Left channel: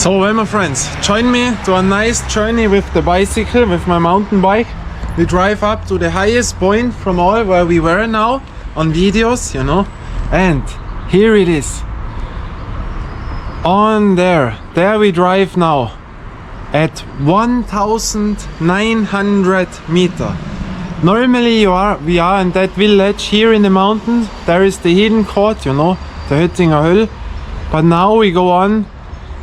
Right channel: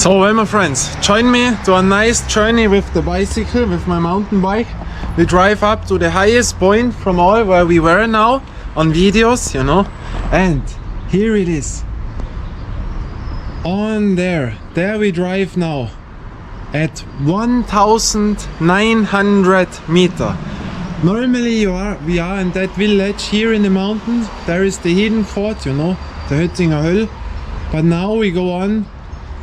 So well, my friends, join me to a nice journey with the bicycle, with my mountain bike. We drive up to the highest point from all where we were now on videos, you know, and here it is. On there we drive now at 1900 meter. Normally we are in that village here in the mountains. There is the hidden court, you know, the Höttinger Höll. But now we go on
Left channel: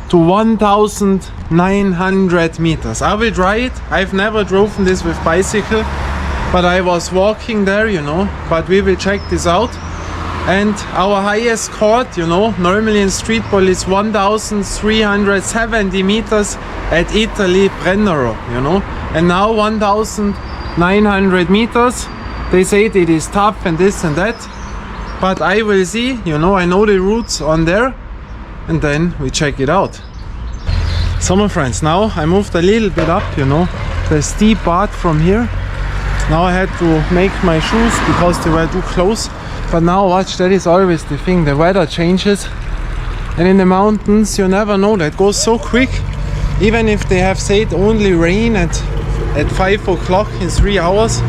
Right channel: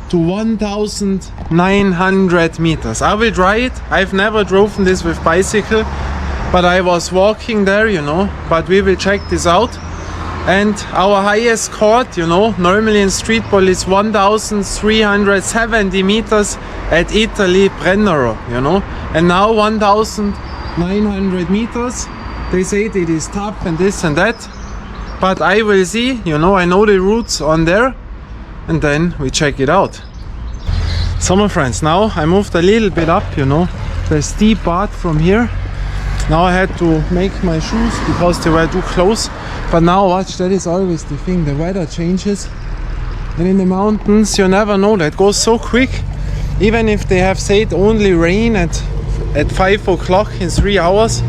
to 1900 meters. I will try it. I've never driven this with bicycle, but I was walking there, you know, but we will check this out. And our highest court, you know, normally in street ball is 1370 meters at Italy Brennero, you know, and now 1900 meters. They say it is tough and this and that, but I will see, you know, I know the routes on there, and then we check it out. So my friends, now I moved a little bit up, you know, the steep part from here. Now I had to make my shoes because they were too close. But now watch, that is always the thing, the weather changes. And in the mountains you never know, that goes so quick. Even if they have said only rain at 5 o'clock in 3 hours.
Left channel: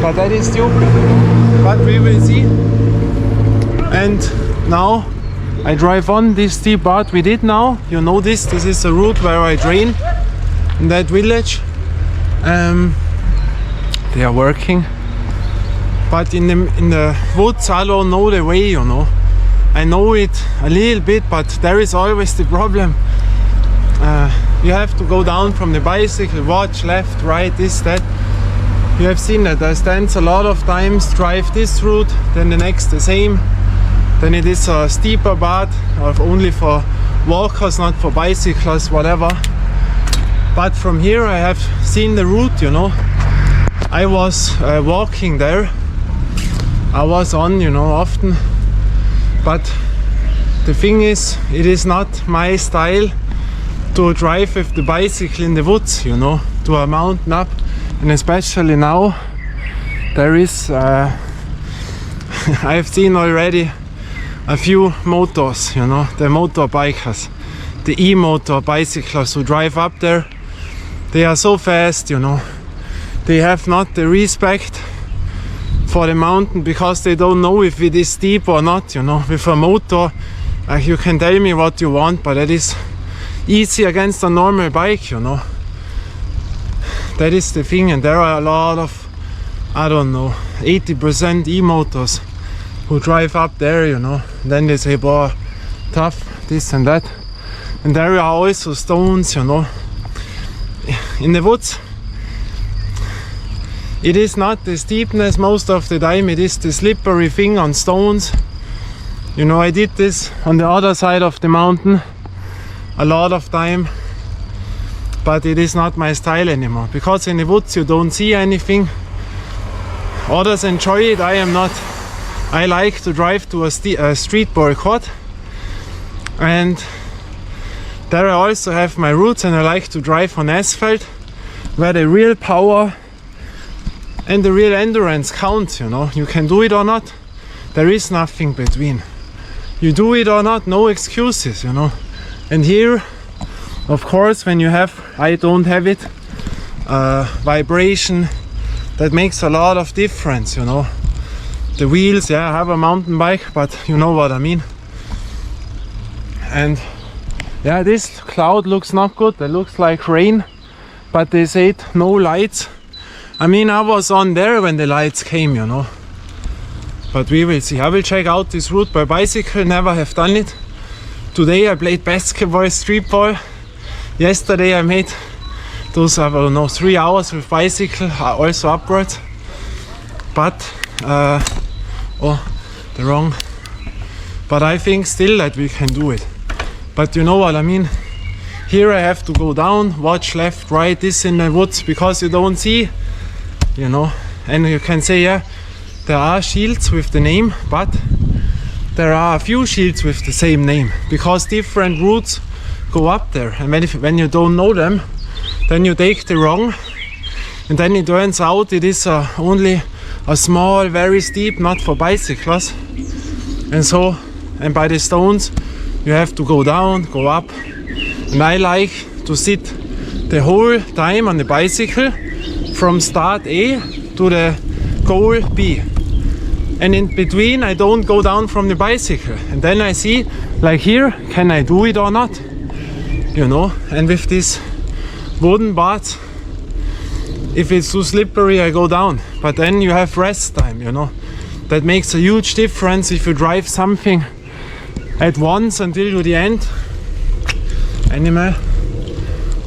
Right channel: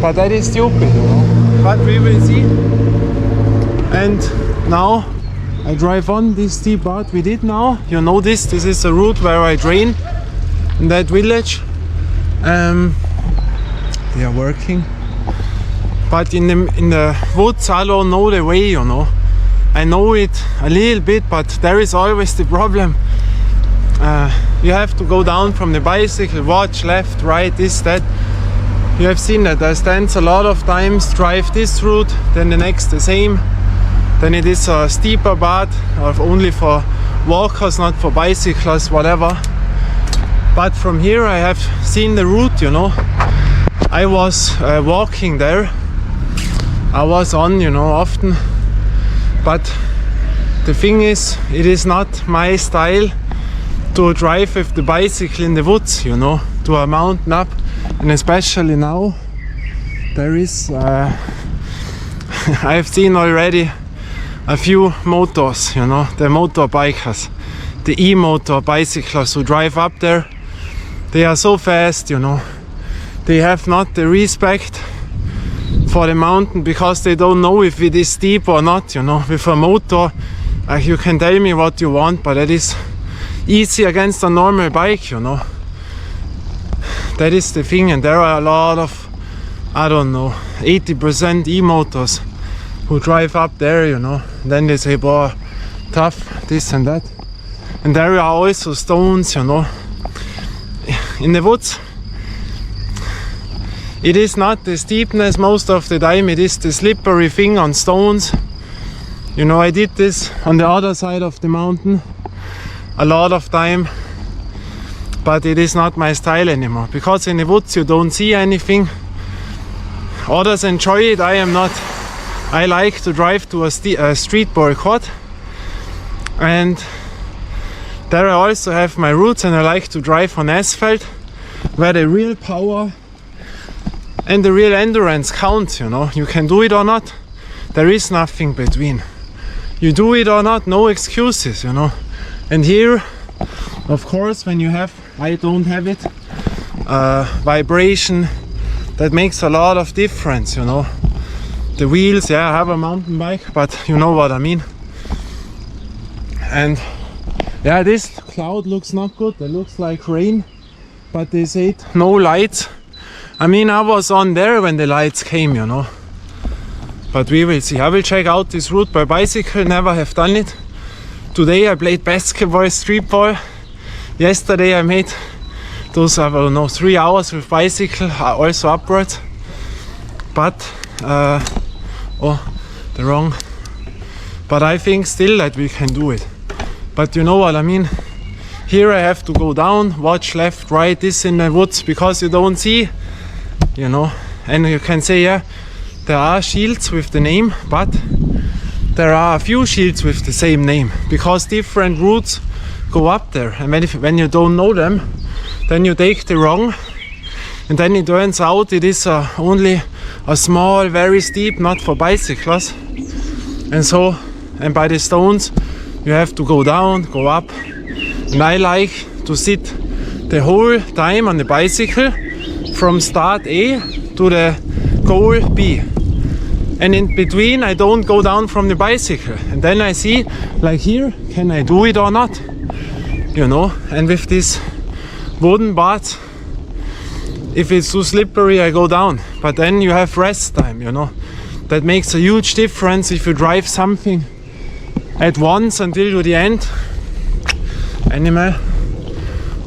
But that is stupid, you know. But we will see. And now I drive on this steep part we did now. You know this is a route where I train in that village. They are working. But in the woods I don't know the way, you know. I know it a little bit, but there is always the problem. You have to go down from the bicycle, watch left, right, this, that. You have seen that I stand a lot of times, drive this route, then the next the same. Then it is a steeper part, or only for walkers, not for bicyclists, whatever. But from here I have seen the route, you know. I was walking there. I was on, you know, often. But the thing is, it is not my style to drive with the bicycle in the woods, you know, to a mountain up. And especially now, there is, I have seen already a few motors, you know, the motorbikers, the e-motor bicyclists who drive up there. They are so fast, you know. They have not the respect for the mountain because they don't know if it is steep or not, you know. With a motor, you can tell me what you want, but that is easy against a normal bike, you know. That is the thing, and there are a lot of, I don't know, 80% e-motors who drive up there, you know. Then they say, boah, tough, this and that. And there are also stones, you know. In the woods, it is not the steepness most of the time, it is the slippery thing on stones. You know, I did this on the other side of the mountain a lot of time, but it is not my style anymore, because in the woods you don't see anything. Others enjoy it, I am not. I like to drive to a street ball court, and there I also have my routes, and I like to drive on asphalt where the real power and the real endurance counts, you know. You can do it or not, there is nothing between. You do it or not, no excuses, you know. And here, of course, when you have, I don't have it, vibration, that makes a lot of difference, you know. The wheels, yeah, I have a mountain bike, but you know what I mean. And yeah, this cloud looks not good, it looks like rain, but they said no lights. I mean, I was on there when the lights came, you know. But we will see. I will check out this route by bicycle, never have done it. Today I played basketball, street ball. Yesterday I made those, I don't know, 3 hours with bicycle, also upwards. But, but I think still that we can do it. But you know what I mean? Here I have to go down, watch left, right, this in the woods, because you don't see, you know. And you can say, yeah, there are shields with the name, but there are a few shields with the same name, because different routes go up there. And when you don't know them, then you take the wrong, and then it turns out it is only a small, very steep, not for bicyclists. And so, and by the stones, you have to go down, go up, And I like to sit the whole time on the bicycle from start A to the goal B. And in between I don't go down from the bicycle. And then I see, like here, can I do it or not? You know, and with this wooden bars, if it's too slippery, I go down. But then you have rest time, you know. That makes a huge difference if you drive something at once until to the end, animal,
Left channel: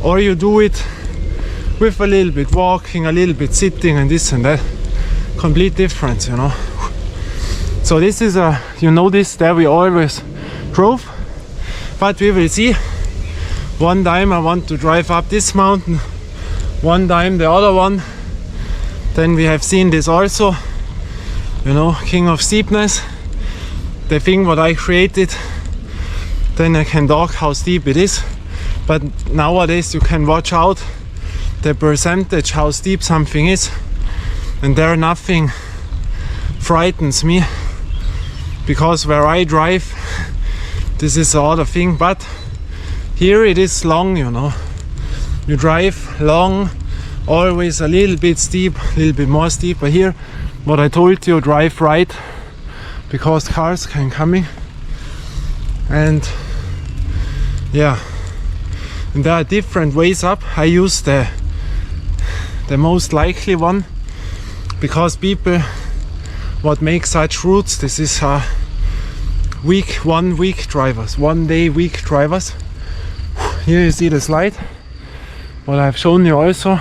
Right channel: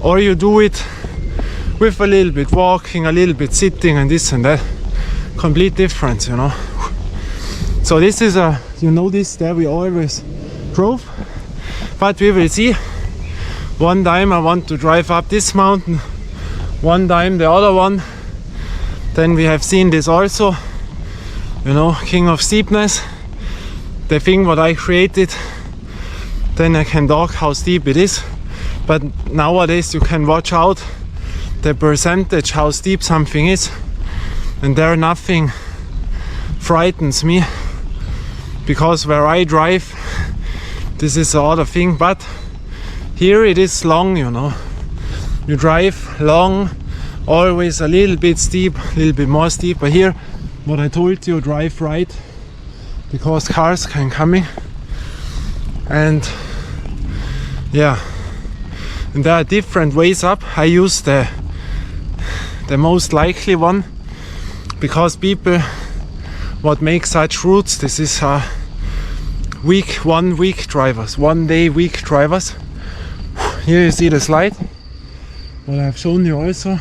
or you do it with a little bit walking, a little bit sitting and this and that. Complete difference, you know. So this is a, you know, this there we always drove, but we will see. One time I want to drive up this mountain, one time the other one. Then we have seen this also, you know, king of steepness, the thing what I created. Then I can talk how steep it is, but nowadays you can watch out the percentage how steep something is, and there nothing frightens me, because where I drive this is the other thing. But here it is long, you know, you drive long, always a little bit steep, a little bit more steep. But here, what I told you, drive right, because cars can coming. And yeah, and there are different ways up. I use the most likely one, because people what make such routes, this is one week drivers, 1 day week drivers. Here you see the slide, what I've shown you also,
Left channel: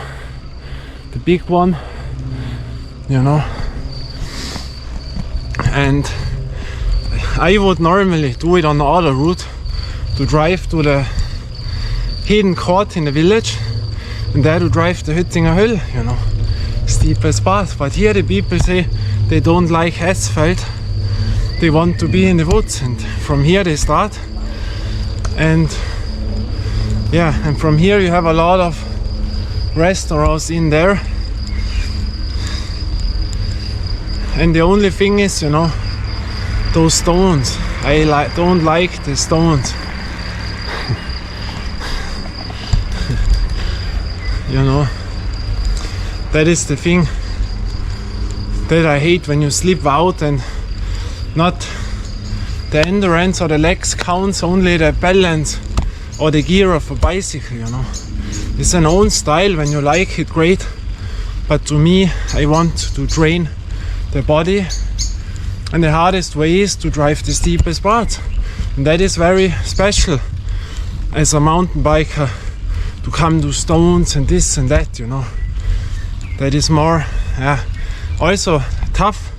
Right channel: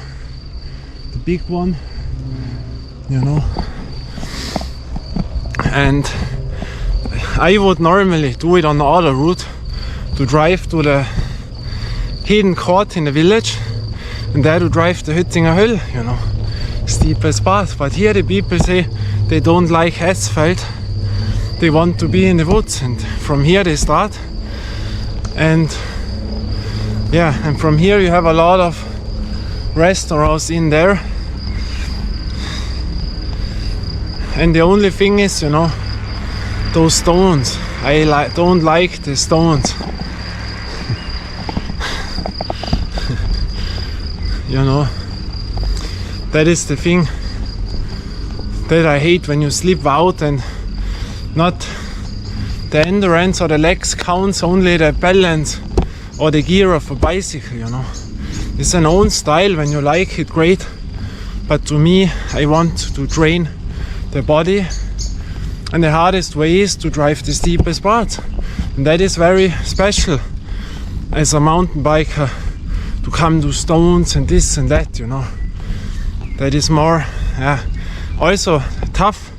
the big one, you know. And I would normally do it on the other route, to drive to the hidden court in the village, and there to drive the Hüttinger Höll, you know, steepest path. But here the people say they don't like asphalt, they want to be in the woods, and from here they start. And yeah, and from here you have a lot of restaurants in there. And the only thing is, you know, those stones. I don't like the stones. You know, that is the thing that I hate, when you slip out and not the endurance or the legs counts, only the balance or the gear of a bicycle, you know. It's an own style, when you like it, great. But to me, I want to train the body, and the hardest way is to drive the steepest parts. And that is very special as a mountain biker, to come to stones and this and that, you know. That is more, yeah, also tough,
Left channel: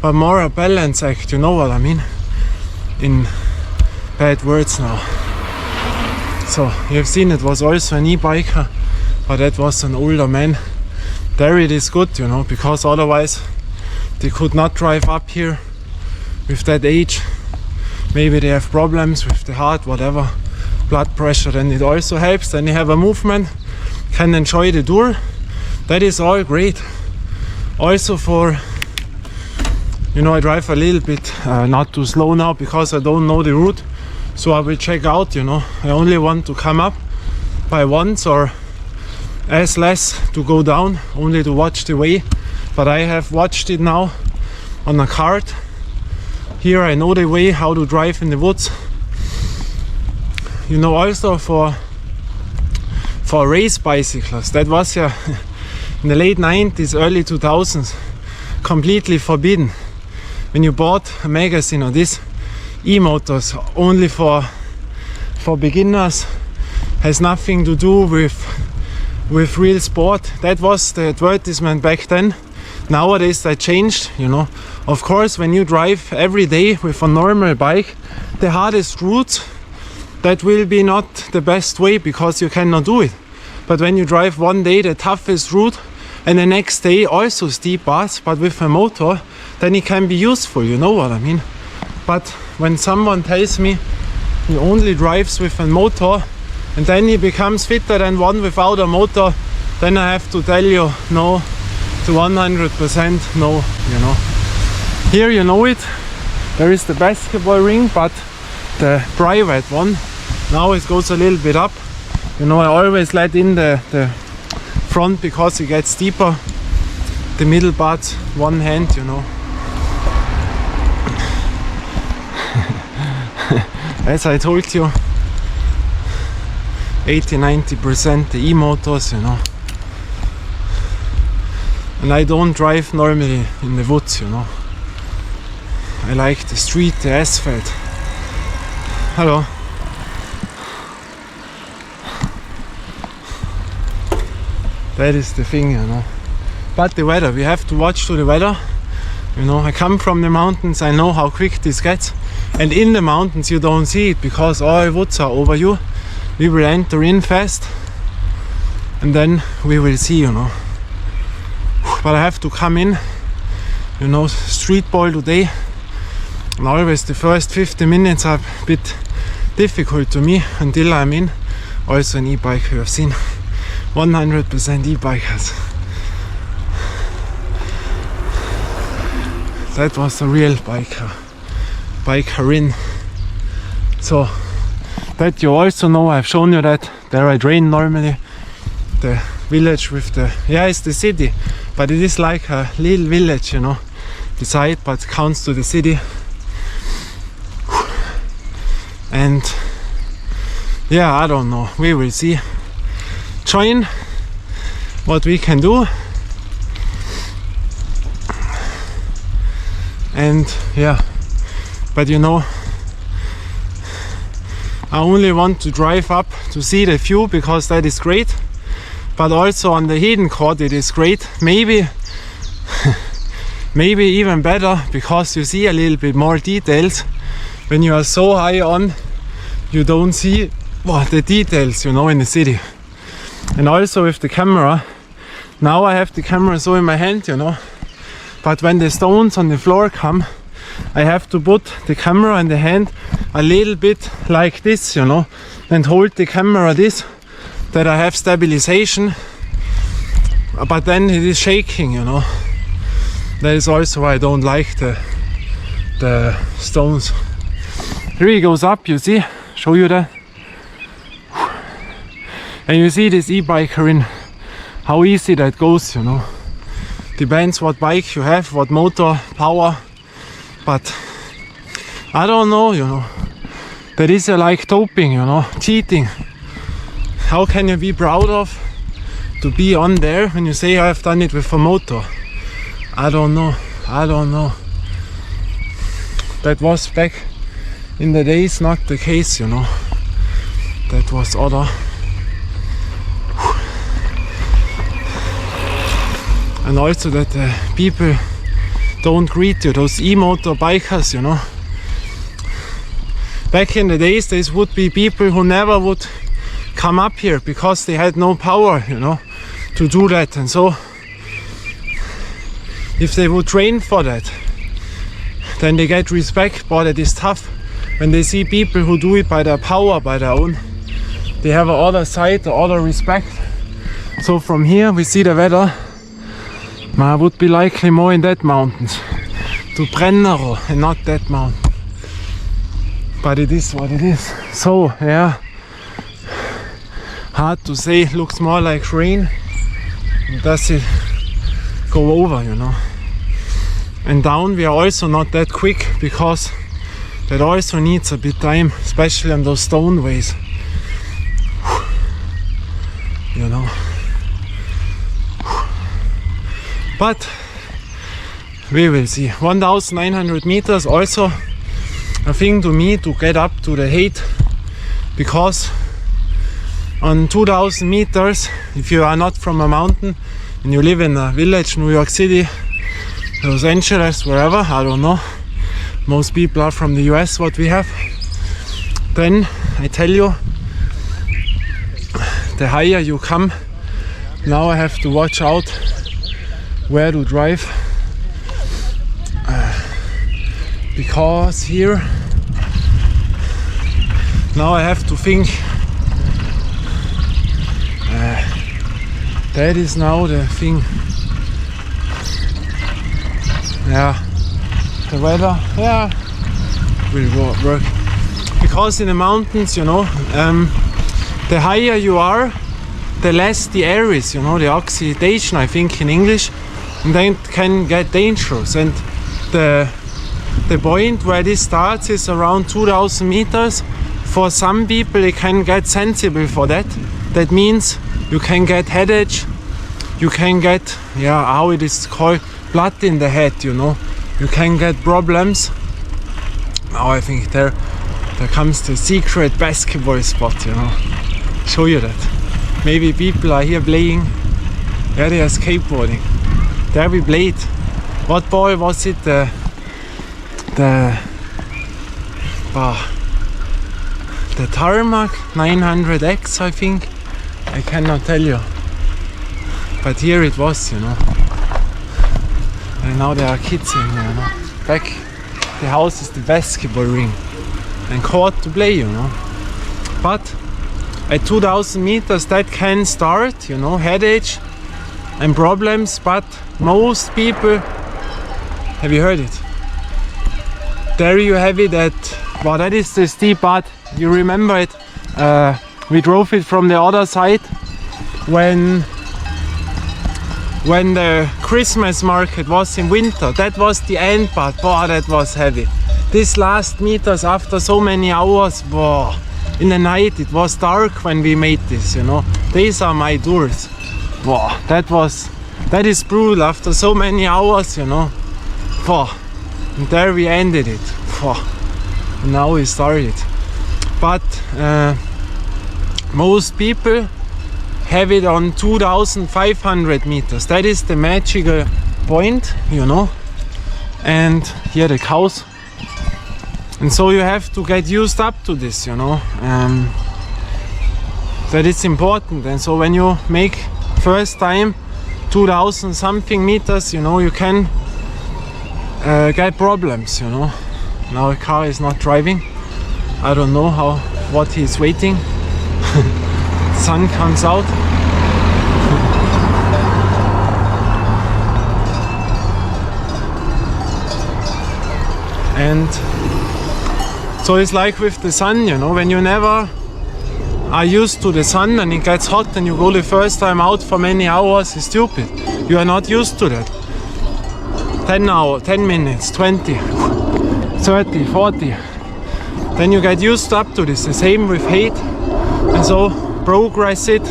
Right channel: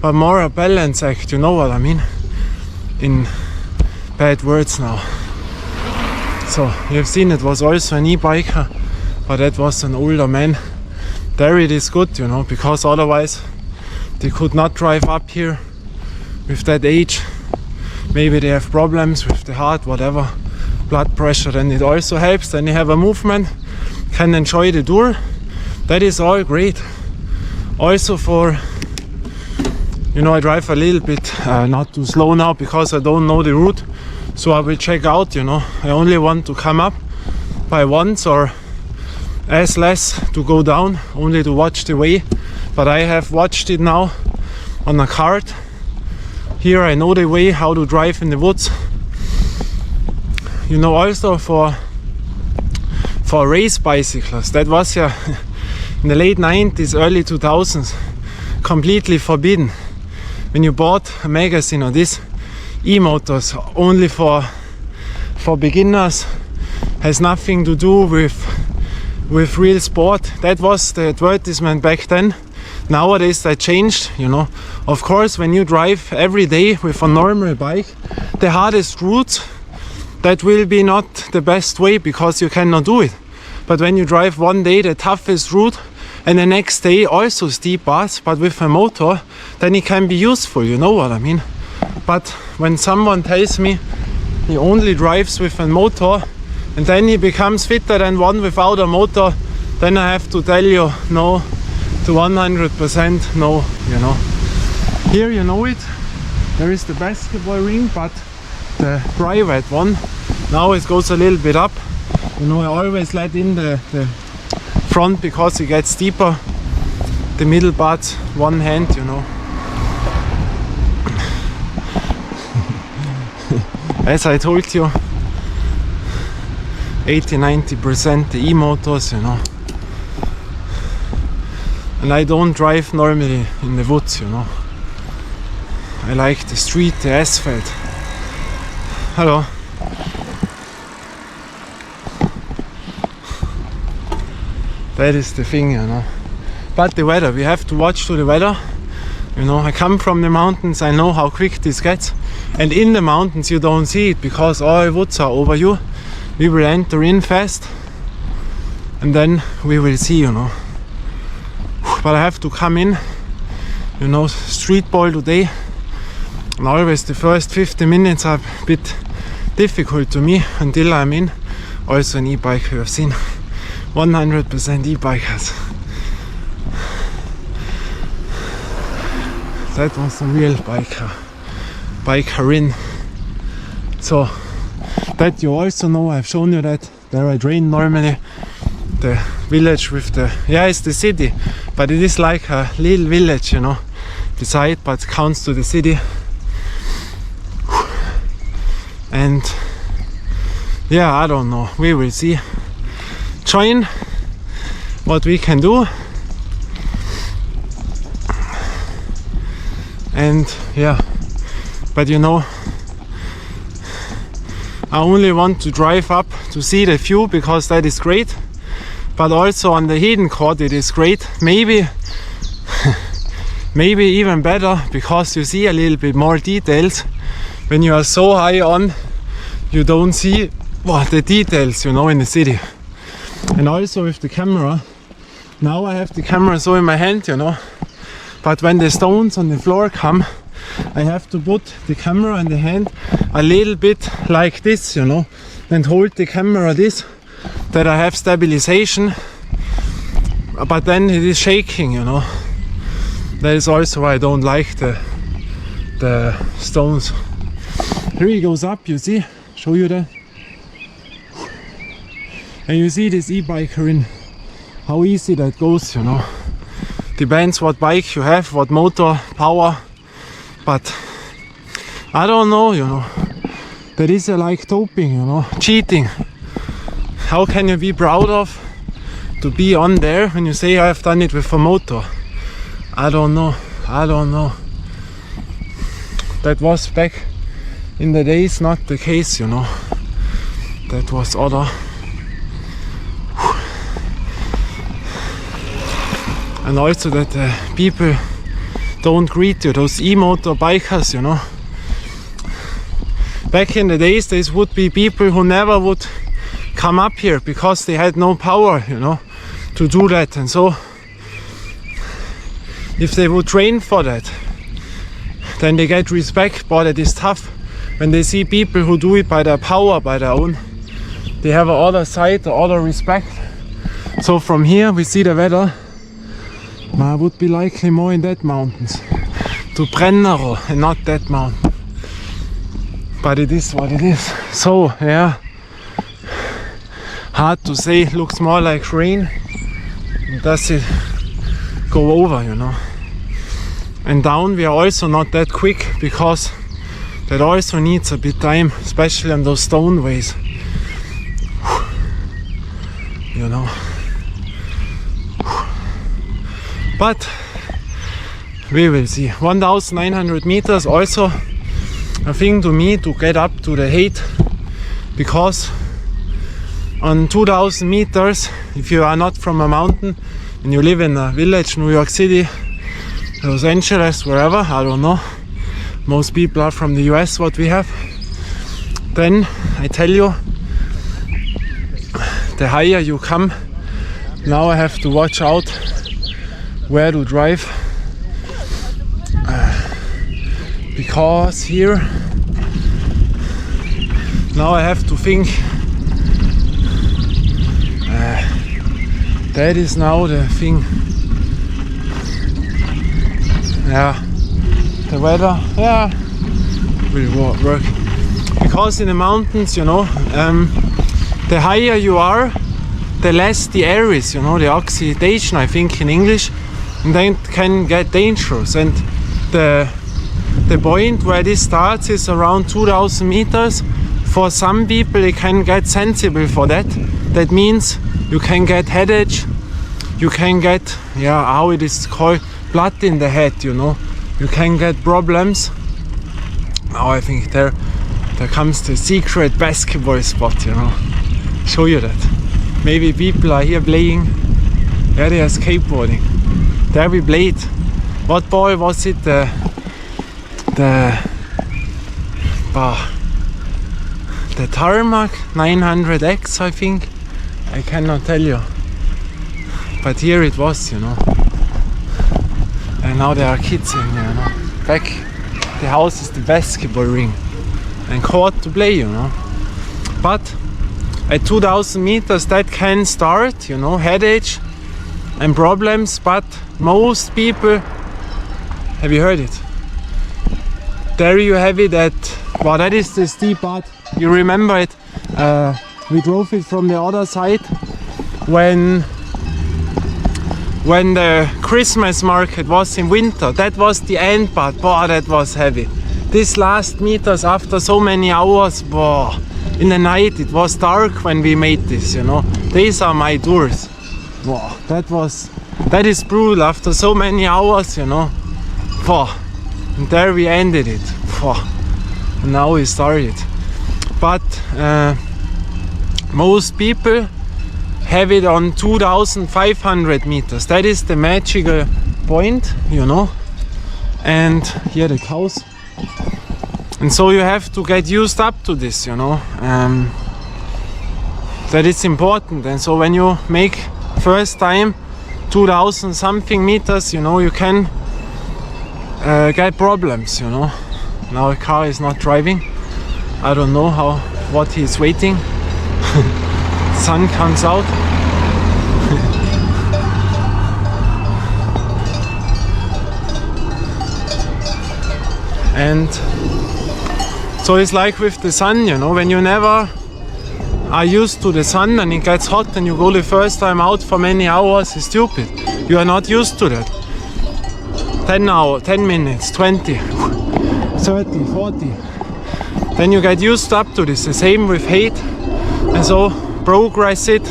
but more a balance act, you know what I mean, in bad words now. So you have seen it was also an e-biker, but that was an older man. There it is good, you know, because otherwise they could not drive up here with that age. Maybe they have problems with the heart, whatever, blood pressure. Then it also helps, then you have a movement, can enjoy the tour. That is all great. Also for, you know, I drive a little bit not too slow now, because I don't know the route. So I will check out, you know, I only want to come up by once, or as less to go down, only to watch the way. But I have watched it now on a card. Here I know the way, how to drive in the woods. You know, also for race bicycles, that was in the late 90s, early 2000s, completely forbidden. When you bought a magazine or this, e-motors only for beginners, has nothing to do with real sport. That was the advertisement back then. Nowadays that changed, you know. Of course, when you drive every day with a normal bike, the hardest routes, that will be not the best way, because you cannot do it. But when you drive one day the toughest route, and the next day also steep paths, but with a motor, then it can be useful, you know what I mean. But when someone tells me he only drives with a motor, and then he becomes fitter than one without a motor, then I have to tell you, no, to 100% no, you know. Here you know it, there is the basketball ring, but the private one, Now it goes a little bit up. You know, I always let in the front because it gets deeper. The middle part, one hand, you know. As I told you, 80-90% the e-motors, you know. And I don't drive normally in the woods, you know. I like the street, the asphalt. Hello. That is the thing, you know. But the weather, we have to watch to the weather. You know, I come from the mountains, I know how quick this gets. And in the mountains you don't see it because all woods are over you. We will enter in fast and then we will see, you know. But I have to come in, you know, street ball today. And always the first 50 minutes are a bit difficult to me until I'm in. Also an e-bike, you have seen 100% e-bikers. That was a real bikerin. So that you also know, I've shown you that there I drain normally the village with the, yeah, it's the city, but it is like a little village, you know, beside, but counts to the city. And yeah, I don't know, we will see. Join what we can do. And yeah, but you know, I only want to drive up to see the view because that is great. But also on the hidden court it is great. Maybe maybe even better because you see a little bit more details. When you are so high on, you don't see the details, you know, in the city. And also with the camera, now I have the camera so in my hand, you know. But when the stones on the floor come, I have to put the camera in the hand a little bit like this, you know, and hold the camera this, that I have stabilization, but then it is shaking, you know. That is also why I don't like the stones. Here he goes up, you see, show you that. And you see this e-bikerin, how easy that goes, you know. Depends what bike you have, what motor power, but I don't know, you know. That is like doping, you know, cheating. How can you be proud of to be on there when you say I have done it with a motor? I don't know, I don't know. That was back in the days not the case, you know. That was other. And also that people don't greet you, those e-motor bikers, you know. Back in the days, there would be people who never would come up here because they had no power, you know, to do that. And so, if they would train for that, then they get respect, but it is tough. When they see people who do it by their power, by their own, they have a other side, the other respect. So from here, we see the weather. I would be likely more in that mountains, to Brennero and not that mountain. But it is what it is. So yeah, hard to say, looks more like rain. Does it go over, you know? And down we are also not that quick because that also needs a bit time, especially on those stone ways. You know. But we will see. 1900 meters also a thing to me to get up to the height, because on 2000 meters, if you are not from a mountain and you live in a village, New York City, Los Angeles, wherever, I don't know, most people are from the US, what we have, then I tell you, the higher you come, now I have to watch out where to drive, because here now I have to think, that is now the thing. Yeah, the weather, yeah, will work. because in the mountains, you know, the higher you are, the less the air is, you know, the oxidation, I think in English, and then it can get dangerous. And the point where this starts is around 2000 meters. For some people they can get sensible for that. That means you can get headache, you can get, yeah, how it is called, blood in the head, you know. You can get problems. Now I think there comes the secret basketball spot, you know. Show you that. Maybe people are here playing. Yeah, they are skateboarding. There we played. What ball was it? The Tarmac 900X, I think. I cannot tell you. But here it was, you know. And now there are kids in here, you know. Back the house is the basketball ring and court to play, you know. But at 2000 meters that can start, you know, headache and problems. But most people, have you heard it? There you have it at, well, that is the steep part. You remember it? We drove it from the other side when the Christmas market was in winter. That was the end part. Boah, that was heavy. These last meters after so many hours, boah, in the night it was dark when we made this, you know. These are my tours. Boah, that is brutal after so many hours, you know. Boah. And there we ended it. Boah. And now we started. But most people have it on 2500 meters. That is the magical point, you know. And here the cows. And so you have to get used up to this, you know. That is important. And so when you make first time 2000 something meters, you know, you can get problems, you know. Now the car is not driving. I don't know what he's waiting. Sun comes out. And so it's like with the sun, you know, when you never are used to the sun and it gets hot and you go the first time out for many hours, it's stupid. You are not used to that. 10 hours, 10 minutes, 20, 30, 40. Then you get used up to this. The same with height. And so progress it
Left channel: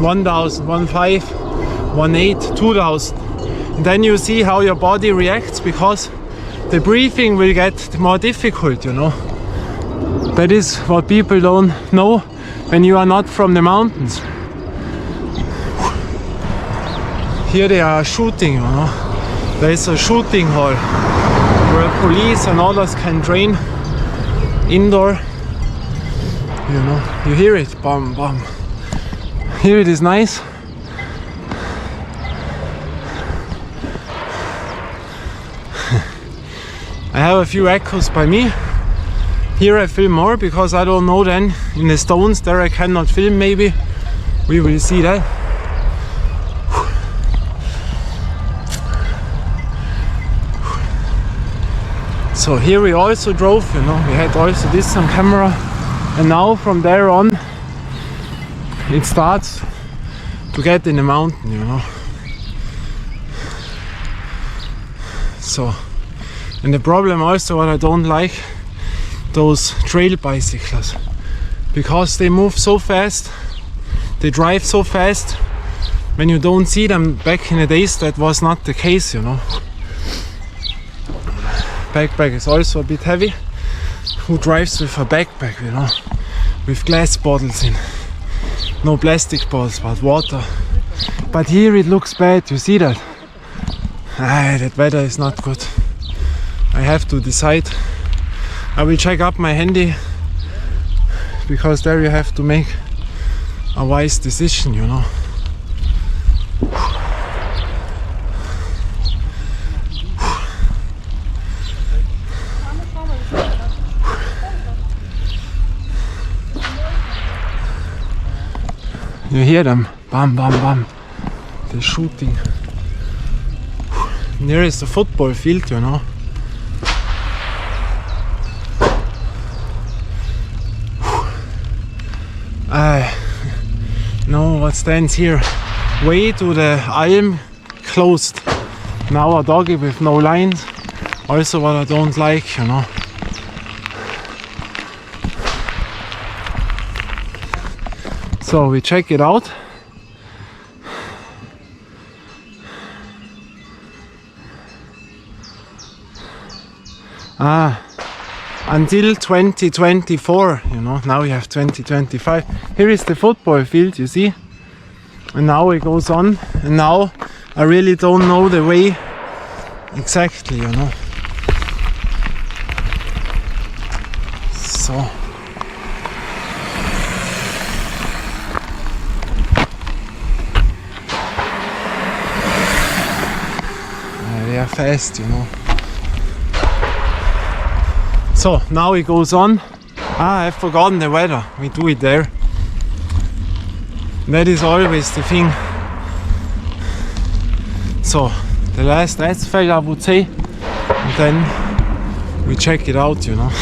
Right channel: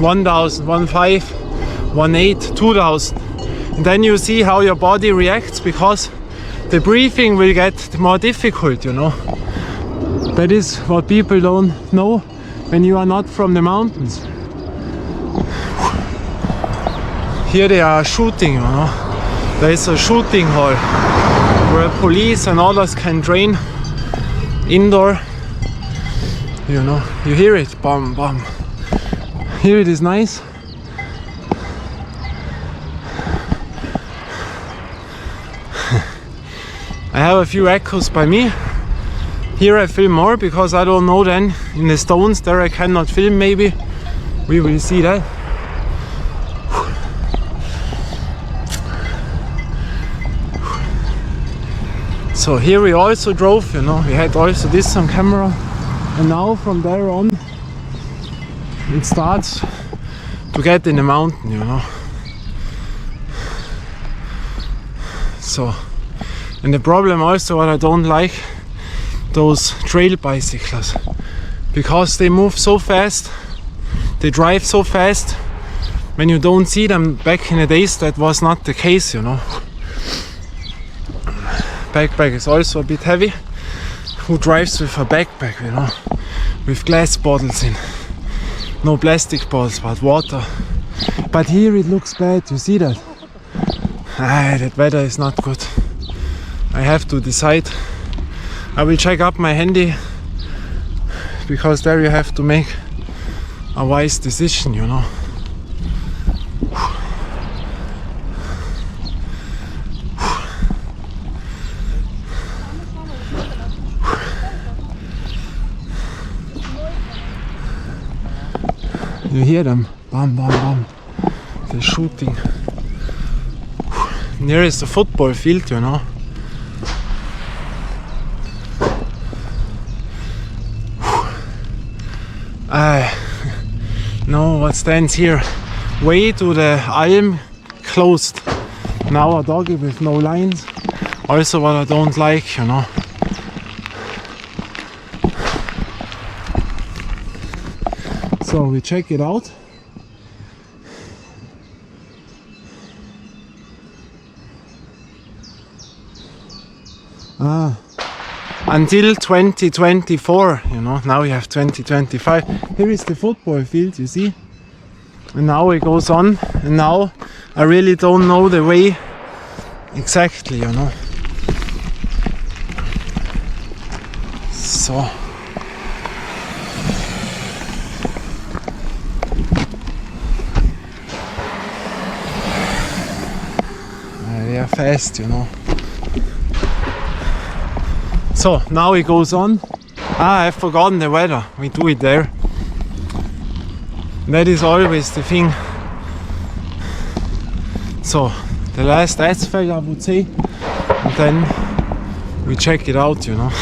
1000, 15, 18, 2000. And then you see how your body reacts, because the breathing will get more difficult, you know. That is what people don't know when you are not from the mountains. Here they are shooting, you know. There is a shooting hall where police and others can train indoor. You know, you hear it, bam, bam. Here it is nice. I have a few echoes by me. Here I film more because I don't know then. In the stones there I cannot film maybe. We will see that. So here we also drove, you know, we had also this on camera. And now from there on it starts to get in the mountain, you know. So, and the problem also what I don't like, those trail bicycles, because they move so fast, they drive so fast. When you don't see them back in the days, that was not the case, you know. Backpack is also a bit heavy. Who drives with a backpack, you know, with glass bottles in? No plastic bottles, but water. But here it looks bad, you see that? That weather is not good. I have to decide. I will check up my handy, because there you have to make a wise decision, you know. You hear them, bam, bam, bam. They're shooting. Near is the football field, you know. No, what stands here? Way to the Alm closed. Now a doggy with no lines. Also what I don't like, you know. So we check it out. Until 2024, you know, now we have 2025. Here is the football field, you see? And now it goes on, and now I really don't know the way exactly, you know. So. They are fast, you know. So now it goes on. I've forgotten the weather. We do it there. That is always the thing. So the last asphalt, I would say, and then we check it out, you know.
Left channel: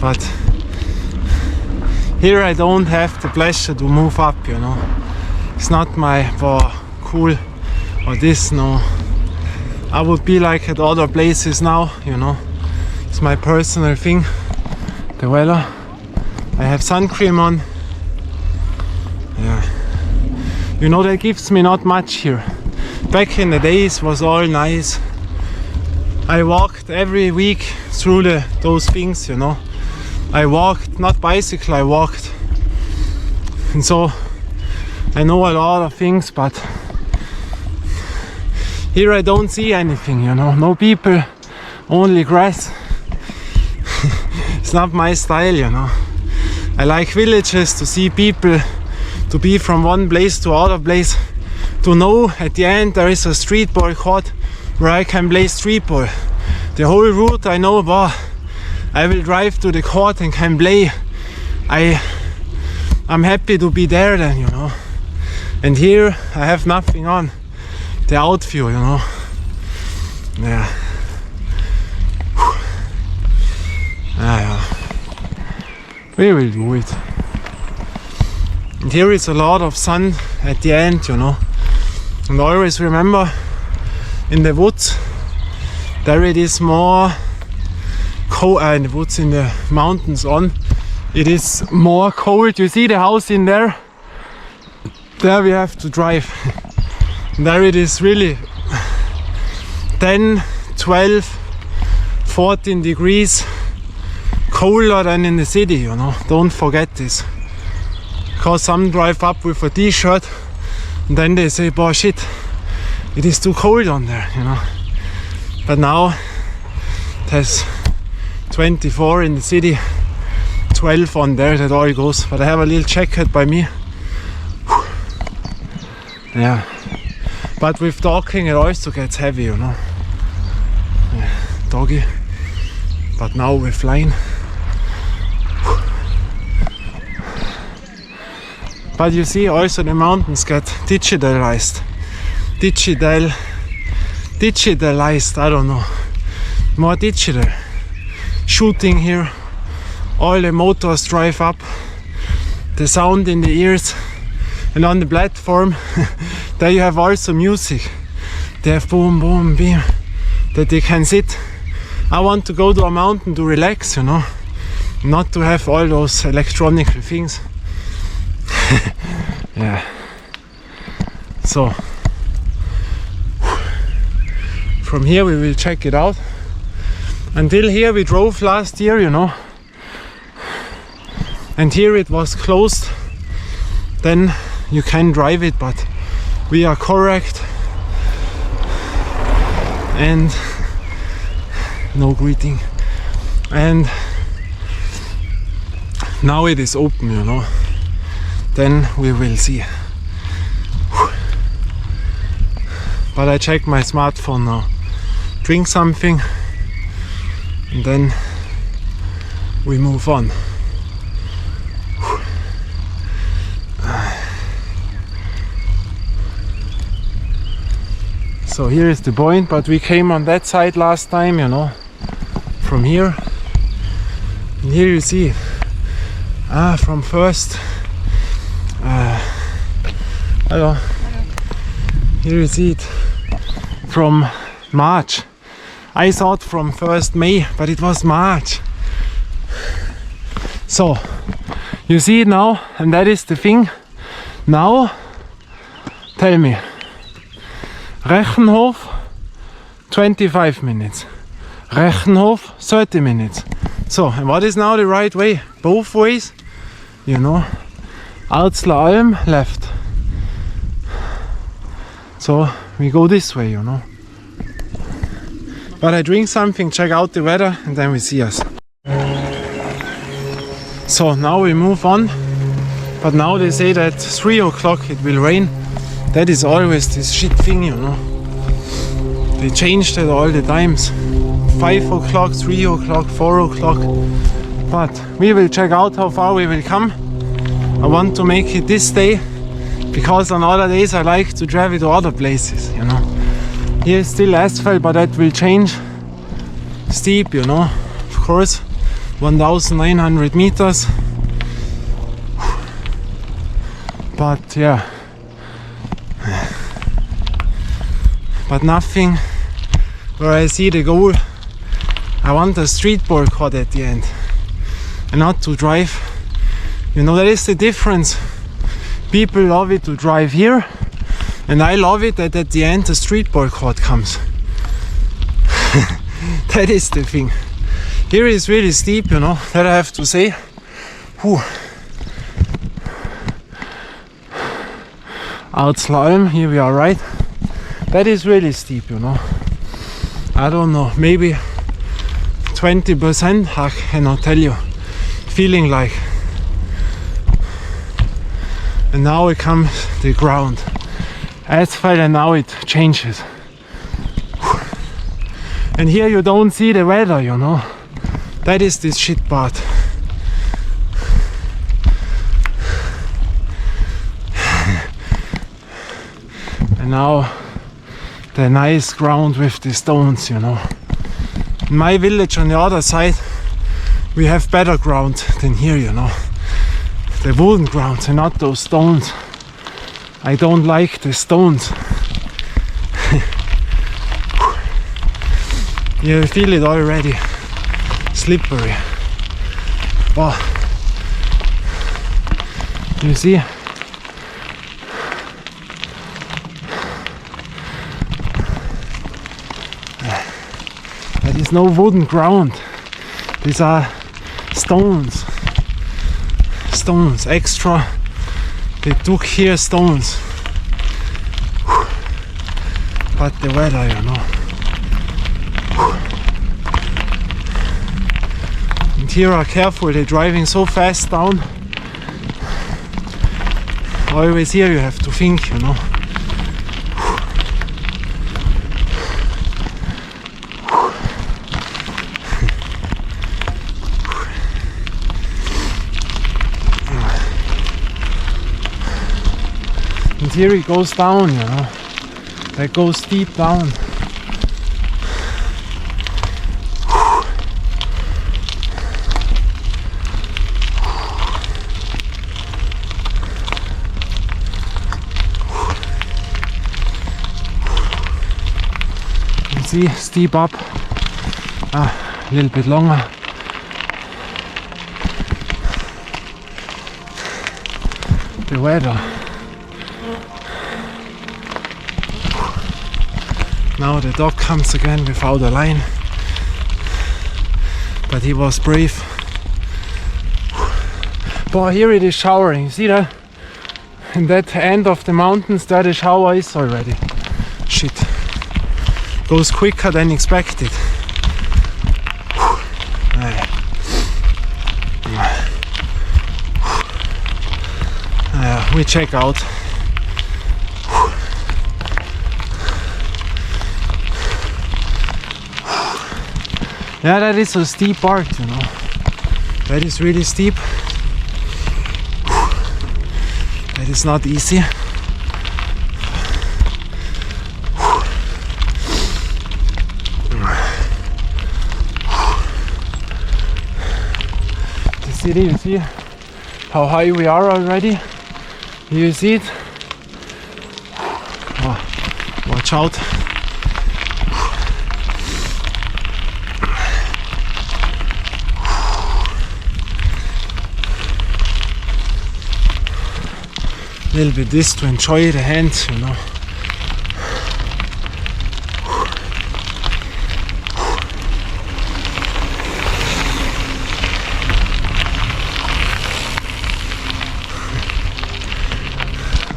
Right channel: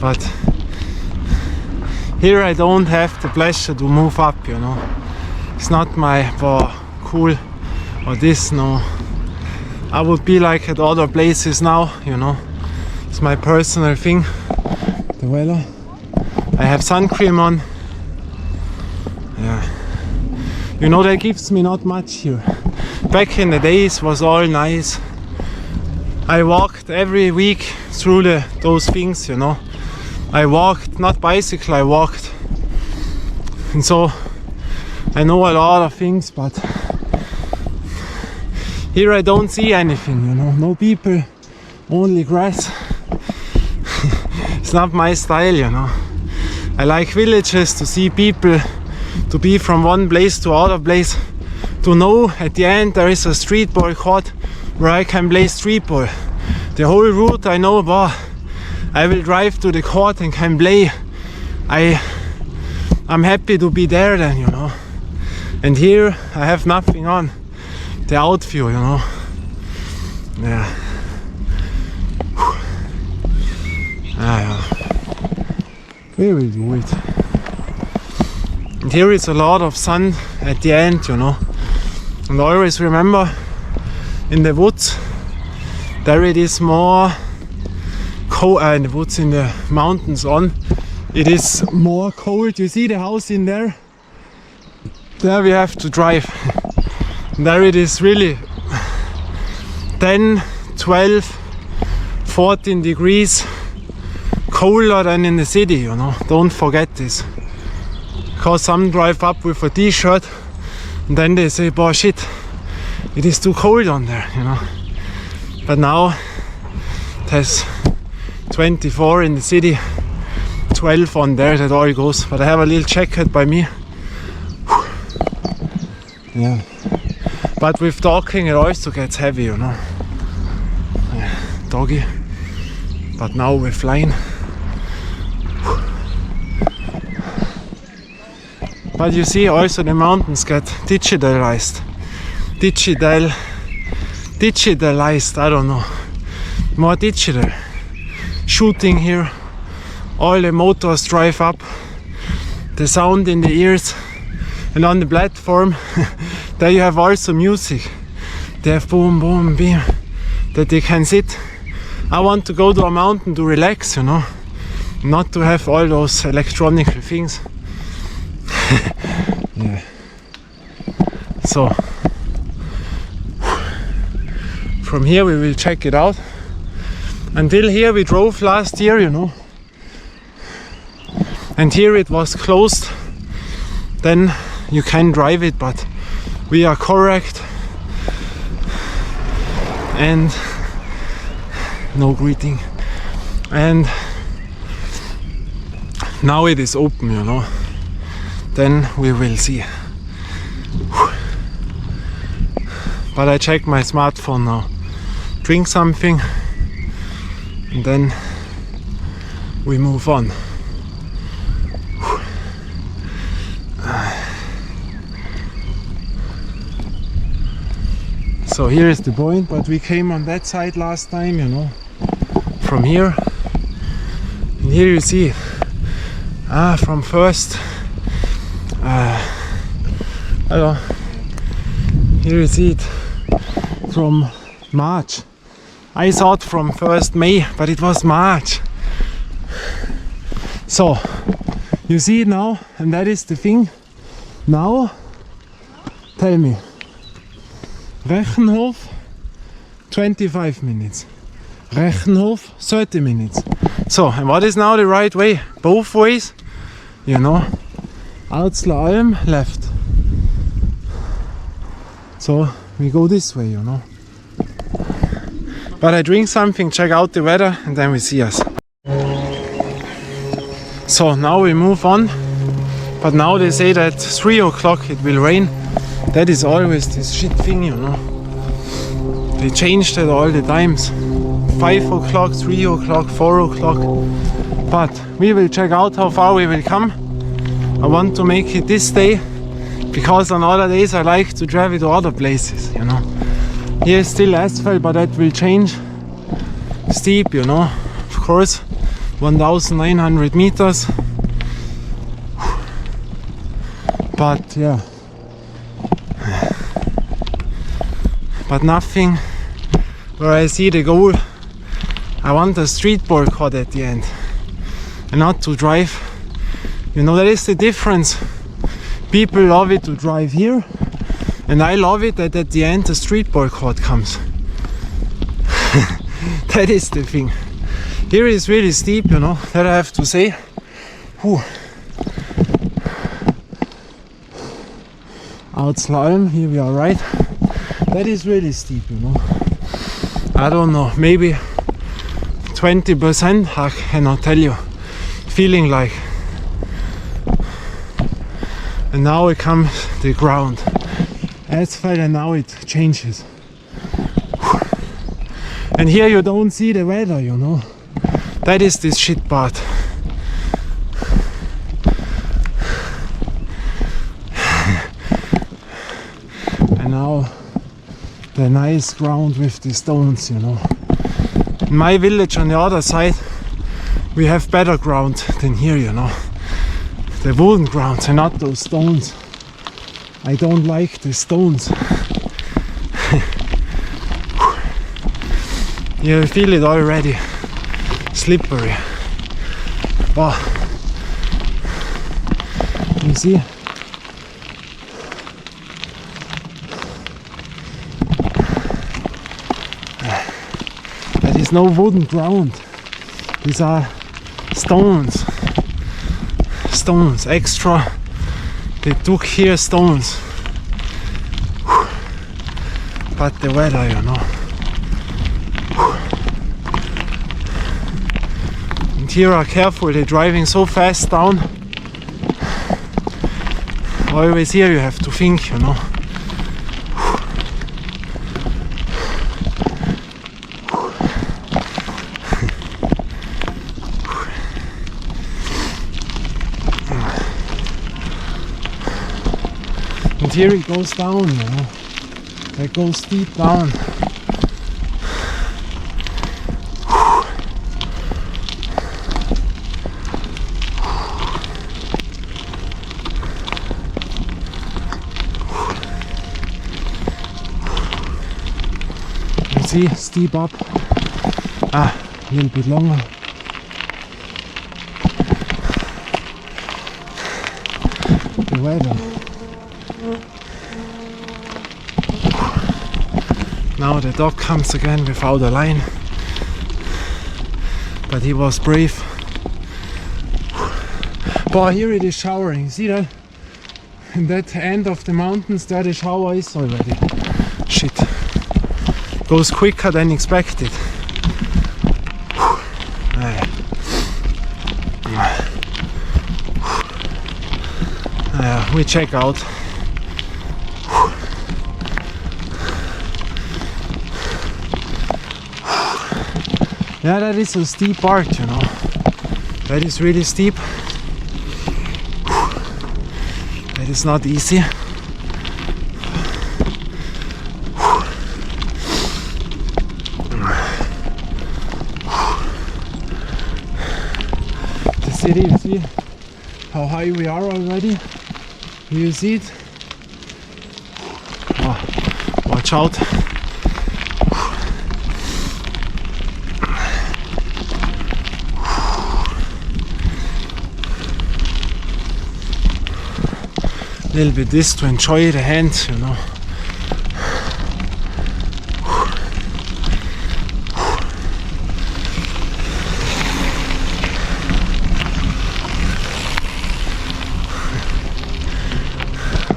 But here I don't have the pleasure to move up, you know. It's not my cool or this, no. I would be like at other places now, you know. It's my personal thing. The weather. I have sun cream on. Yeah. You know, that gives me not much here. Back in the days was all nice. I walked every week through those things, you know. I walked, not bicycle, I walked. And so I know a lot of things, but here I don't see anything, you know. No people, only grass. It's not my style, you know. I like villages, to see people, to be from one place to other place, to know at the end there is a street ball court where I can play street ball. The whole route I know, I will drive to the court and can play. I'm happy to be there then, you know. And here I have nothing on. The outview, you know. Yeah. Yeah. We will do it. And here is a lot of sun at the end, you know. And always remember, in the woods, there it is more cold. In the woods, in the mountains on, it is more cold. You see the house in there? There we have to drive. There it is really 10, 12, 14 degrees colder than in the city, you know. Don't forget this. Because some drive up with a t-shirt and then they say, boy, shit, it is too cold on there, you know. But now it has 24 in the city, 12 on there, that all goes. But I have a little jacket by me. Yeah. But with talking it also gets heavy, you know. Yeah, doggy. But now we're flying. But you see, also the mountains get digitalized. Digitalized, I don't know. More digital. Shooting here. All the motors drive up. The sound in the ears. And on the platform, there you have also music. They have boom, boom, beam, that they can sit. I want to go to a mountain to relax, you know, not to have all those electronic things. Yeah. So, from here we will check it out. Until here we drove last year, you know, and here it was closed. Then you can drive it, but we are correct. And no greeting. And now it is open, you know. Then we will see. But I check my smartphone now. Drink something and then we move on. So here is the point, but we came on that side last time, you know, from here. And here you see From first. Hello. Here you see it. From March. I thought from 1st May, but it was March. So, you see it now, and that is the thing. Now, tell me. Rechenhof, 25 minutes. Rechenhof, 30 minutes. So, and what is now the right way? Both ways, you know. Alzler Alm, left. So, we go this way, you know. But I drink something, check out the weather, and then we see us. So now we move on. But now they say that 3 o'clock it will rain. That is always this shit thing, you know. They changed it all the times. 5 o'clock, 3 o'clock, 4 o'clock. But we will check out how far we will come. I want to make it this day, because on other days I like to travel to other places, you know. Here is still asphalt, but that will change. Steep, you know, of course. 1,900 meters. But yeah. But nothing where I see the goal. I want a street boycott at the end. And not to drive. You know, that is the difference. People love it to drive here. And I love it that at the end the street boycott comes. That is the thing. Here is really steep, you know, that I have to say. Whew. Alzler Alm, here we are, right? That is really steep, you know. I don't know, maybe 20%, I cannot tell you. Feeling like. And now it comes the ground. Asphalt, and now it changes. And here you don't see the weather, you know. That is this shit part. And now the nice ground with the stones, you know. In my village on the other side we have better ground than here, you know. The wooden grounds and not those stones. I don't like the stones. You feel it already. Slippery. Wow. You see? There is no wooden ground. These are stones. Stones, extra. They took here stones. But the weather, you know. And here are careful, they're driving so fast down. Always here you have to think, you know. And here it goes down, you know. That goes deep down. You see, steep up. A little bit longer. The weather. Now the dog comes again without a line, but he was brave. But here it is showering, you see that? In that end of the mountains there the shower is already. Shit. Goes quicker than expected. We check out. Yeah, that is a steep part, you know. That is really steep. That is not easy. The city, you see, how high we are already. You see it? Oh, watch out. A little bit this to enjoy the hands, you know.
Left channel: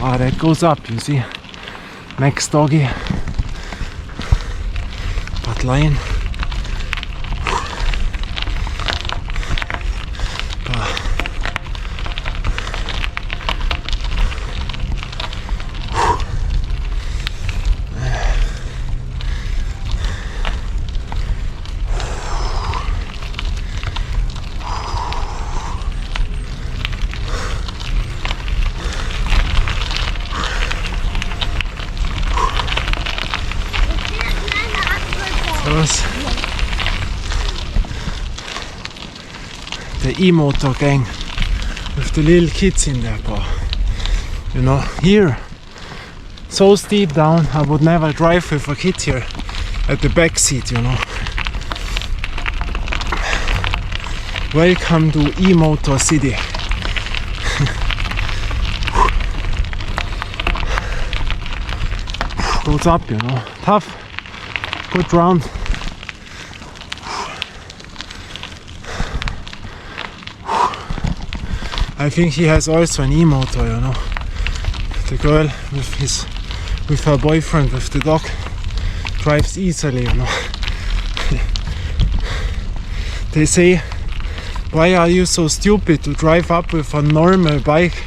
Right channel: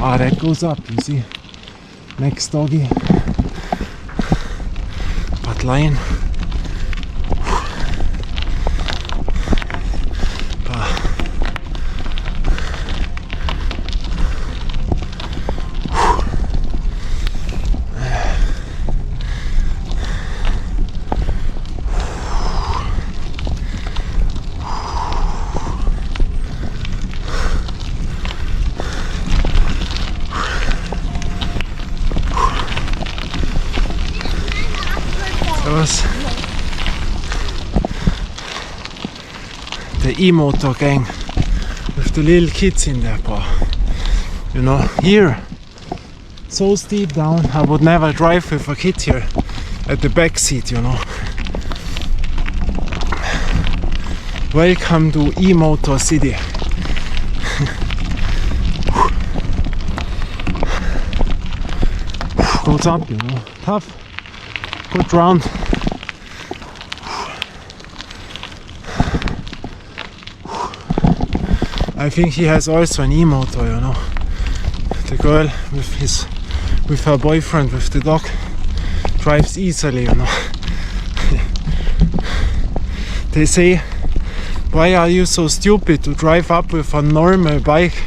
Ah, that goes up, you see. Next doggy. But lion. The e-motor gang with the little kids in there, but you know, here so steep down, I would never drive with a kid here at the back seat, you know. Welcome to e-motor city. Goes up, you know, tough, good round. I think he has also an e-motor, you know. The girl with her boyfriend with the dog drives easily, you know. They say, why are you so stupid to drive up with a normal bike?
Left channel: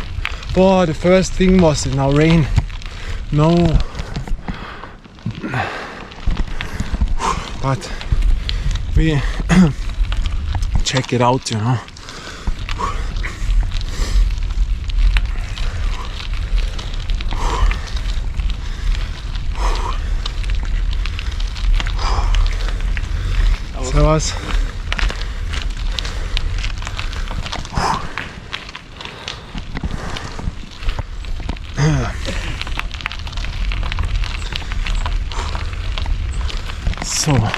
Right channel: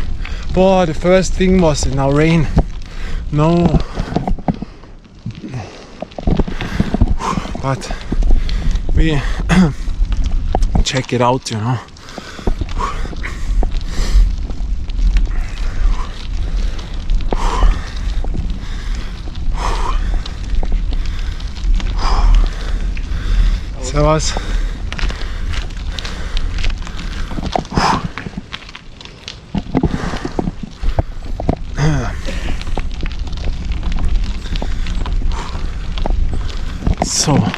Boah, the first thing was in our rain. No. But we check it out, you know. Servus. So.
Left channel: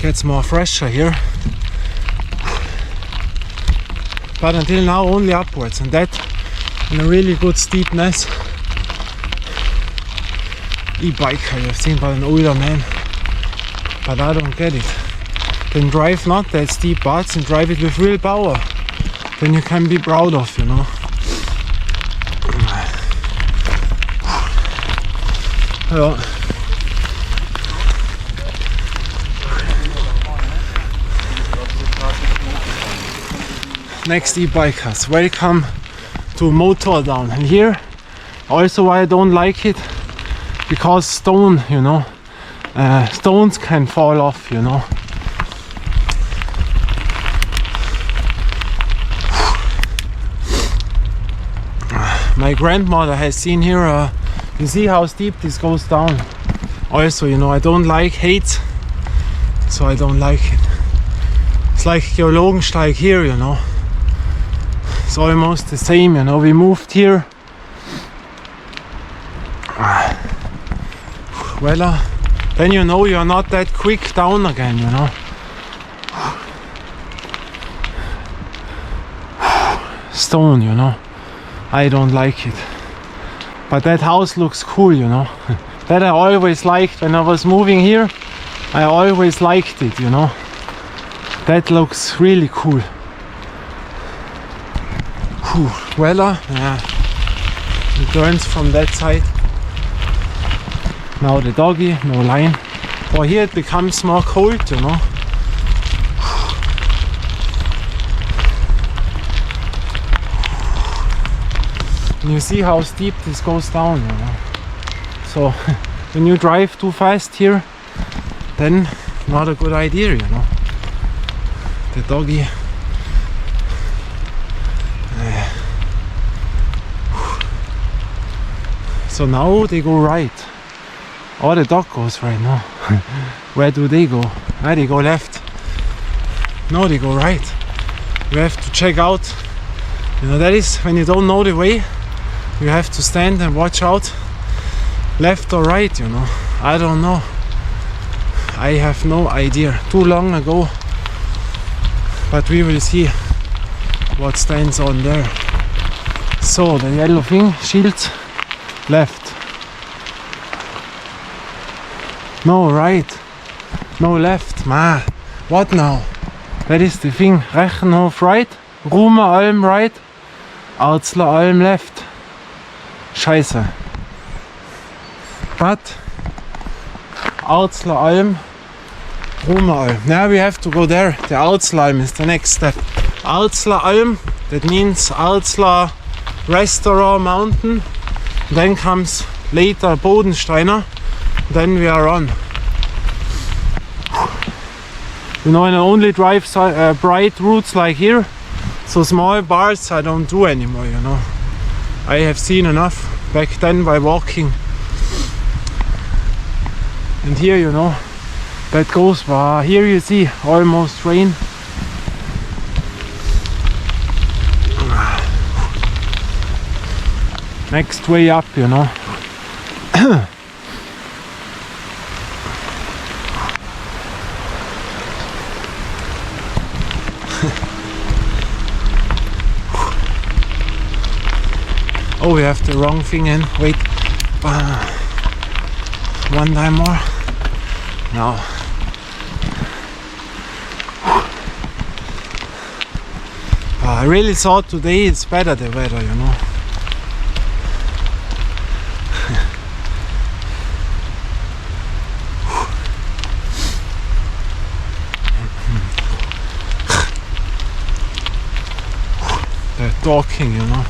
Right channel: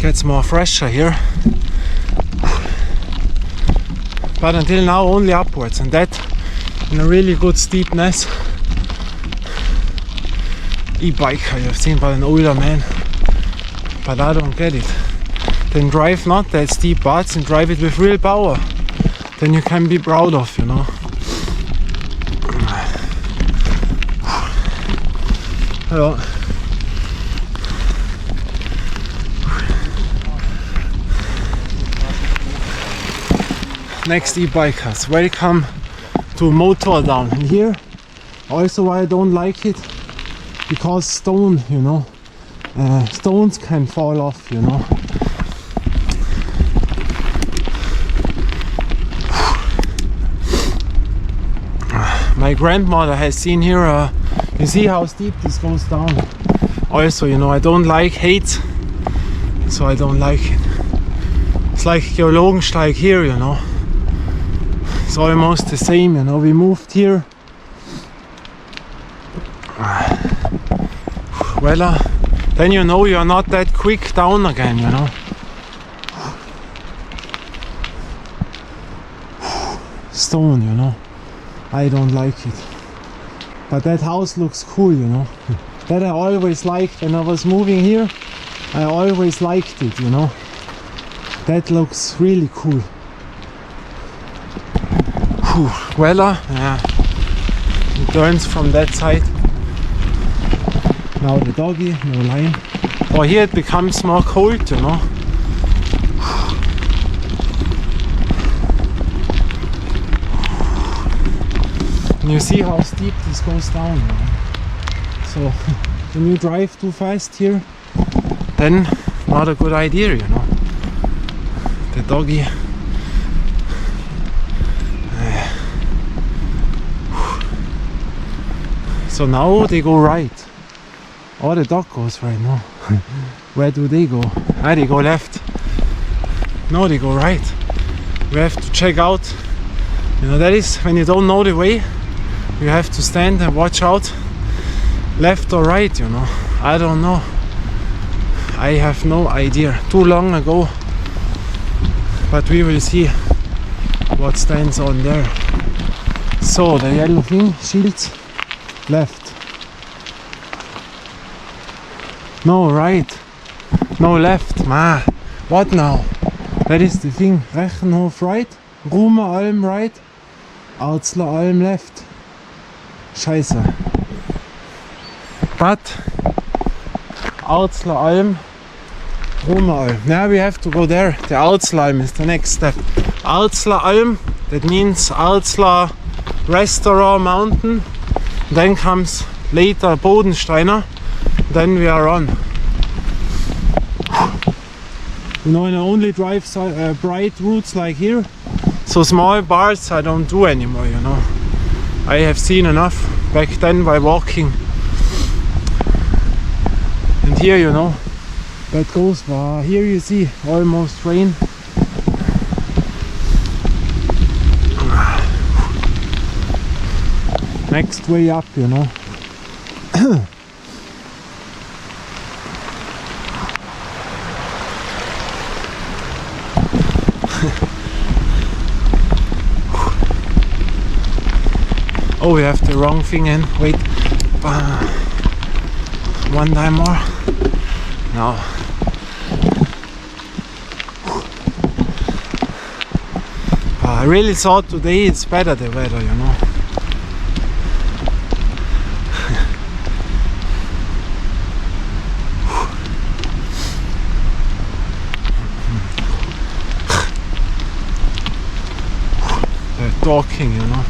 Gets more fresher here, but until now only upwards, and that in a really good steepness. E-biker you've seen by an older man, but I don't get it. Then drive not that steep parts and drive it with real power, then you can be proud of, you know. Hello. Next e-bikers, welcome to Motor Down. And here also why I don't like it, because stone, you know, stones can fall off, you know. My grandmother has seen here, you see how steep this goes down. Also, you know, I don't like heights, so I don't like it. It's like Geologensteig here, you know. It's almost the same, you know. We moved here. Well, then you know you're not that quick down again, you know. Stone, you know. I don't like it. But that house looks cool, you know. That I always liked when I was moving here. I always liked it, you know. That looks really cool. Well, yeah, it turns from that side. Now the doggy, no line. Or here it becomes more cold, you know. And you see how steep this goes down, you know. So when you drive too fast here, then not a good idea, you know. The doggy. So now they go right. Oh, the dog goes right now. Where do they go? Ah, they go left. No, they go right. You have to check out. You know, that is when you don't know the way, you have to stand and watch out. Left or right, you know. I don't know. I have no idea. Too long ago. But we will see what stands on there. So the yellow thing, shield, left. No, right. No, left. Ma, what now? That is the thing. Rechenhof right, Ruhme Alm right, Arzler Alm left. Scheiße. But Arzler Alm, Ruhme Alm. Now we have to go there. The Arzler Alm is the next step. Arzler Alm, that means Arzler Restaurant Mountain. Then comes later Bodensteiner. Then we are on. You know, and I only drive bright routes like here. So small bars I don't do anymore, you know. I have seen enough back then by walking. And here, you know, that goes by. Here you see almost rain. Next way up, you know. Oh, we have the wrong thing in. Wait. One time more. No. I really thought today it's better, the weather, you know. They're talking, you know.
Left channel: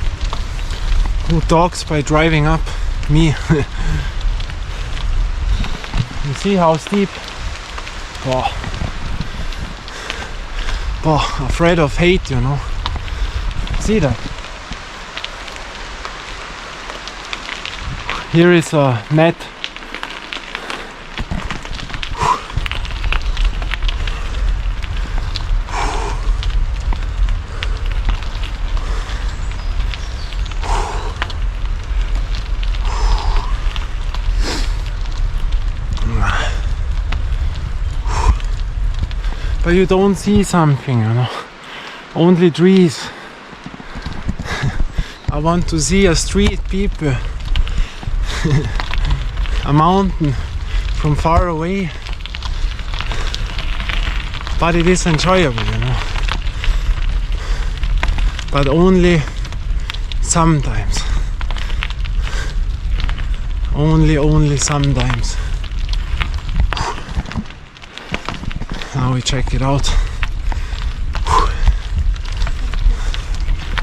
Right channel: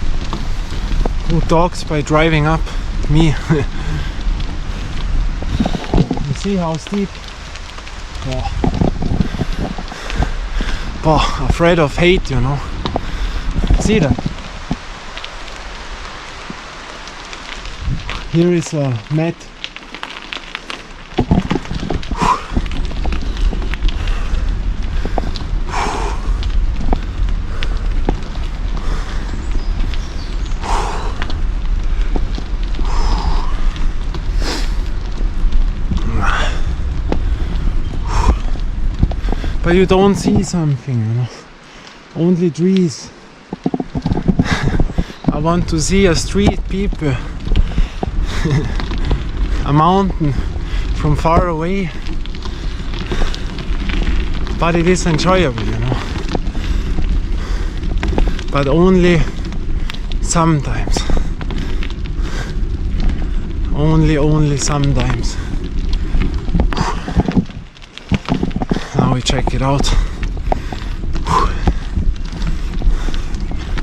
Who talks by driving up? Me. You see how steep? Oh. Oh, afraid of height, you know. See that? Here is a net. But you don't see something, you know. Only trees. I want to see a street, people. A mountain from far away. But it is enjoyable, you know. But only sometimes. Only sometimes. Now we check it out.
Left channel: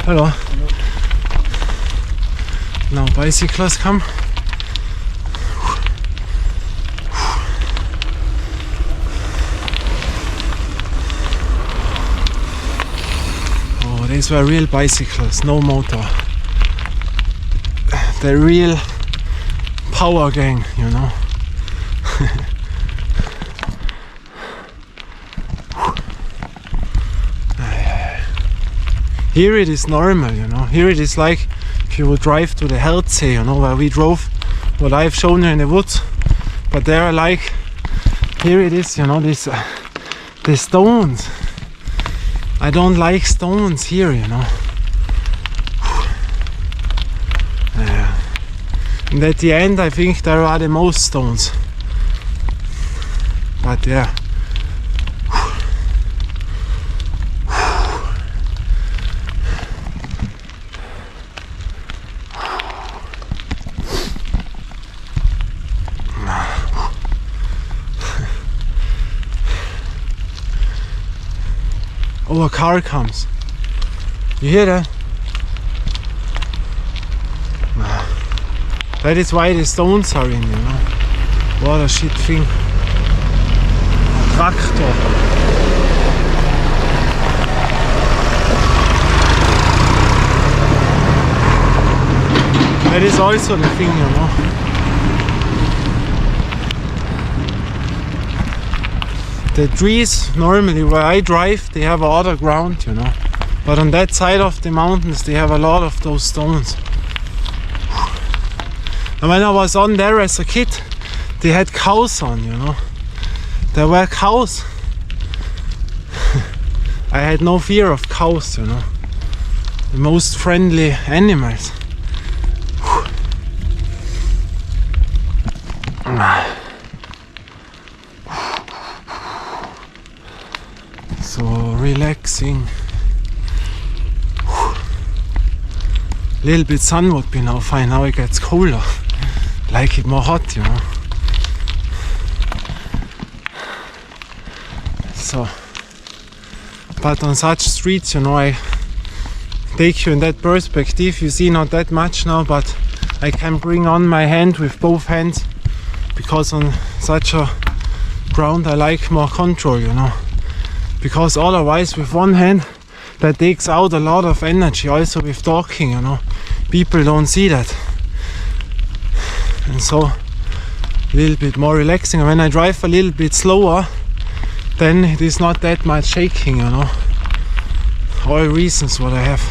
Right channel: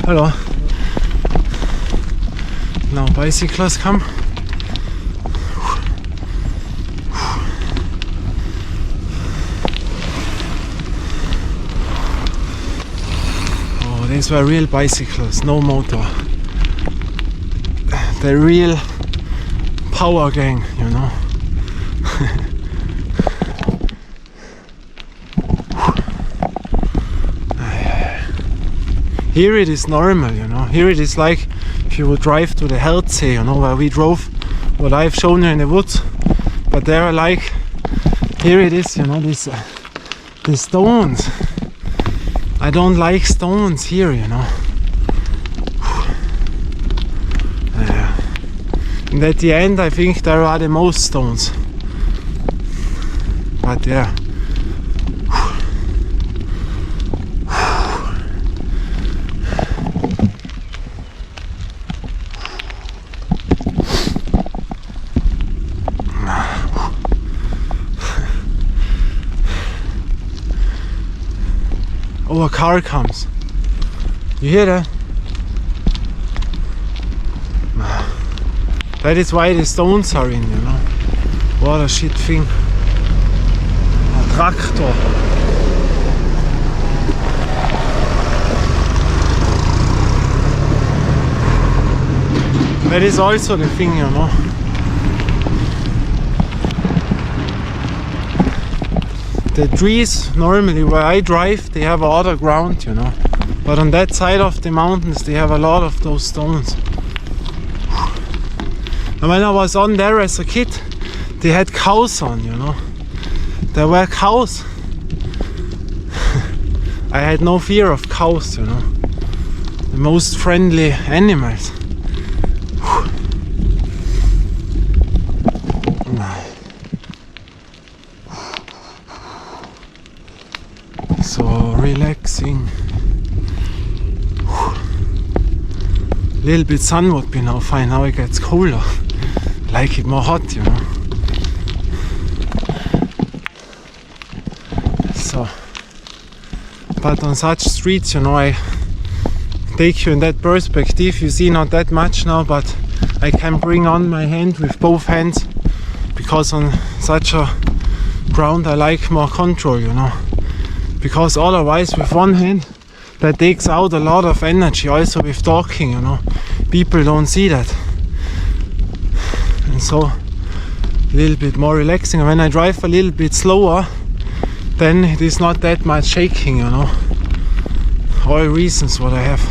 Hello. Now bicyclists come. Oh, these were real bicyclists, no motor. The real power gang, you know. Here it is normal, you know. Here it is like if you would drive to the Heldsee, you know, where we drove, what I've shown you in the woods. But there are like, here it is, you know, this the stones. I don't like stones here, you know. And at the end I think there are the most stones. But yeah. Oh, a car comes. You hear that? That is why the stones are in, you know. What a shit thing. A tractor. That is also the thing, you know. The trees normally where I drive, they have other ground, you know. But on that side of the mountains, they have a lot of those stones. And when I was on there as a kid, they had cows on, you know. There were cows. I had no fear of cows, you know. The most friendly animals. So relaxing. A little bit sun would be now fine. Now it gets colder. Like it more hot, you know. So, but on such streets, you know, I take you in that perspective. You see not that much now, but I can bring on my hand with both hands, because on such a ground I like more control, you know. Because otherwise with one hand that takes out a lot of energy, also with talking, you know. People don't see that. And so a little bit more relaxing. And when I drive a little bit slower, then it is not that much shaking, you know. All reasons what I have.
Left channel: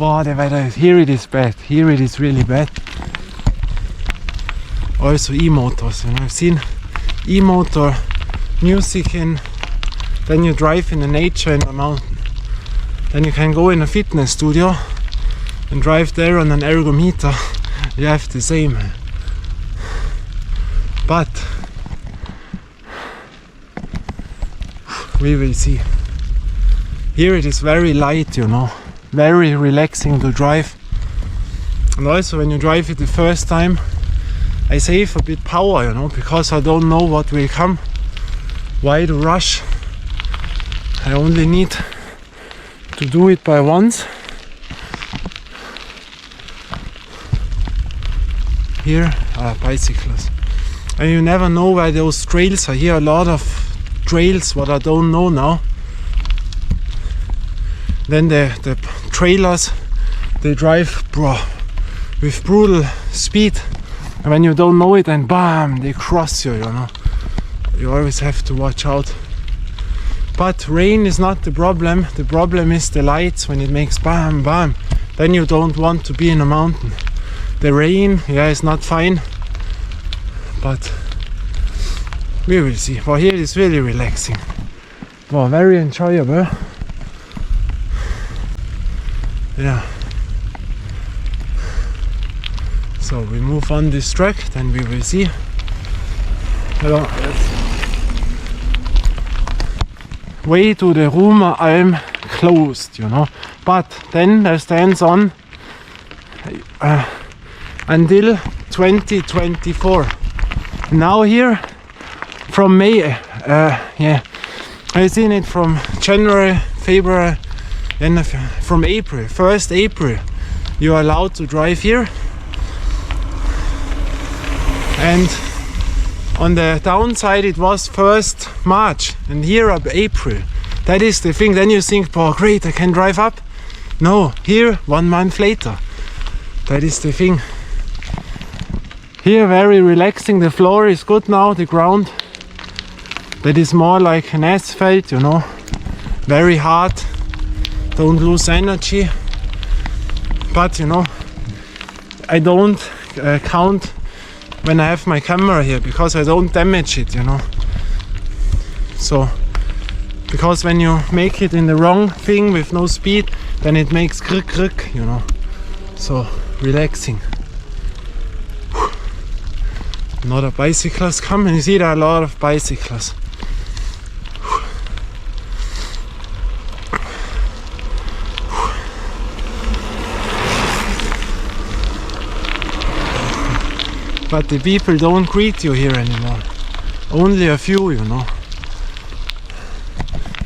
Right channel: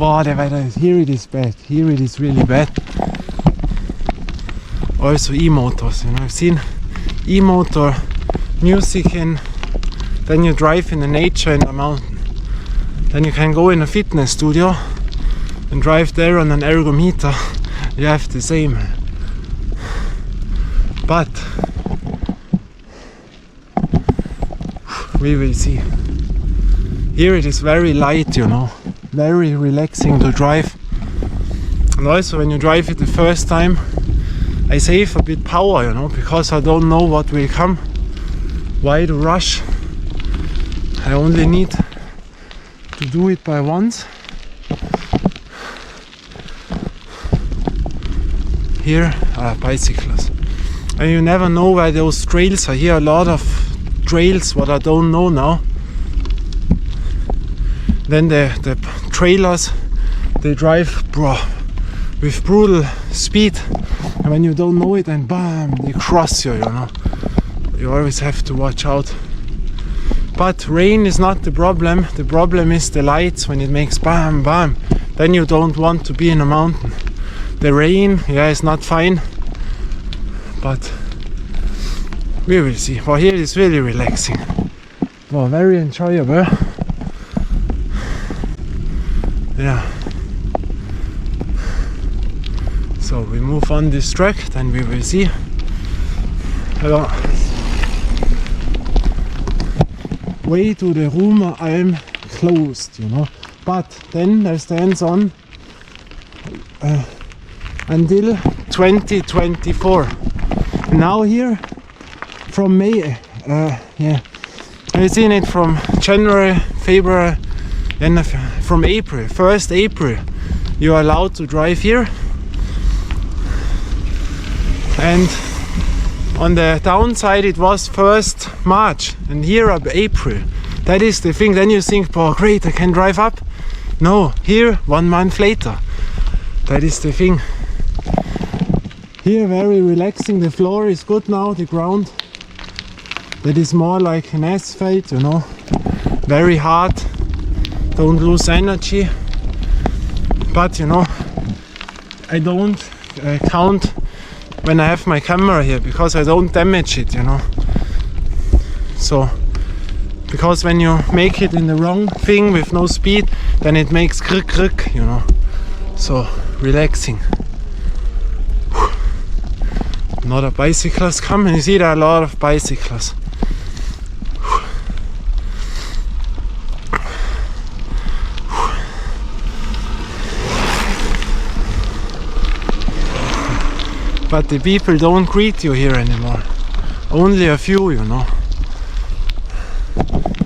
Wow, the weather, here it is bad. Here it is really bad. Also e-motors, you know. I've seen e-motor music in, then you drive in the nature in the mountain. Then you can go in a fitness studio and drive there on an ergometer. You have the same. But we will see. Here it is very light, you know. Very relaxing to drive. And also when you drive it the first time, I save a bit power, you know, because I don't know what will come. Why to rush? I only need to do it by once. Here are bicycles. And you never know where those trails are. Here are a lot of trails what I don't know now. Then the trailers, they drive with brutal speed, and when you don't know it, then bam, they cross you, you know. You always have to watch out. But rain is not the problem is the lights. When it makes bam bam, then you don't want to be in a mountain. The rain, yeah, is not fine, but we will see. Well, here it's really relaxing. Well, very enjoyable. Yeah. So we move on this track, then we will see. Hello. Way to the Rumer Alm closed, you know. But then there stands on until 2024. Now here from May, yeah, I've seen it from January, February. Then from April, 1st April, you are allowed to drive here. And on the downside it was 1st March, and here up April. That is the thing. Then you think, oh great, I can drive up. No, here 1 month later. That is the thing. Here very relaxing. The floor is good now, the ground. That is more like an asphalt, you know. Very hard. Don't lose energy, but you know, I don't count when I have my camera here, because I don't damage it, you know. So, because when you make it in the wrong thing with no speed, then it makes krick krick, you know. So, relaxing. Another bicycles come, and you see there are a lot of bicycles. But the people don't greet you here anymore. Only a few, you know.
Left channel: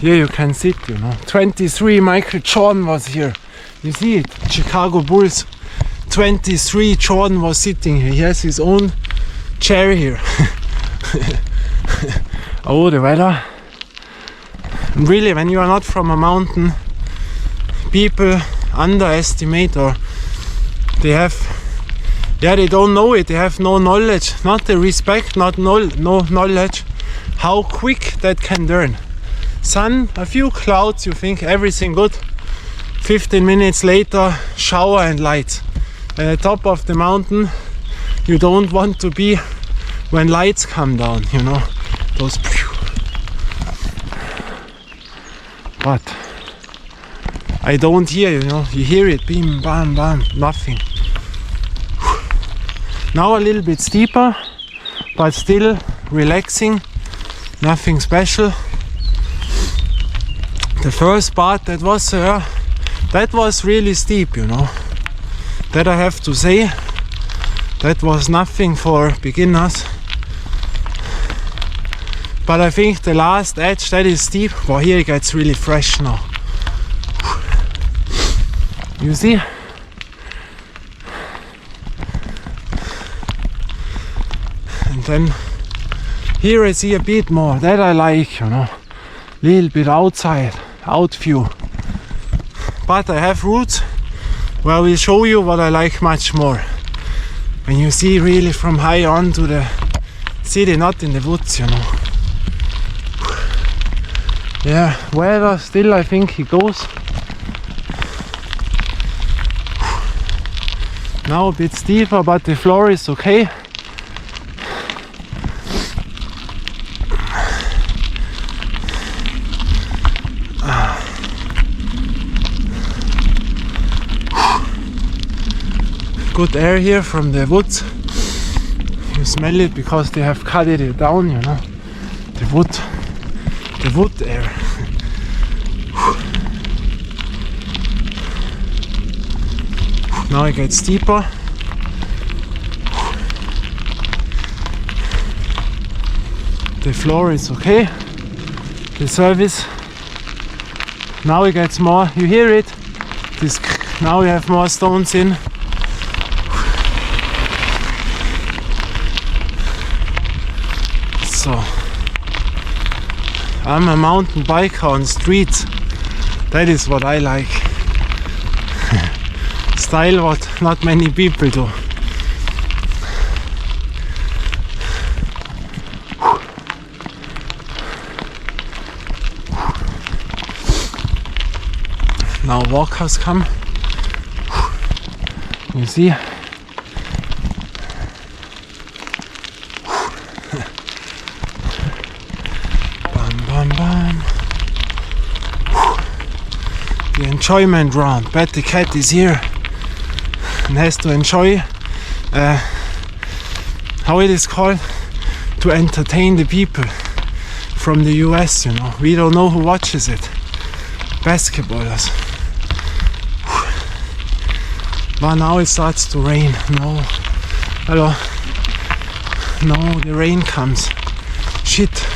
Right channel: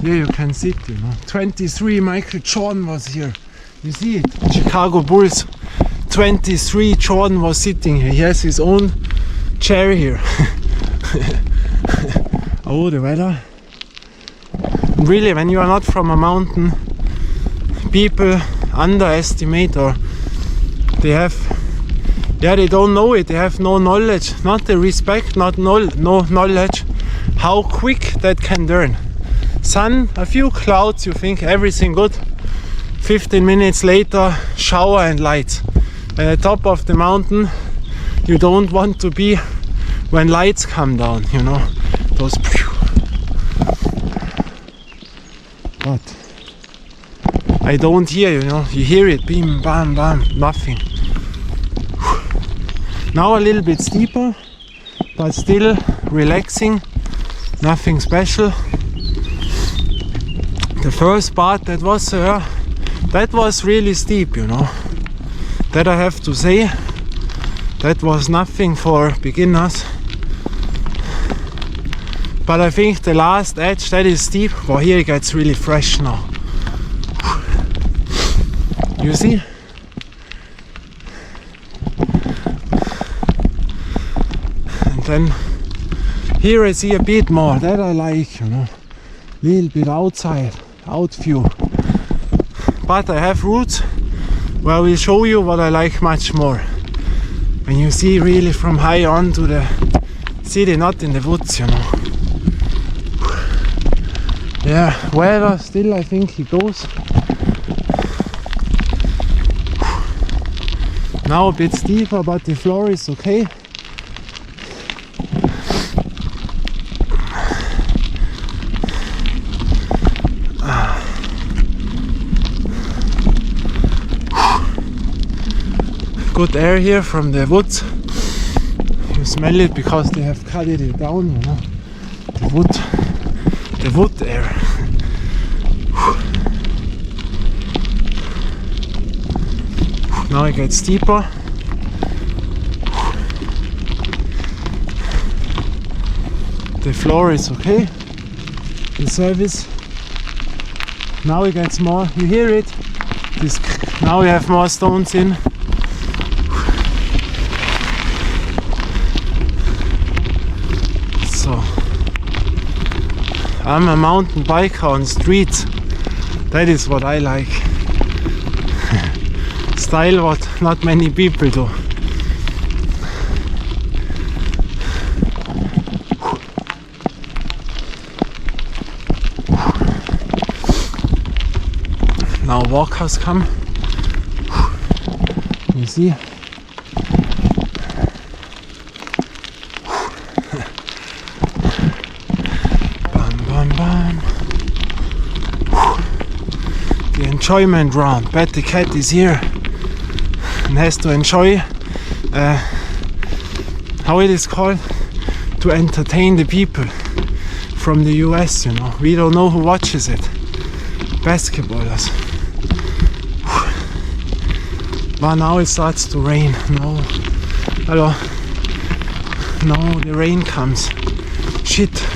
Here you can sit, you know. 23, Michael Jordan was here. You see it? Chicago Bulls. 23, Jordan was sitting here. He has his own chair here. Oh, the weather. Really, when you are not from a mountain, people underestimate, or they don't know it. They have no knowledge, not the respect, no knowledge, how quick that can turn. Sun, a few clouds, you think everything good. 15 minutes later, shower and lights. At the top of the mountain, you don't want to be when lights come down, you know. Those. But I don't hear, you know. You hear it, bim, bam, bam, nothing. Now a little bit steeper, but still relaxing. Nothing special. The first part that was really steep, you know. That I have to say. That was nothing for beginners. But I think the last edge, that is steep. Well, here it gets really fresh now. You see? And then here I see a bit more. That I like, you know. Little bit outside, out view. But I have routes where I will show you what I like much more. When you see really from high on to the city, not in the woods, you know. Yeah, weather still, I think he goes. Now a bit steeper, but the floor is okay. Good air here from the woods. You smell it because they have cut it down, you know. The wood air. Now it gets steeper. The floor is okay. The surface. Now it gets more. You hear it? Now we have more stones in. So I'm a mountain biker on streets. That is what I like. Style what not many people do. Now walkers come. You see? The enjoyment round. Bet the cat is here and has to enjoy how it is called, to entertain the people from the US, you know. We don't know who watches it. Basketballers. But now it starts to rain. No. Hello. No, the rain comes. Shit.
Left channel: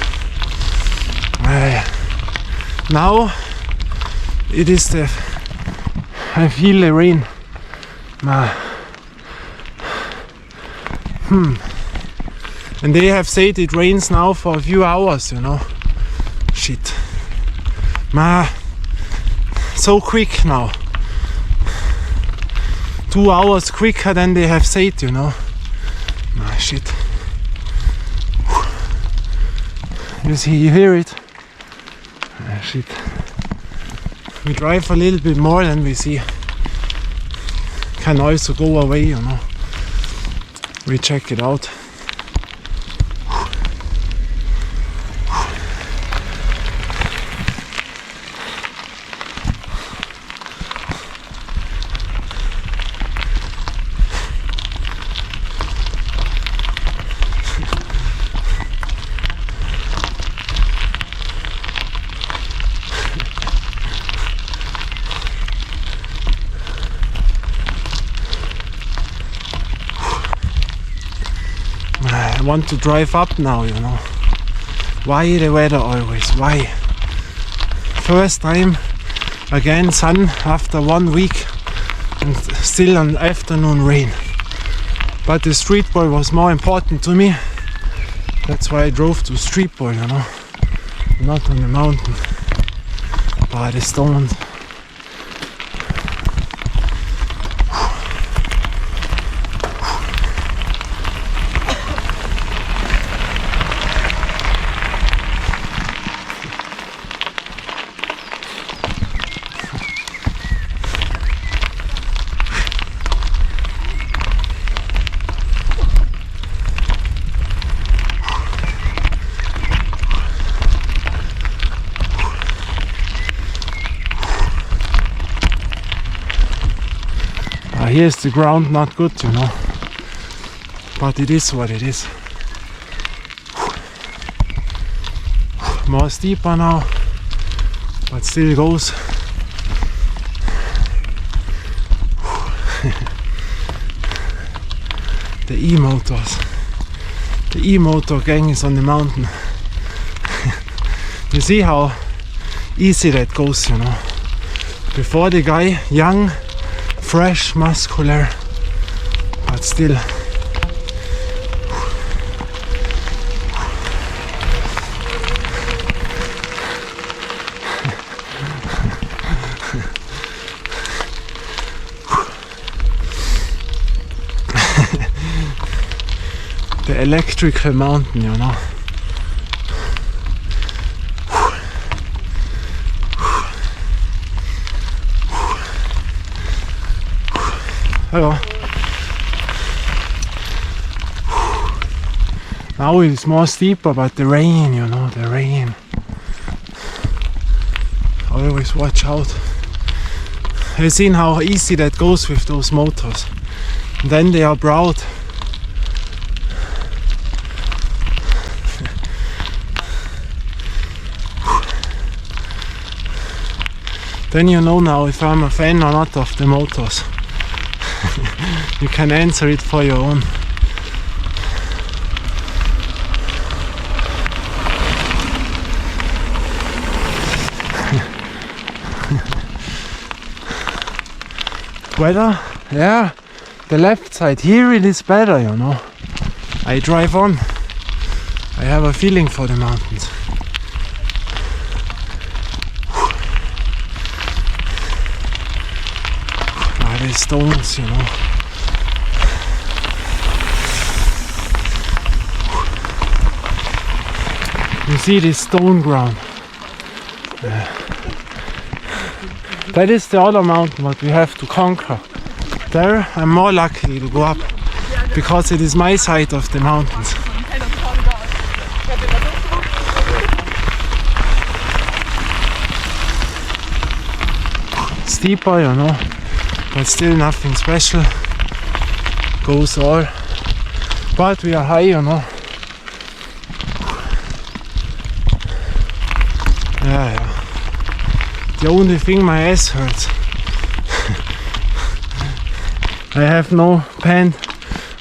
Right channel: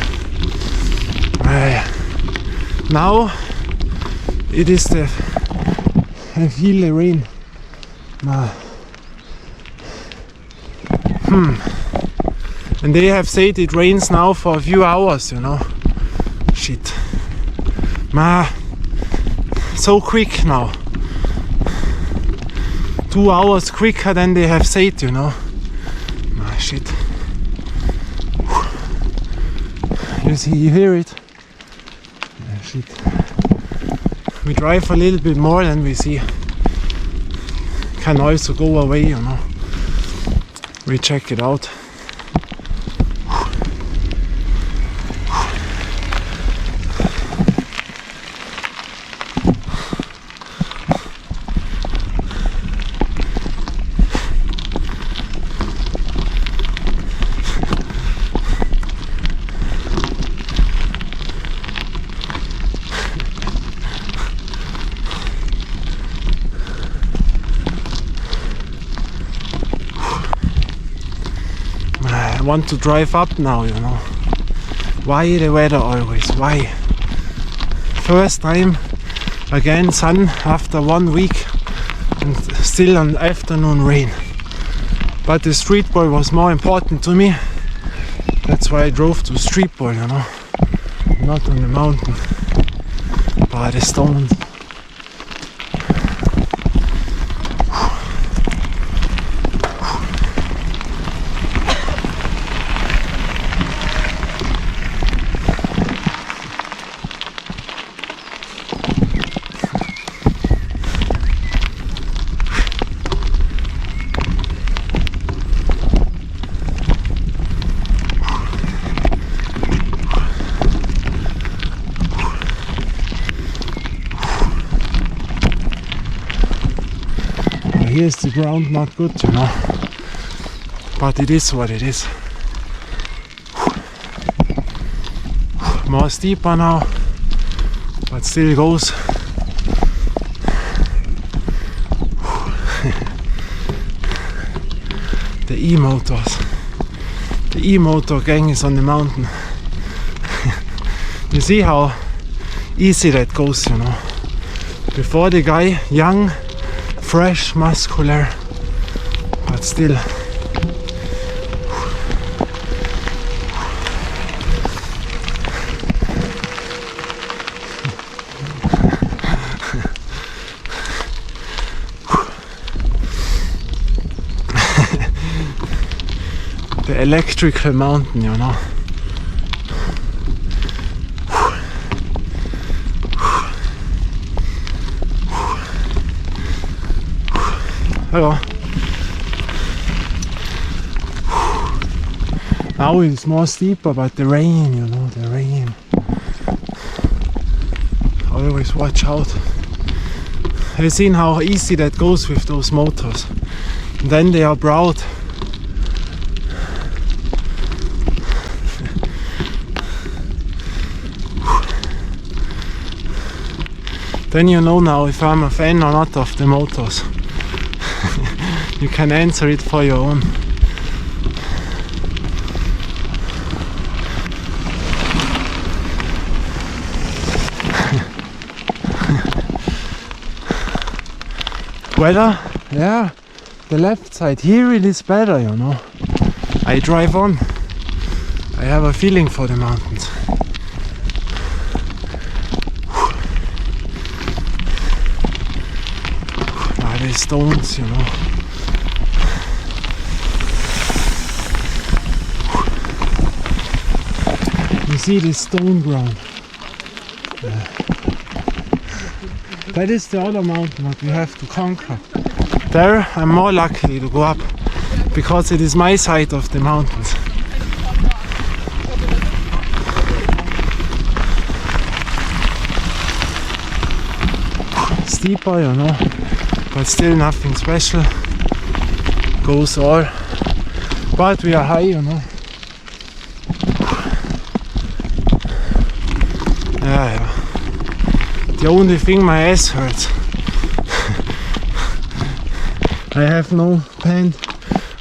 Now it is I feel the rain. And they have said it rains now for a few hours, you know. Shit. So quick now. 2 hours quicker than they have said, you know. Shit. You see, you hear it. Shit. We drive a little bit more than we see. Can also go away, you know. We check it out. I want to drive up now, you know. Why the weather always? Why? First time again sun after 1 week and still an afternoon rain. But the street ball was more important to me. That's why I drove to street ball, you know. Not on the mountain. By the stones. Here's the ground not good, you know, but it is what it is. More steeper now, but still goes. The e-motors. The e-motor gang is on the mountain. You see how easy that goes, you know. Before the guy, young, fresh, muscular, but still. The electrical mountain, you know. Hello. Now it's more steeper, but the rain, you know, the rain. Always watch out. Have you seen how easy that goes with those motors? And then they are proud. Then you know now if I'm a fan or not of the motors. You can answer it for your own. Weather, yeah, the left side here it is better, you know. I drive on. I have a feeling for the mountains. The stones, you know. You see this stone ground. That is the other mountain what we have to conquer. There I'm more lucky to go up because it is my side of the mountains. Steeper, you know. But still nothing special, goes all, but we are high, you know. Yeah. The only thing, my ass hurts. I have no pant,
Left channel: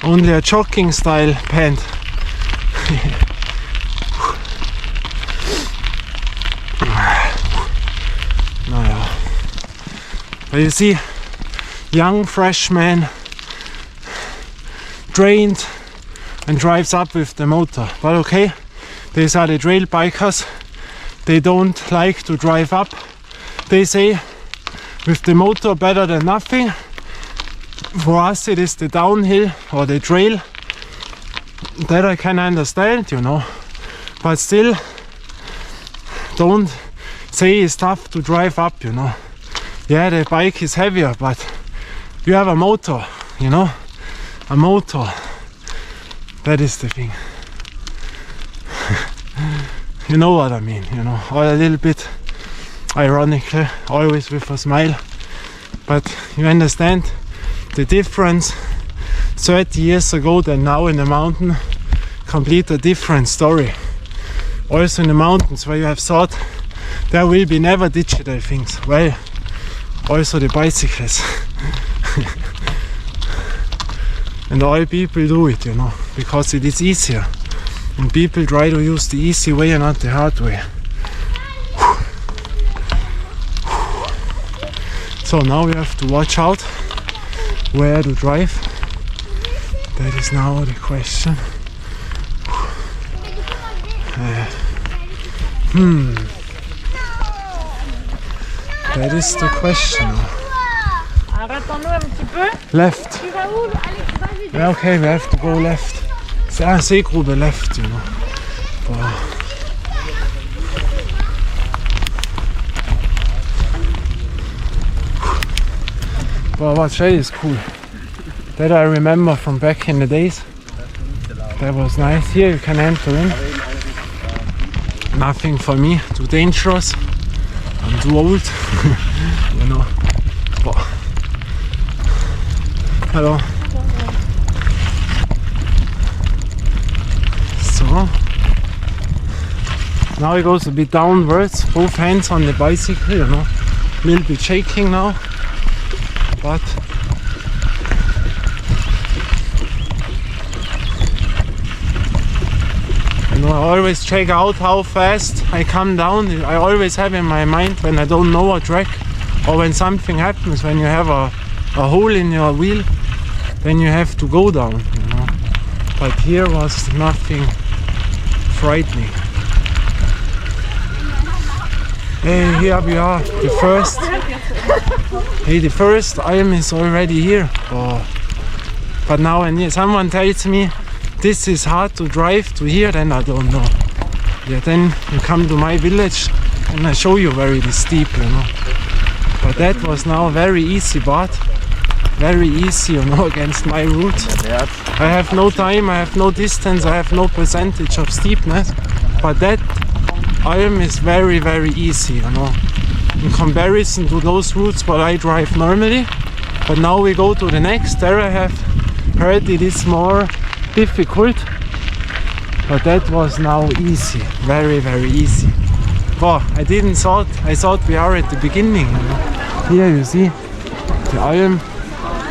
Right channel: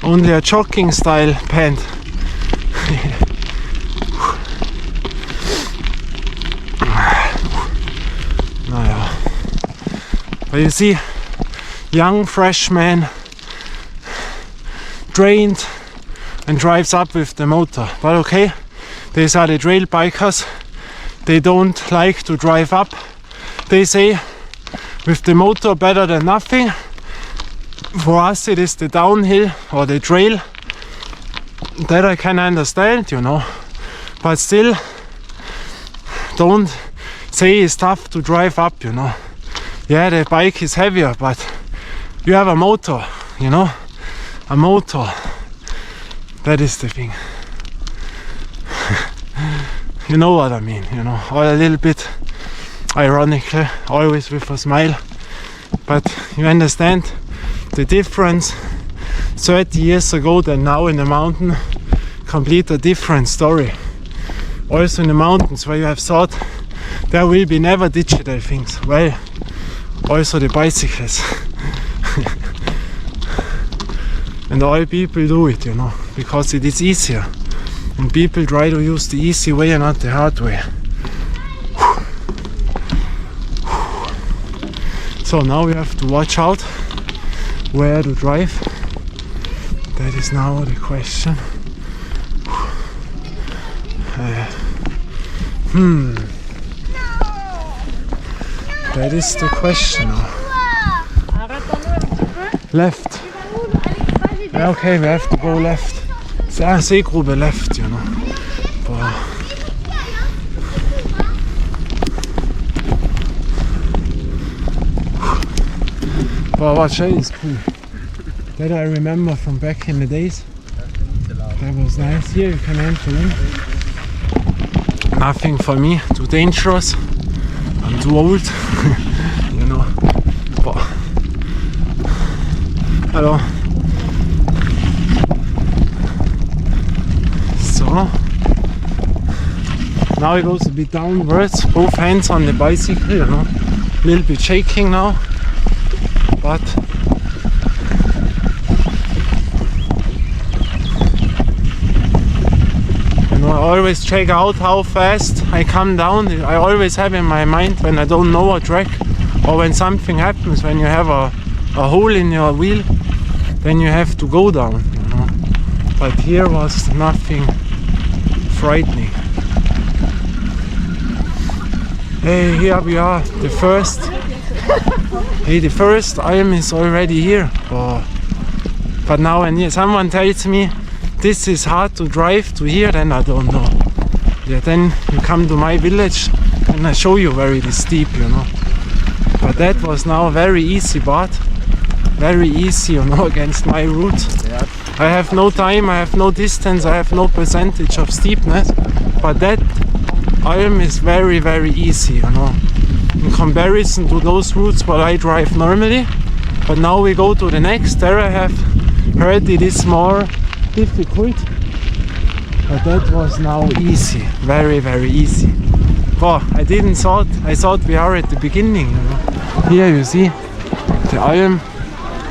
only a jogging style pant. Naja. But you see, young freshman trained and drives up with the motor. But okay, these are the trail bikers. They don't like to drive up. They say with the motor better than nothing. For us it is the downhill or the trail. That I can understand, you know. But still, don't say it's tough to drive up, you know. Yeah, the bike is heavier, but you have a motor, you know, a motor. That is the thing. You know what I mean, you know, or a little bit ironically, always with a smile. But you understand the difference 30 years ago than now in the mountain, complete a different story. Also in the mountains where you have thought there will be never digital things. Well, also the bicycles. And all people do it, you know. because it is easier. And people try to use the easy way and not the hard way. So now we have to watch out where to drive. That is now the question. That is the question now. Left. Yeah, okay, we have to go left. Seegrube left, you know. Wow, what shade is cool. That I remember from back in the days. That was nice. Here you can enter in. Nothing for me, too dangerous. I'm too old, you know. But hello. So now it goes a bit downwards, both hands on the bicycle, you know. A little bit shaking now, but you know, I always check out how fast I come down. I always have in my mind when I don't know a track or when something happens, when you have a hole in your wheel, then you have to go down, you know. But here was nothing frightening. Hey, here we are, the first. Hey, the first Alm is already here. Oh. But now when someone tells me this is hard to drive to here, then I don't know. Yeah, then you come to my village and I show you where it is steep, you know. But that was now very easy, but very easy, you know, against my route. I have no time, I have no distance, I have no percentage of steepness. But that Alm is very, very easy, you know, in comparison to those routes what I drive normally. But now we go to the next. There I have heard it is more difficult, but that was now easy, very, very easy. Wow, I thought we are at the beginning, you know. Here you see the Alm.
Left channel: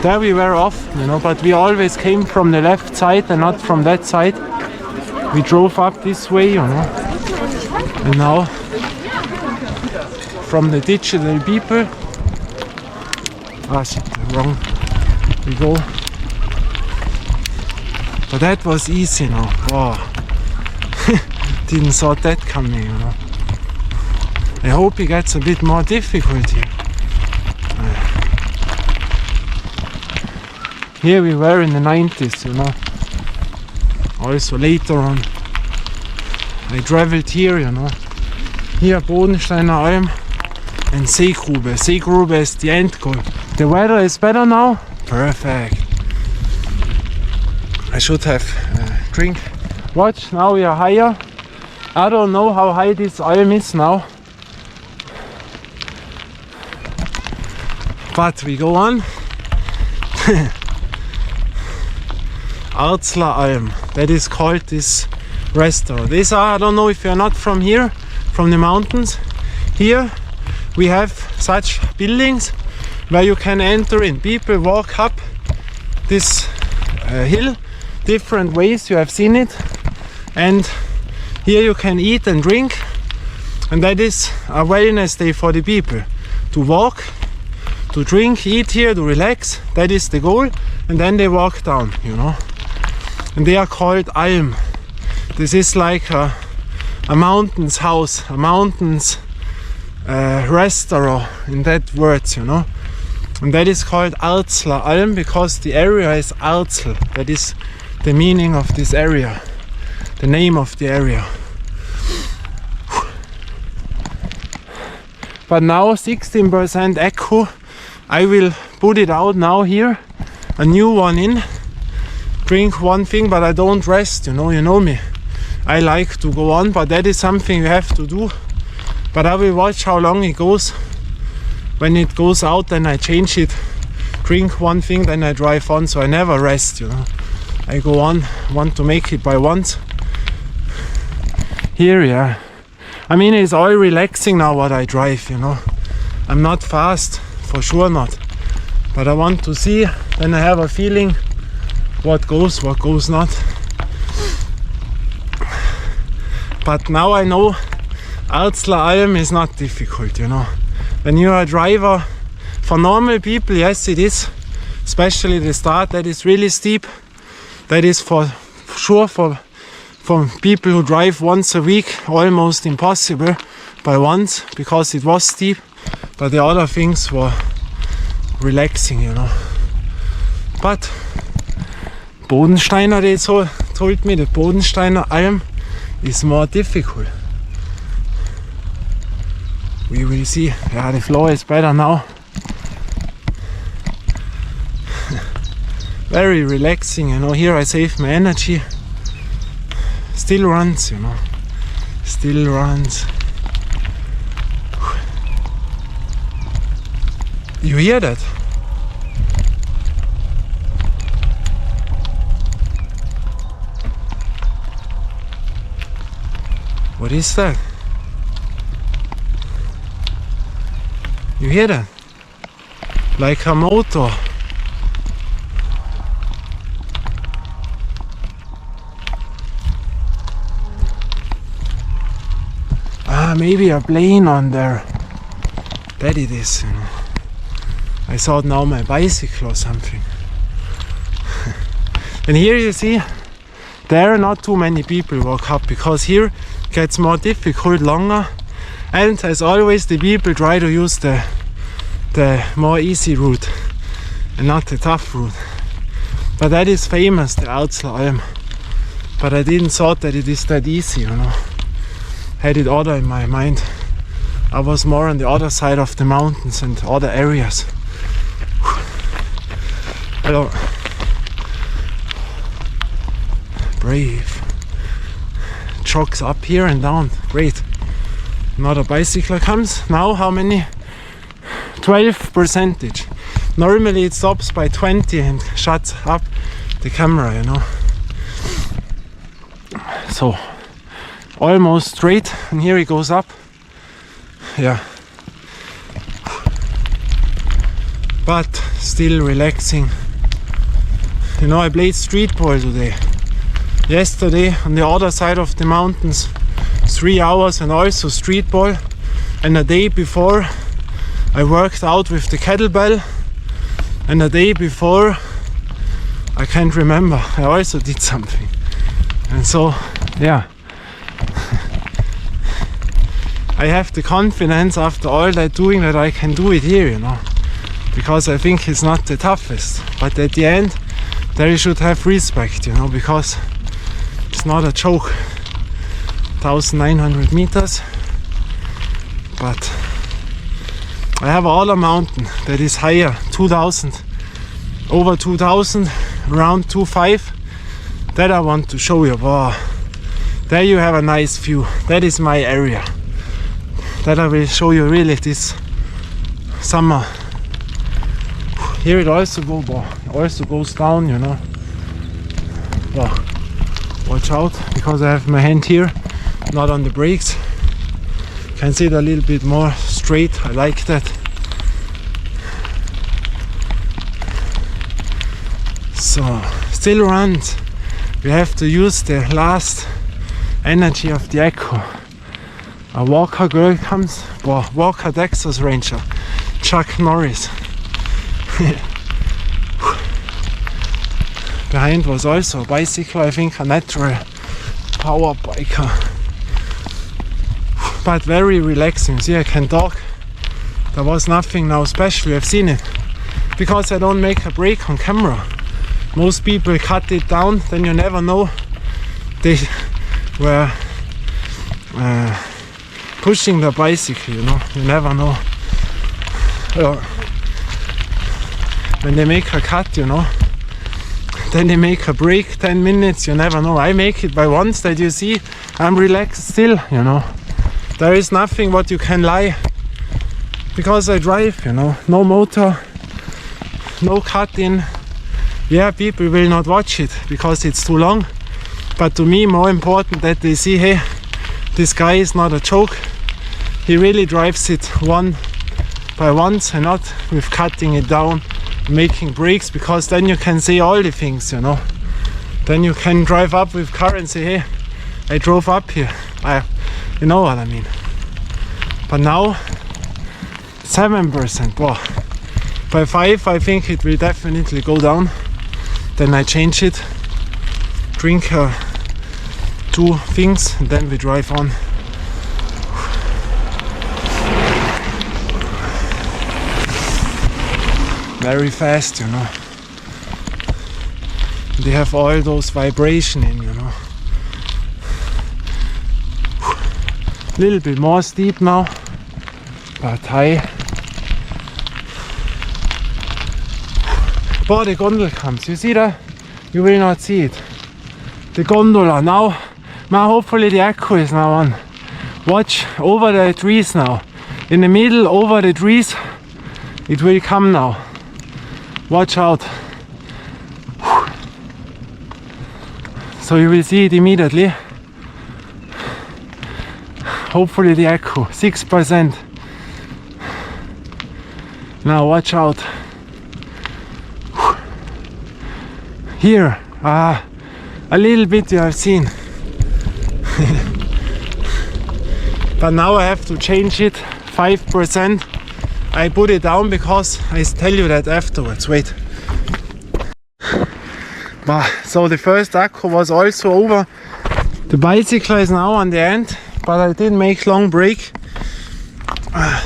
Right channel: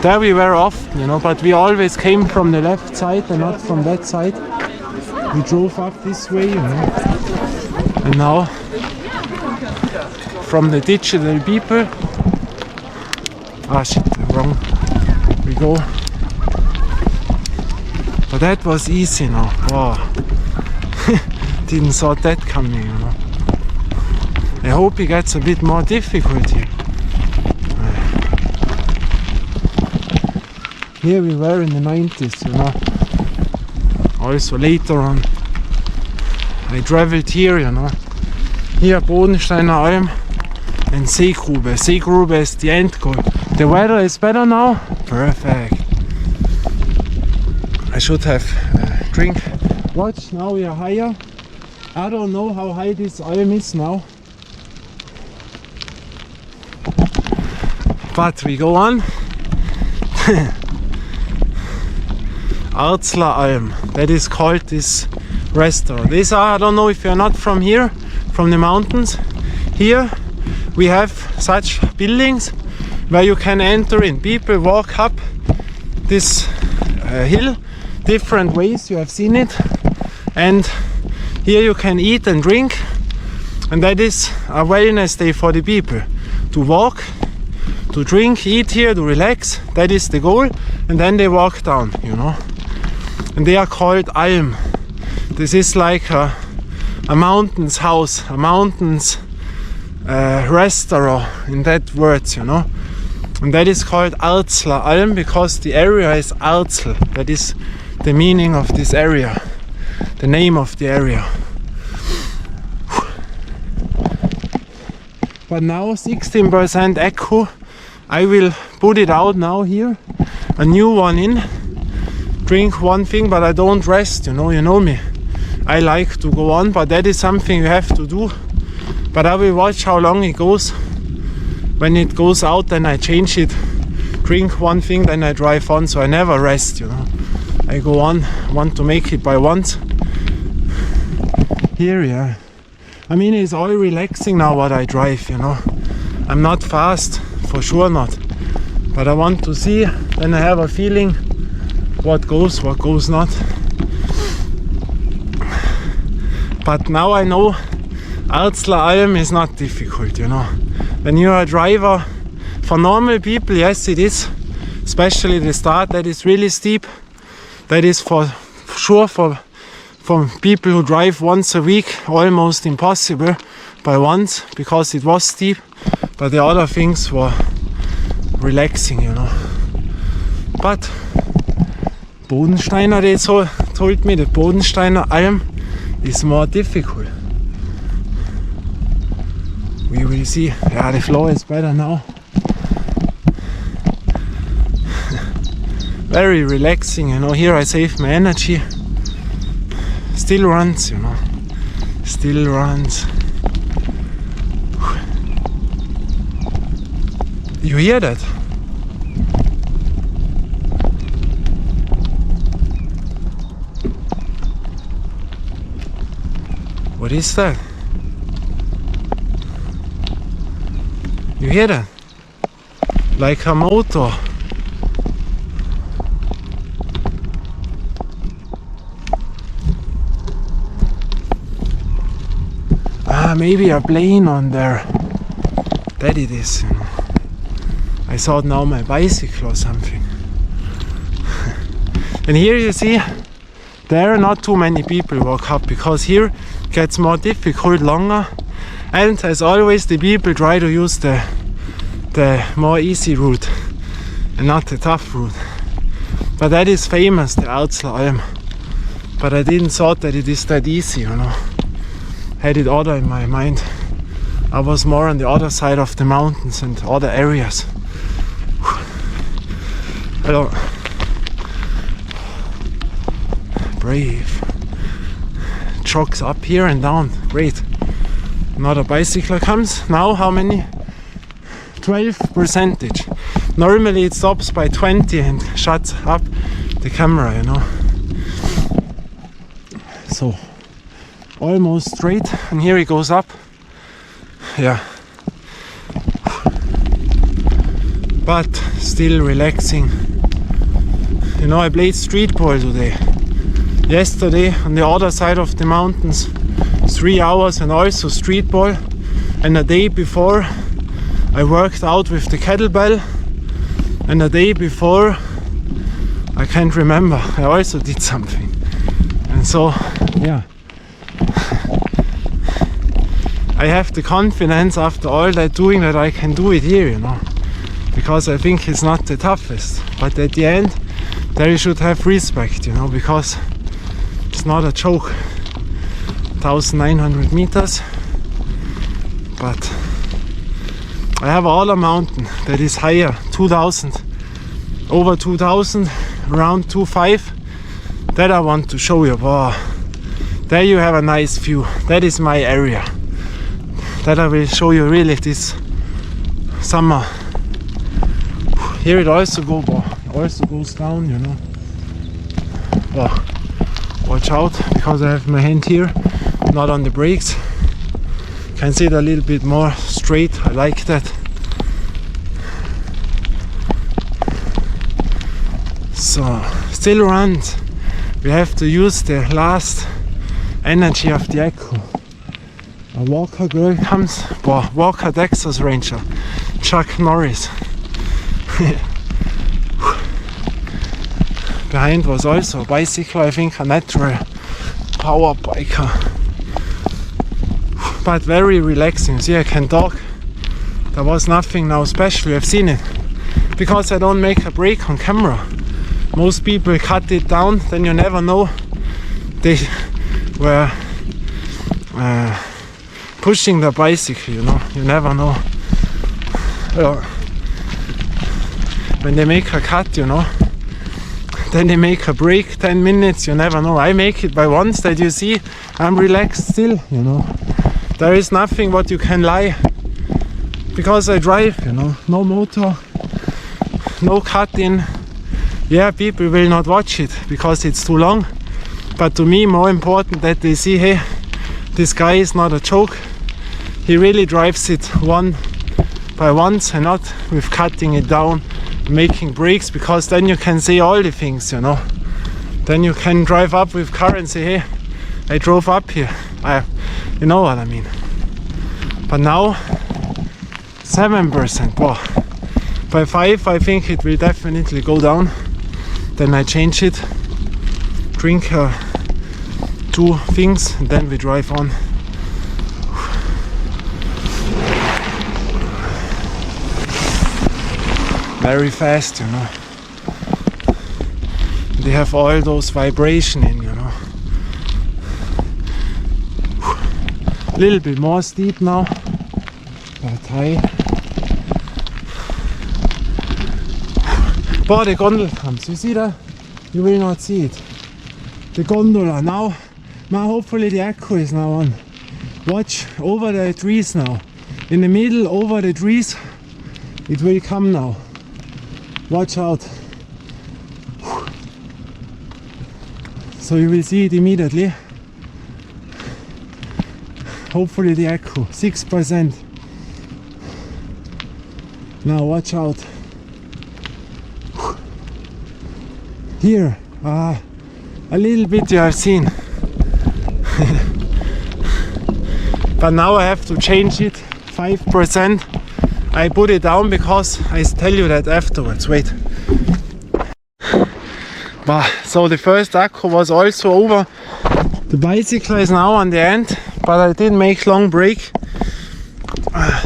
There we were off, you know, but we always came from the left side and not from that side. We drove up this way, you know. And now from the digital people, wrong, we go. But that was easy now. Wow. Didn't saw that coming, you know. I hope it gets a bit more difficult here. Here we were in the 90s, you know. Also later on I traveled here, you know. Here Bodensteiner Alm and Seegrube. Seegrube is the end goal. The weather is better now. Perfect. I should have a drink. Watch, now we are higher. I don't know how high this Alm is now. But we go on. Arzler Alm, that is called this restaurant. These are, I don't know if you're not from here, from the mountains. Here we have such buildings where you can enter in. People walk up this hill different ways, you have seen it. And here you can eat and drink. And that is a wellness day for the people. To walk, to drink, eat here, to relax. That is the goal. And then they walk down, you know. And they are called Alm. This is like a mountain's house, a mountain's restaurant in that words, you know. And that is called Arzler Alm because the area is Arzel. That is the meaning of this area, the name of the area. But now 16% echo. I will put it out now here, a new one in. Drink one thing, but I don't rest, you know me. I like to go on, but that is something you have to do. But I will watch how long it goes. When it goes out, then I change it. Drink one thing, then I drive on, so I never rest, you know. I go on, want to make it by once. Here, yeah. I mean, it's all relaxing now what I drive, you know. I'm not fast, for sure not. But I want to see, then I have a feeling what goes not. But now I know Arzler Alm is not difficult, you know. When you are a driver, for normal people, yes it is. Especially the start, that is really steep. That is for sure for people who drive once a week, almost impossible by once, because it was steep. But the other things were relaxing, you know. But Bodensteiner, they told me the Bodensteiner Alm is more difficult. We will see. Yeah, the floor is better now. Very relaxing, you know. Here I save my energy. Still runs, you know. Still runs. You hear that? What is that? You hear that? Like a motor. Maybe a plane on there. That it is, you know. I thought now my bicycle or something. And here you see, there are not too many people walk up, because here gets more difficult, longer. And as always, the people try to use the more easy route and not the tough route. But that is famous, the Arzler Alm. But I didn't thought that it is that easy, you know. Had it other in my mind. I was more on the other side of the mountains and other areas. Hello. Brave. Jogs up here and down. Great. Another bicycle comes. Now how many? 12%. Normally it stops by 20 and shuts up the camera, you know. So almost straight, and here it goes up. Yeah. But still relaxing. You know, I played street ball today. Yesterday on the other side of the mountains, 3 hours, and also street ball. And the day before I worked out with the kettlebell. And the day before, I can't remember, I also did something. And so, yeah. I have the confidence after all that doing that I can do it here, you know. Because I think it's not the toughest. But at the end, there you should have respect, you know, because it's not a joke. 1900 meters. But I have another mountain that is higher, 2000, over 2000, around 25. That I want to show you. Wow. There you have a nice view. That is my area. That I will show you really this summer. Here it also goes down, you know. Wow. Watch out, because I have my hand here, not on the brakes. Can see it a little bit more straight. I like that. So still runs. We have to use the last energy of the echo. A Walker girl comes. Wow, Walker Texas Ranger, Chuck Norris. Behind was also a bicycle, I think a natural power biker. But very relaxing. See, I can talk. There was nothing now special. I've seen it. Because I don't make a break on camera. Most people cut it down, then you never know. They were pushing the bicycle, you know. You never know. When they make a cut, you know. Then they make a break, 10 minutes, you never know. I make it by once that you see I'm relaxed still, you know. There is nothing what you can lie. Because I drive, you know. No motor, no cut in. Yeah, people will not watch it because it's too long. But to me, more important that they see, hey, this guy is not a joke. He really drives it one by once and not with cutting it down, making breaks, because then you can say all the things, you know. Then you can drive up with car and say, hey, I drove up here. You know what I mean. But now 7%. Wow. By 5 I think it will definitely go down. Then I change it, drink 2 things, and then we drive on. Very fast, you know. They have all those vibration in, you know. Little bit more steep now, but high. But the gondola comes, you see that? You will not see it. The gondola now hopefully the echo is now on. Watch over the trees now. In the middle, over the trees, it will come now. Watch out. So you will see it immediately. Hopefully the echo, 6%. Now watch out. Here, a little bit you have seen. But now I have to change it, 5%. I put it down because I tell you that afterwards. Wait. So the first acco was also over. The bicycle is now on the end, but I didn't make long break.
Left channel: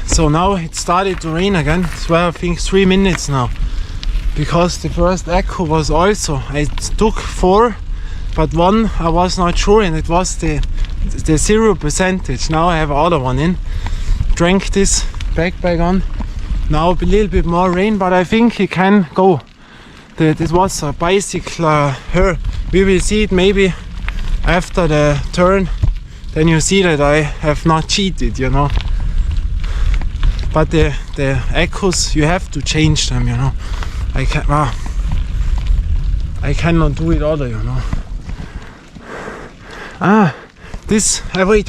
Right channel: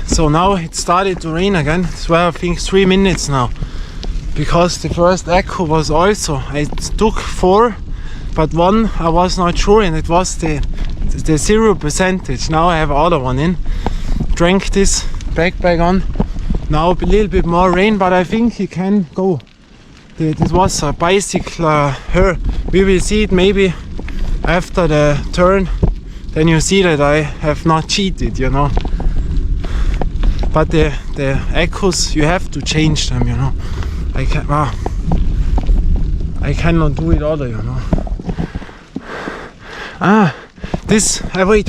So now it started to rain again. It's I think 3 minutes now. Because the first echo was also, I took 4, but 1 I was not sure, and it was the 0%. Now I have other one in. Drank this backpack on. Now a little bit more rain, but I think it can go. This was a bicycle here. We will see it maybe after the turn. Then you see that I have not cheated, you know. But the echoes, you have to change them, you know. I cannot do it other, you know. This, wait.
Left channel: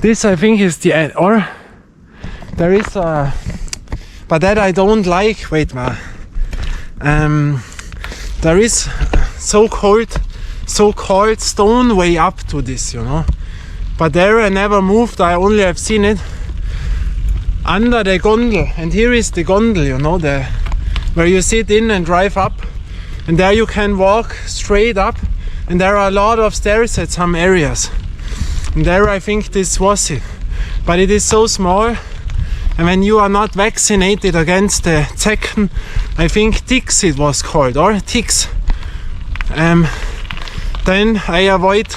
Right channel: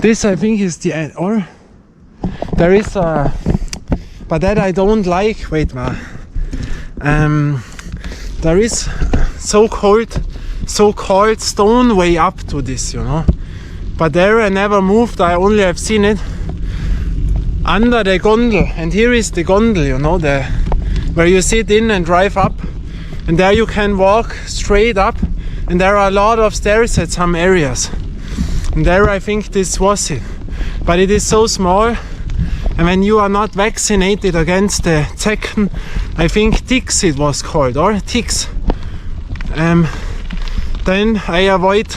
This I think is the end, or there is a, but that I don't like, there is so-called stone way up to this, you know. But there I never moved, I only have seen it under the gondel, and here is the gondel, you know, where you sit in and drive up, and there you can walk straight up, and there are a lot of stairs at some areas, and there I think this was it, but it is so small, and when you are not vaccinated against the Zecken, I think ticks it was called, or ticks, then I avoid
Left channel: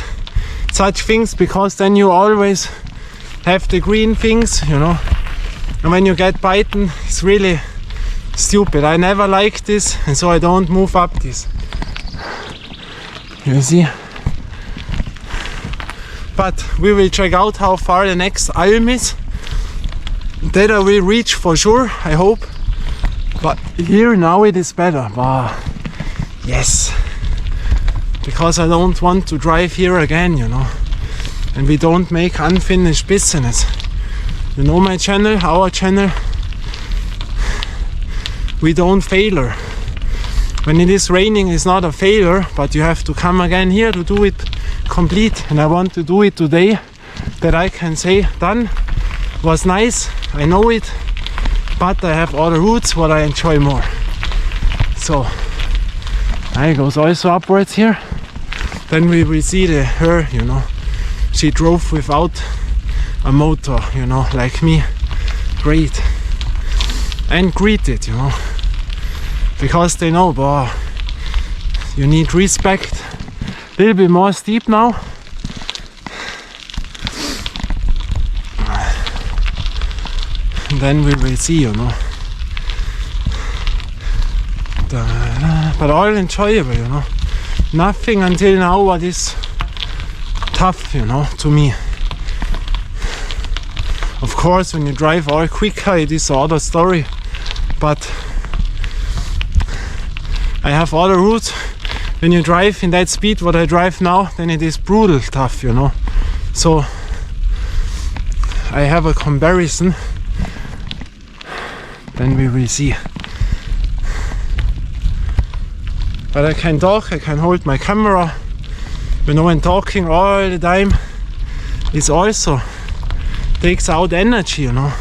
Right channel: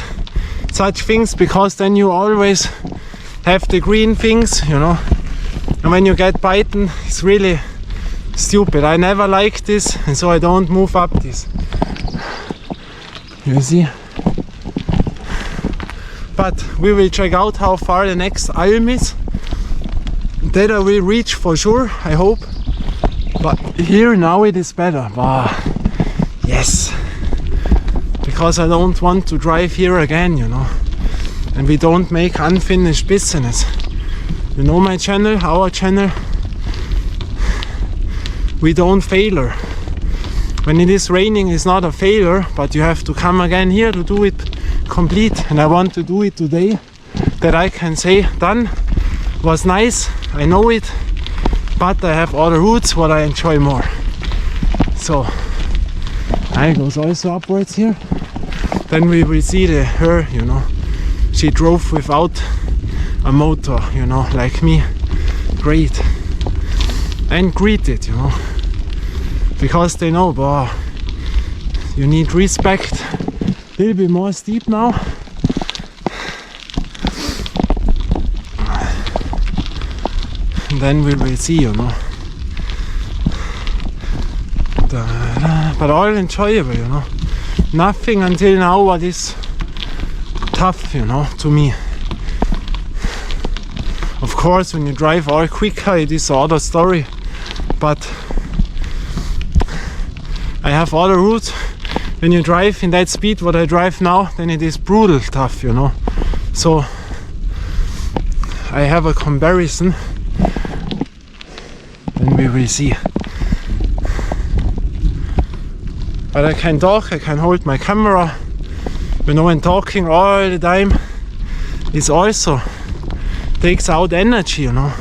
such things, because then you always have the green things, you know. And when you get bitten, it's really stupid. I never like this, and so I don't move up this. You see? But we will check out how far the next Alm is. That I will reach for sure, I hope. But here now it is better. Wow. Yes. Because I don't want to drive here again, you know. And we don't make unfinished business. You know my channel, our channel, we don't failure. When it is raining, it's not a failure, but you have to come again here to do it complete. And I want to do it today, that I can say, done, was nice, I know it, but I have other routes what I enjoy more. So, I goes also upwards here. Then we will see her, you know, she drove without a motor, you know, like me. Great. And greeted, you know, because they know, boah, you need respect. A little bit more steep now. And then we will see, you know. But all enjoyable, you know. Nothing until now what is tough, you know, to me. Of course, when you drive all quicker, it is another story. But I have other routes. When you drive in that speed what I drive now, then it is brutal tough, you know. So I have a comparison. Then we will see. But I can talk, I can hold my camera. You know, and talking all the time is also takes out energy, you know,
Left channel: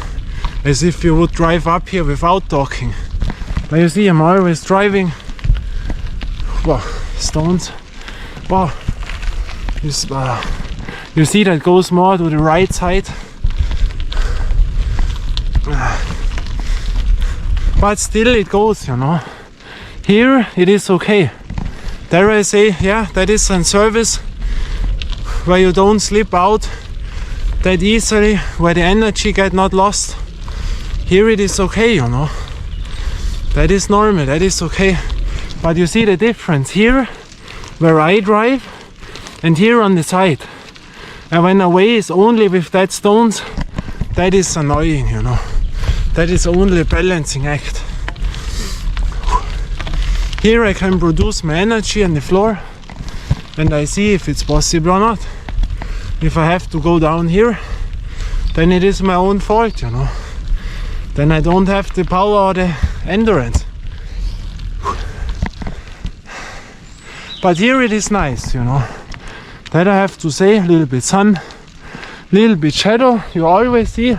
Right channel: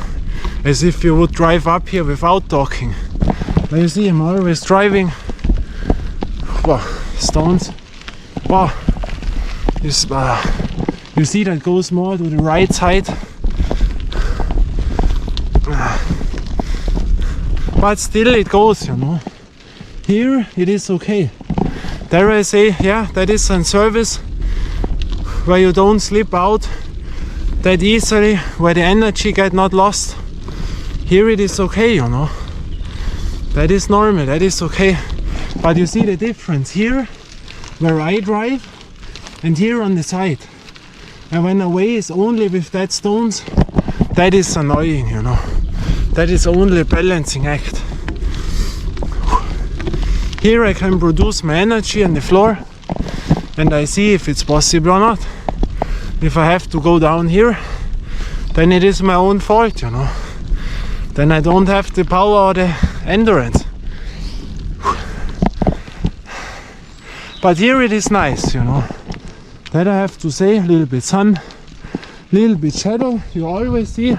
as if you would drive up here without talking. But you see, I'm always driving. Wow, stones. Wow, you see that goes more to the right side. But still it goes, you know. Here it is okay. There I say, yeah, that is a service where you don't slip out that easily, where the energy get not lost. Here it is okay, you know. That is normal, that is okay. But you see the difference here, where I drive, and here on the side. And when away is only with that stones, that is annoying, you know. That is only a balancing act. Here I can produce my energy on the floor, and I see if it's possible or not. If I have to go down here, then it is my own fault, you know. Then I don't have the power or the endurance. But here it is nice, you know. That I have to say, a little bit sun, little bit shadow. You always see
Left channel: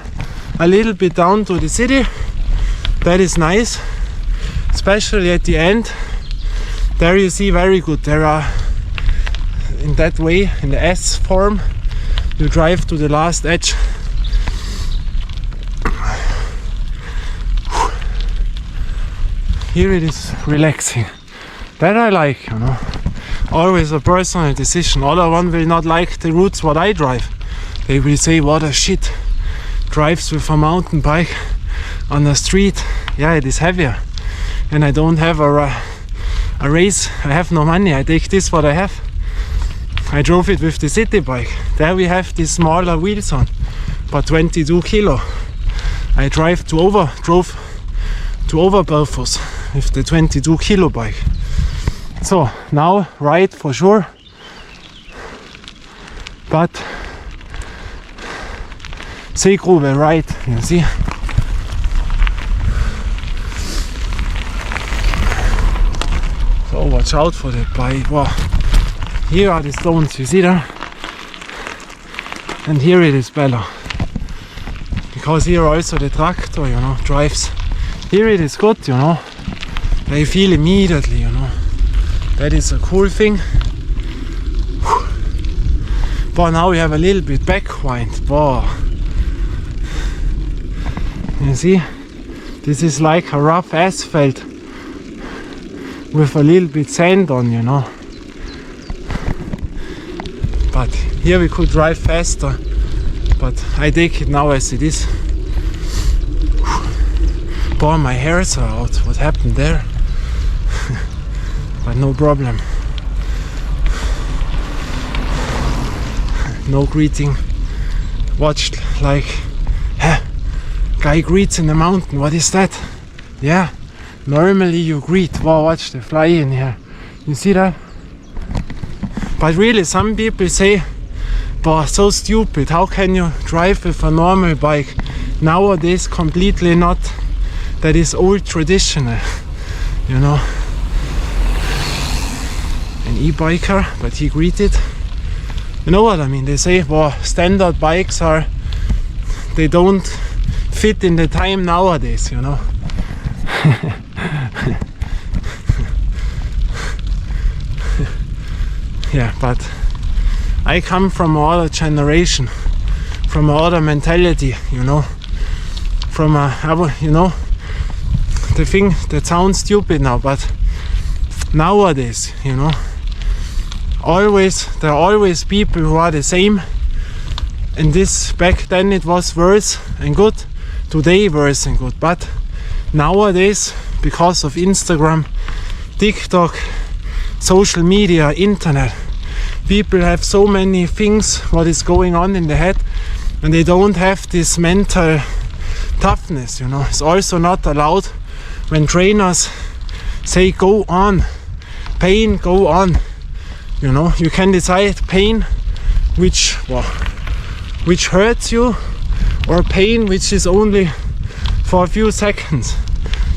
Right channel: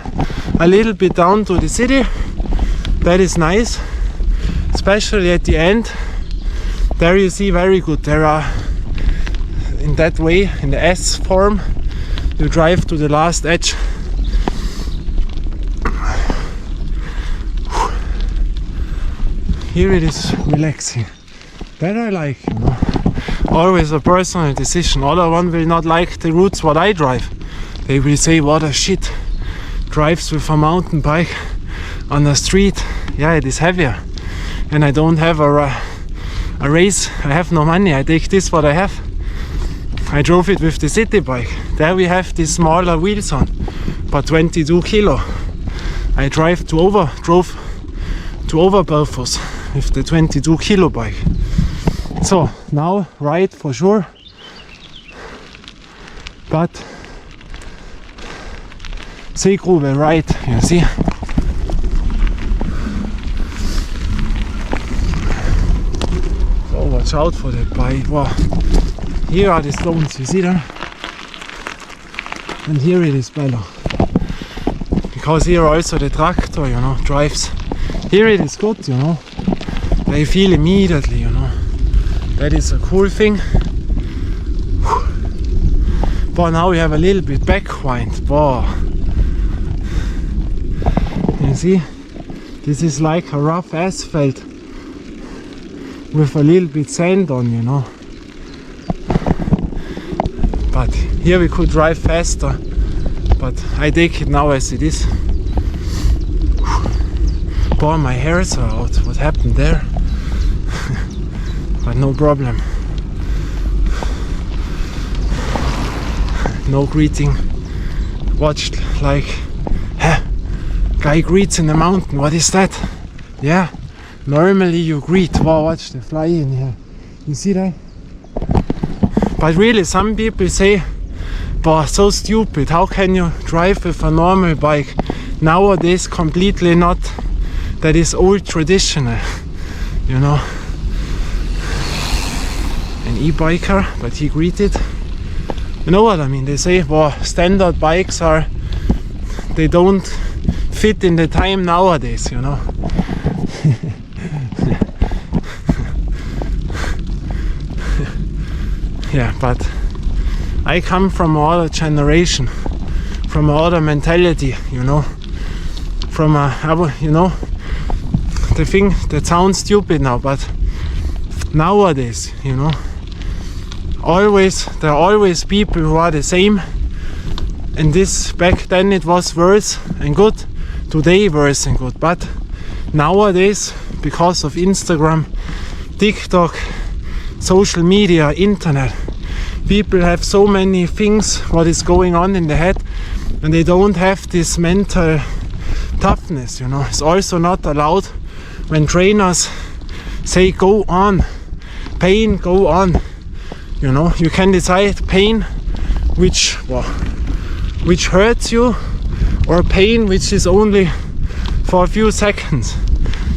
a little bit down to the city. That is nice, especially at the end. There you see very good. There are, in that way, in the S form, you drive to the last edge. Here it is relaxing. That I like, you know. Always a personal decision. Other one will not like the routes what I drive. They will say, what a shit. Drives with a mountain bike on the street. Yeah, it is heavier. And I don't have a race. I have no money. I take this what I have. I drove it with the city bike. There we have these smaller wheels on, but 22 kilo. I drove to Oberbelfos with the 22 kilo bike. So now right for sure, but Seegrube right, you see. So watch out for the bike. Wow. Here are the stones, you see them? And here it is better. Because here also the tractor, you know, drives. Here it is good, you know. They feel immediately, you know. That is a cool thing. But now we have a little bit backwind. Wow. You see? This is like a rough asphalt with a little bit sand on, you know. But here we could drive faster. But I take it now as it is. Boy, my hairs are out. What happened there? But no problem. No greeting. Watched like, guy greets in the mountain. What is that? Yeah, normally you greet. Wow, watch the fly in here. You see that? But really, some people say, "Boah, so stupid. How can you drive with a normal bike?" Nowadays, completely not. That is old traditional, you know. An e-biker, but he greeted. You know what I mean? They say, well, standard bikes they don't fit in the time nowadays, you know. Yeah, but I come from another generation, from another mentality, you know. From you know, the thing that sounds stupid now, but nowadays, you know, there are always people who are the same, and this back then it was worse and good, today worse and good. But nowadays, because of Instagram, TikTok, social media, internet, people have so many things what is going on in the head, and they don't have this mental toughness, you know. It's also not allowed when trainers say go on, pain, go on. You know, you can decide pain which hurts you, or pain which is only for a few seconds.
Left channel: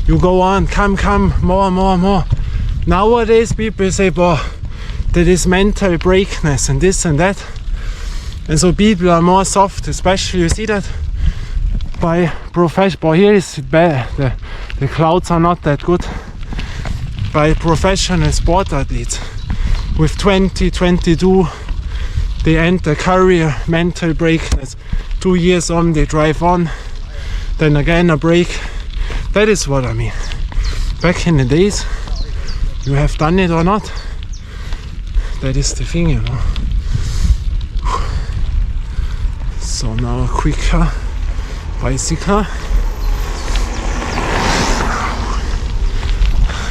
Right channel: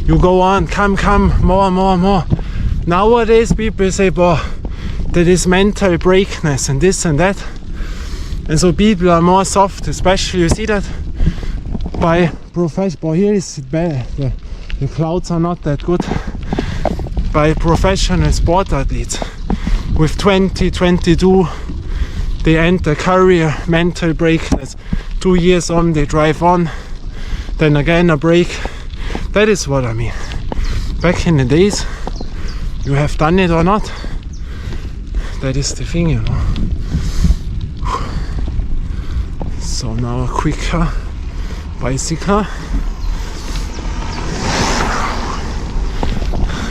You go on, come, more. Nowadays people say, that is mental breakness and this and that. And so people are more soft, especially you see that by professional. Here is bad, the clouds are not that good. By professional sport athletes with 20, 22, they end their career, mental breakness. 2 years on, they drive on, then again a break. That is what I mean. Back in the days, you have done it or not. That is the thing, you know. So now a quicker bicycle.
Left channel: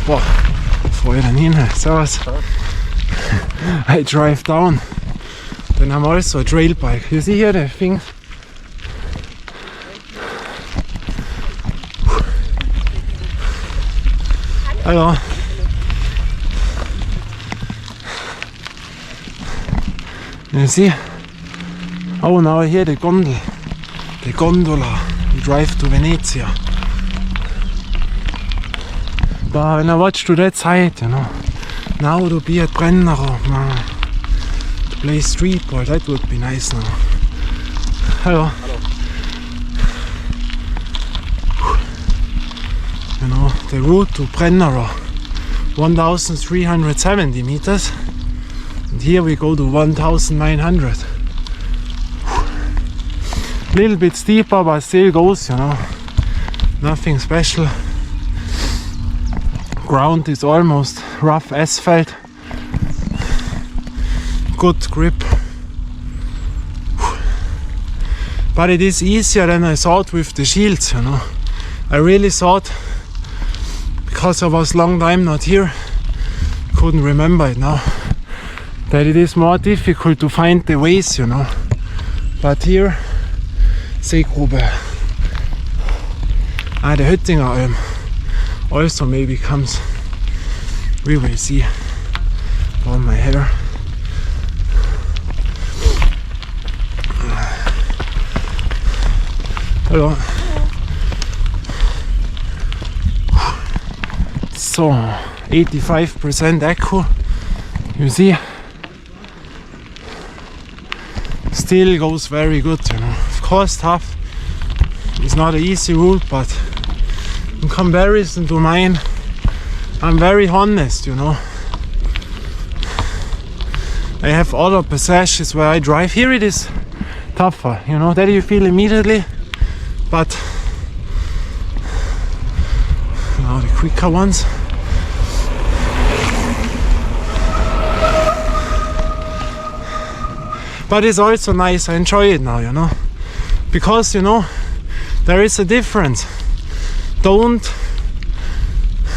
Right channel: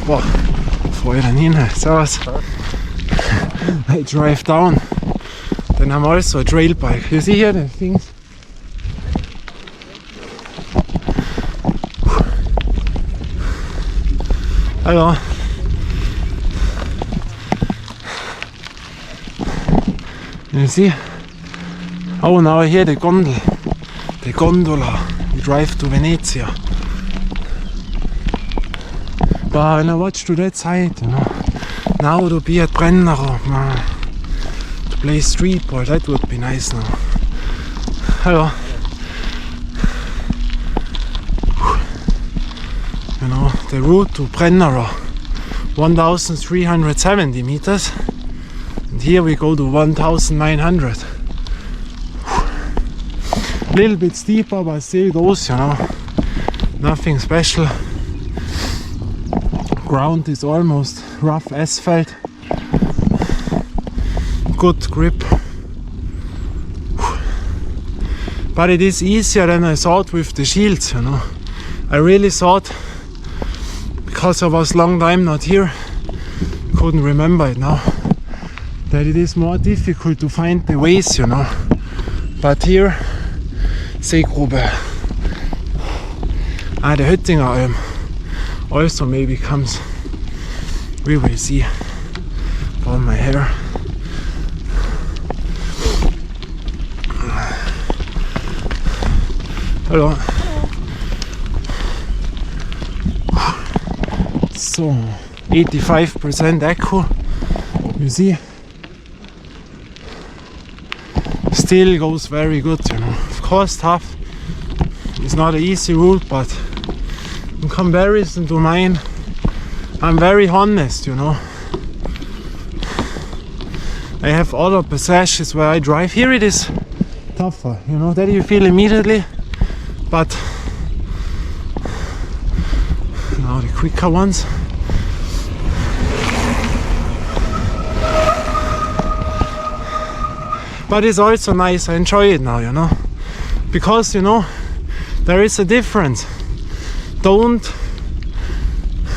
Boah, voll daneben. Servus. I drive down. Then I'm also a trail bike. You see here the things? Hello. You see? Oh, now I hear the gondola. We drive to Venezia. But when I watch to that side, you know, now to be at Brennero, to play street ball, that would be nice now. Hello. You know, the route to Brennero, 1,370 meters. And here we go to 1,900. Little bit steeper, but still goes, you know. Nothing special. Ground is almost rough asphalt. Good grip. But it is easier than I thought with the shields, you know. I really thought, because I was long time not here, couldn't remember it now, that it is more difficult to find the ways, you know. But here, Seegrube, the Höttinger Alm also maybe comes. We will see. On my hair. Hello. So 85% echo. You see, still goes very good, you know. Of course, tough. It's not an easy route, but in comparison to mine, I'm very honest, you know. I have other passages where I drive. Here it is tougher, you know, that you feel immediately. But now the quicker ones. But it's also nice, I enjoy it now, you know. Because, you know, there is a difference. Don't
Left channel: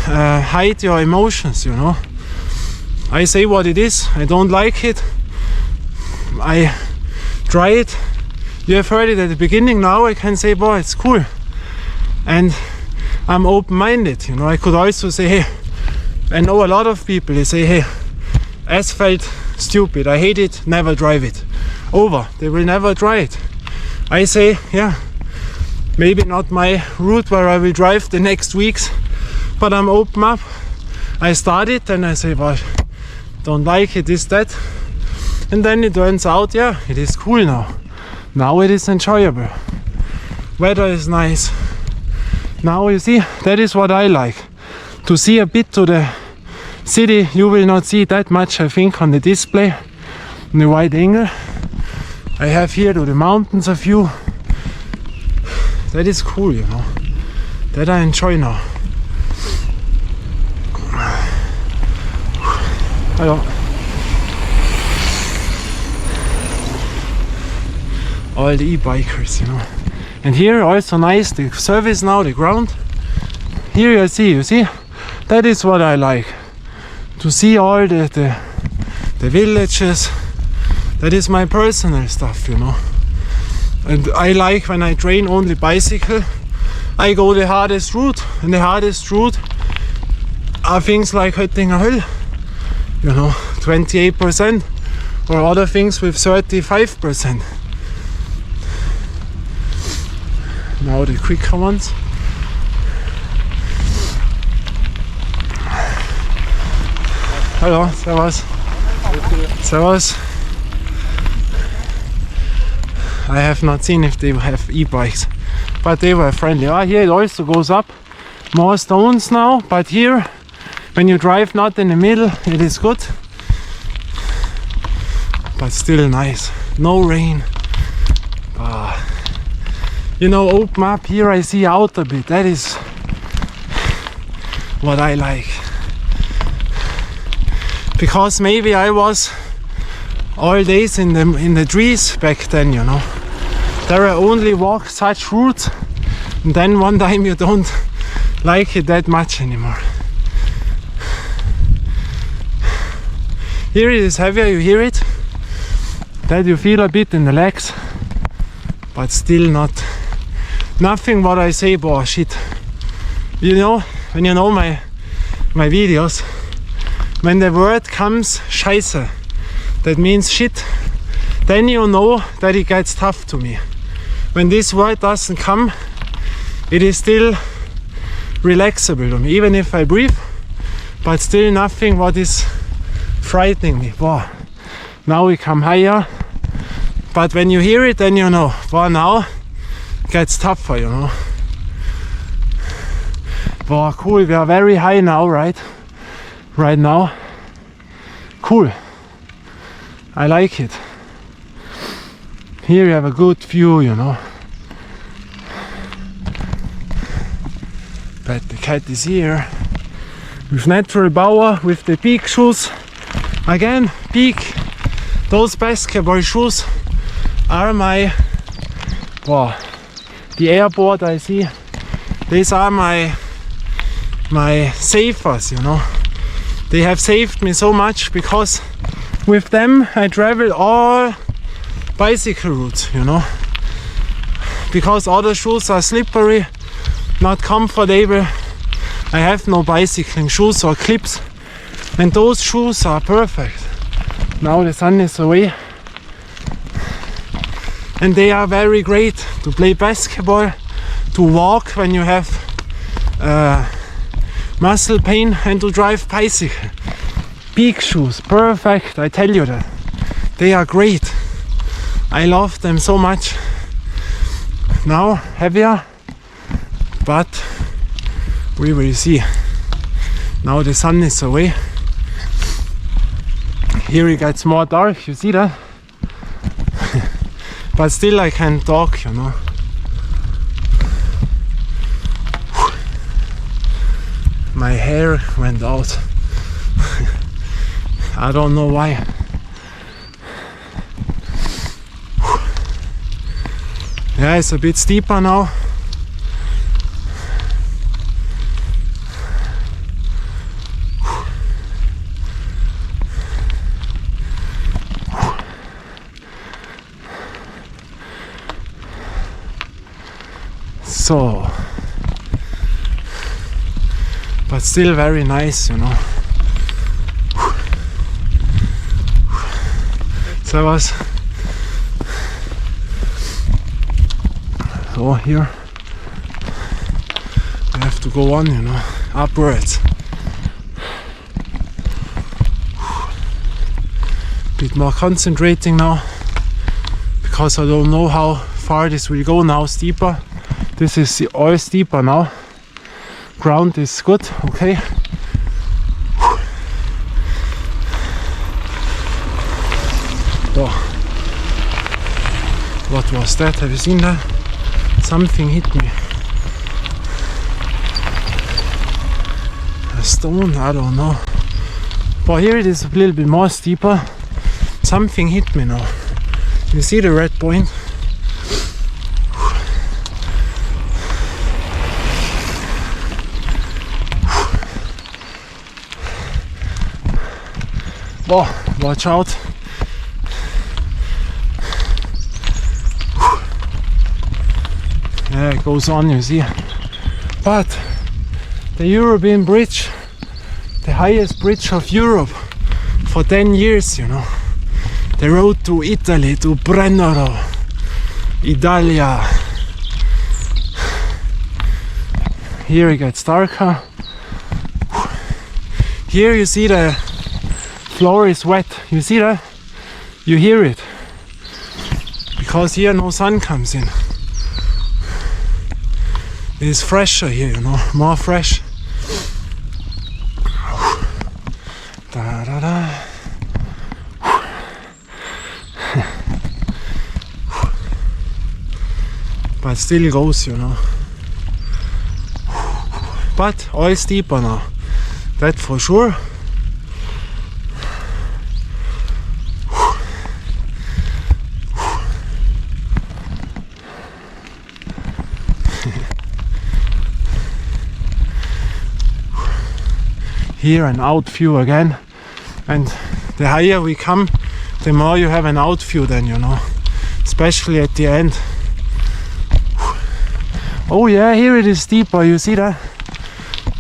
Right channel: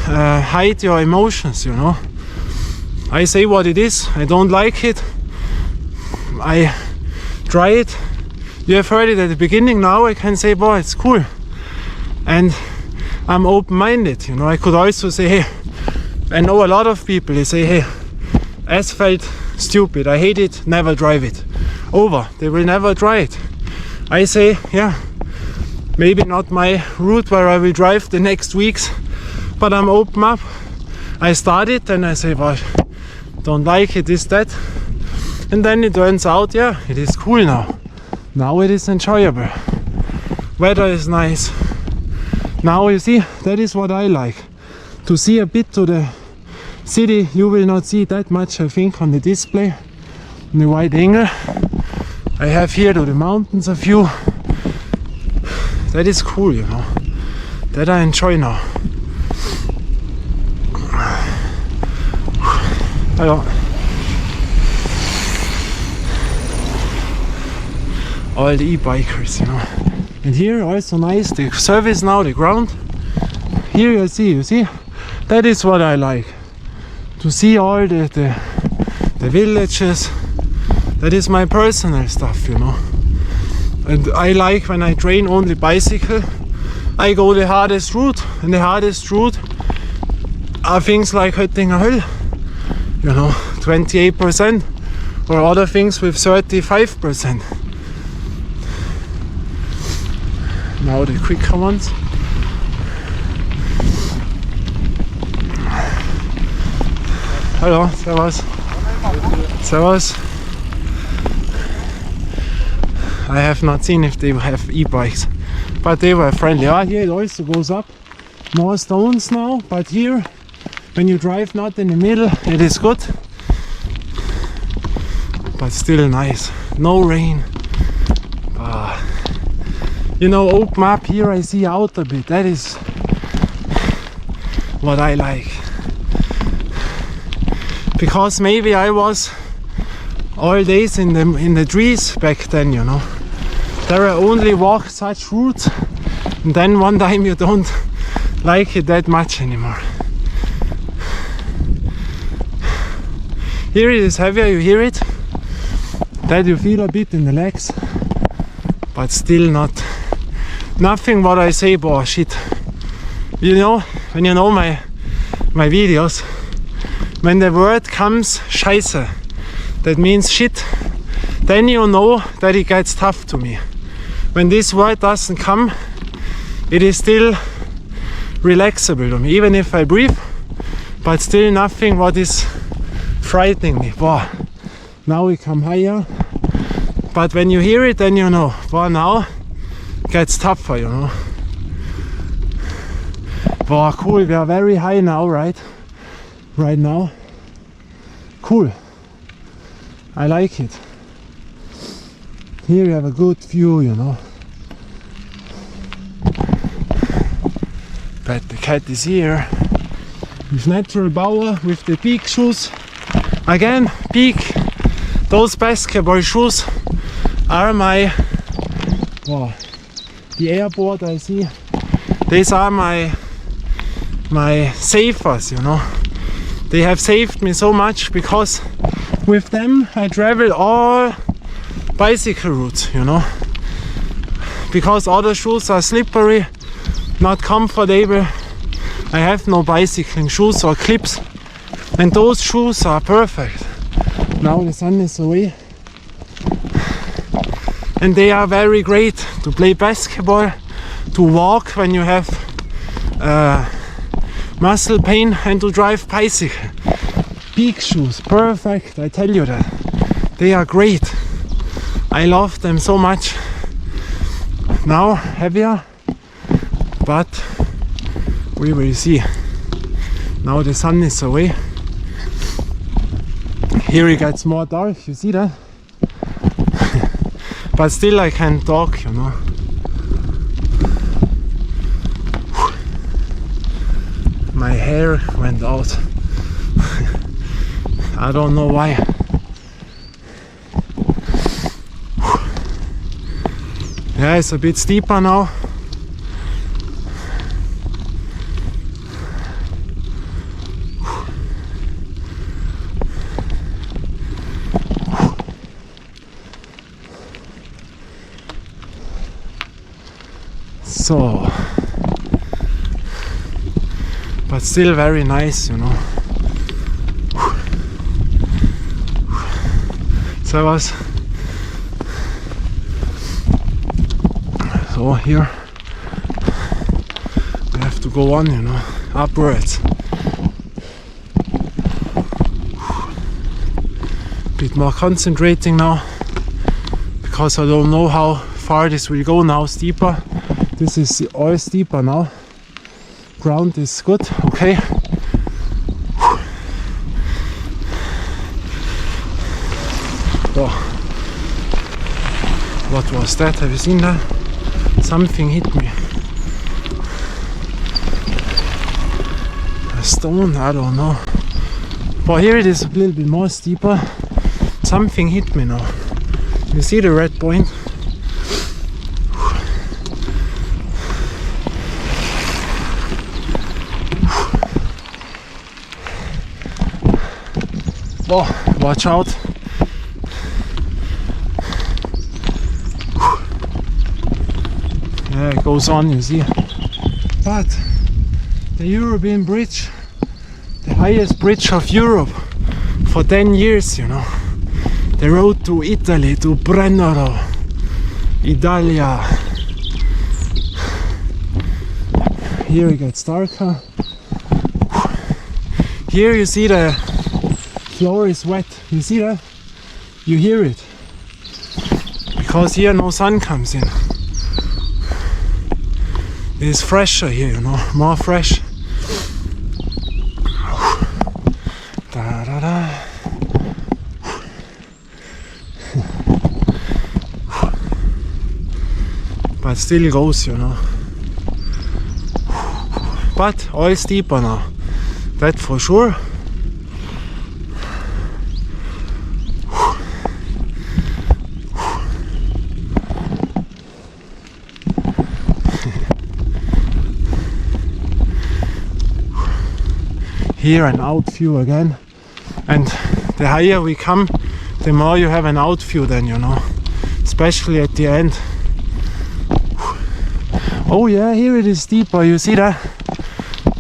hide your emotions, you know. I say what it is. I don't like it. I try it. You have heard it at the beginning. Now I can say, boy, it's cool. And I'm open-minded, you know. I could also say, hey, I know a lot of people, they say, hey, asphalt, stupid, I hate it, never drive it. Over, they will never try it. I say, yeah, maybe not my route where I will drive the next weeks, but I'm open up. I start it and I say, well, don't like it, this, that. And then it turns out, yeah, it is cool now. Now it is enjoyable. Weather is nice. Now you see, that is what I like. To see a bit to the city. You will not see that much, I think, on the display, in the wide angle. I have here to the mountains a view. That is cool, you know. That I enjoy now. Hello. All the e-bikers, you know. And here also nice, the surface now, the ground. Here you see, that is what I like. To see all the villages. That is my personal stuff, you know. And I like when I train only bicycle, I go the hardest route. And the hardest route are things like Höttinger Höll, you know, 28%, or other things with 35%. Now the quicker ones. Hello, servus. Servus. I have not seen if they have e-bikes, but they were friendly. Ah, here it also goes up. More stones now, but here, when you drive not in the middle, it is good. But still nice. No rain. You know, open up here, I see out a bit. That is what I like. Because maybe I was all days in the trees back then, you know. There I only walk such routes, and then one time you don't like it that much anymore. Here it is heavier, you hear it? That you feel a bit in the legs, but still nothing what I say, boah, shit. You know, when you know my videos, when the word comes scheiße, that means shit, then you know that it gets tough to me. When this word doesn't come, it is still relaxable to me, even if I breathe, but still nothing what is frightening me. Wow. Now we come higher, but when you hear it, then you know, wow, now it gets tougher, you know. Wow, cool, we are very high now, right? Right now. Cool. I like it. Here you have a good view, you know. But the cat is here with natural power, with the big shoes. Again, big. Those basketball shoes are my, wow, the airboard I see. These are my savers, you know. They have saved me so much because with them I travel all bicycle routes, you know. Because other shoes are slippery, not comfortable. I have no bicycling shoes or clips, and those shoes are perfect. Now the sun is away, and they are very great to play basketball, to walk when you have muscle pain, and to drive bicycle. Big shoes, perfect, I tell you that. They are great. I love them so much. Now heavier, but we will see. Now the sun is away. Here it gets more dark, you see that? But still I can talk, you know. My hair went out. I don't know why. Yeah, it's a bit steeper now. So, but still very nice, you know. Servus. So here we have to go on, you know, upwards. Bit more concentrating now, because I don't know how far this will go now. Steeper. This is all steeper now. Ground is good, okay. Oh. What was that? Have you seen that? Something hit me. A stone? I don't know. But here it is a little bit more steeper. Something hit me now. You see the red point? Oh, watch out. Yeah, it goes on, you see. But the European bridge, the highest bridge of Europe for 10 years, you know. The road to Italy, to Brennero, Italia. Here it gets darker. Here you see the floor is wet. You see that? You hear it. Because here no sun comes in. It is fresher here, you know, more fresh. Da, da, da. But still goes, you know. But all steeper now. That for sure. Here an out view again, and the higher we come, the more you have an out view then, you know, especially at the end. Oh yeah, here it is deeper, you see that?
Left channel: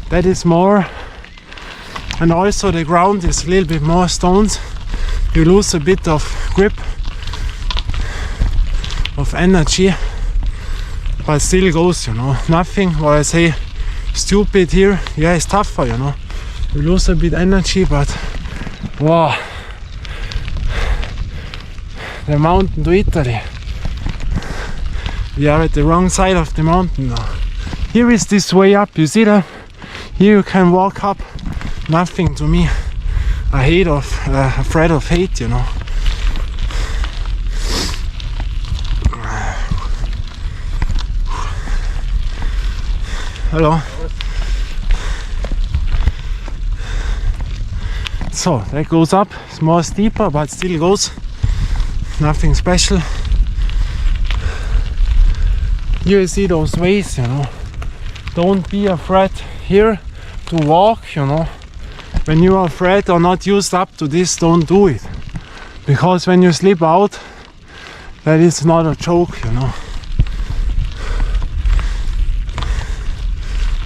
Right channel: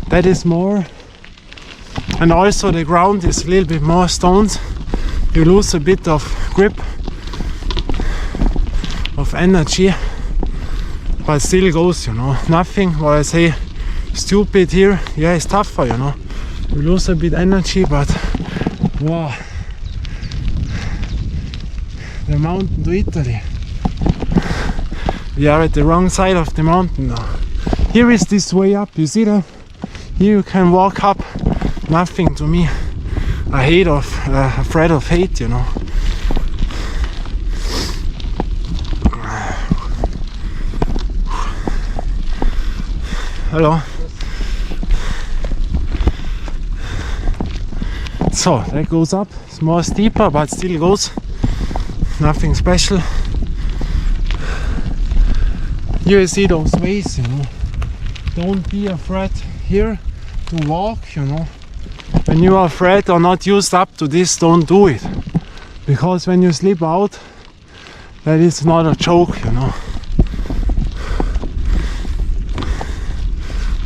That is more, and also the ground is a little bit more stones. You lose a bit of grip, of energy, but still goes, you know. Nothing what I say stupid here. Yeah, it's tougher, you know. You lose a bit energy, but wow, the mountain to Italy. We are at the wrong side of the mountain now. Here is this way up, you see that? Here you can walk up, nothing to me. Afraid of height, you know. Hello. So that goes up, it's more steeper but still goes, nothing special. Here you see those ways, you know. Don't be afraid here to walk, you know. When you are afraid or not used up to this, don't do it. Because when you slip out, that is not a joke, you know.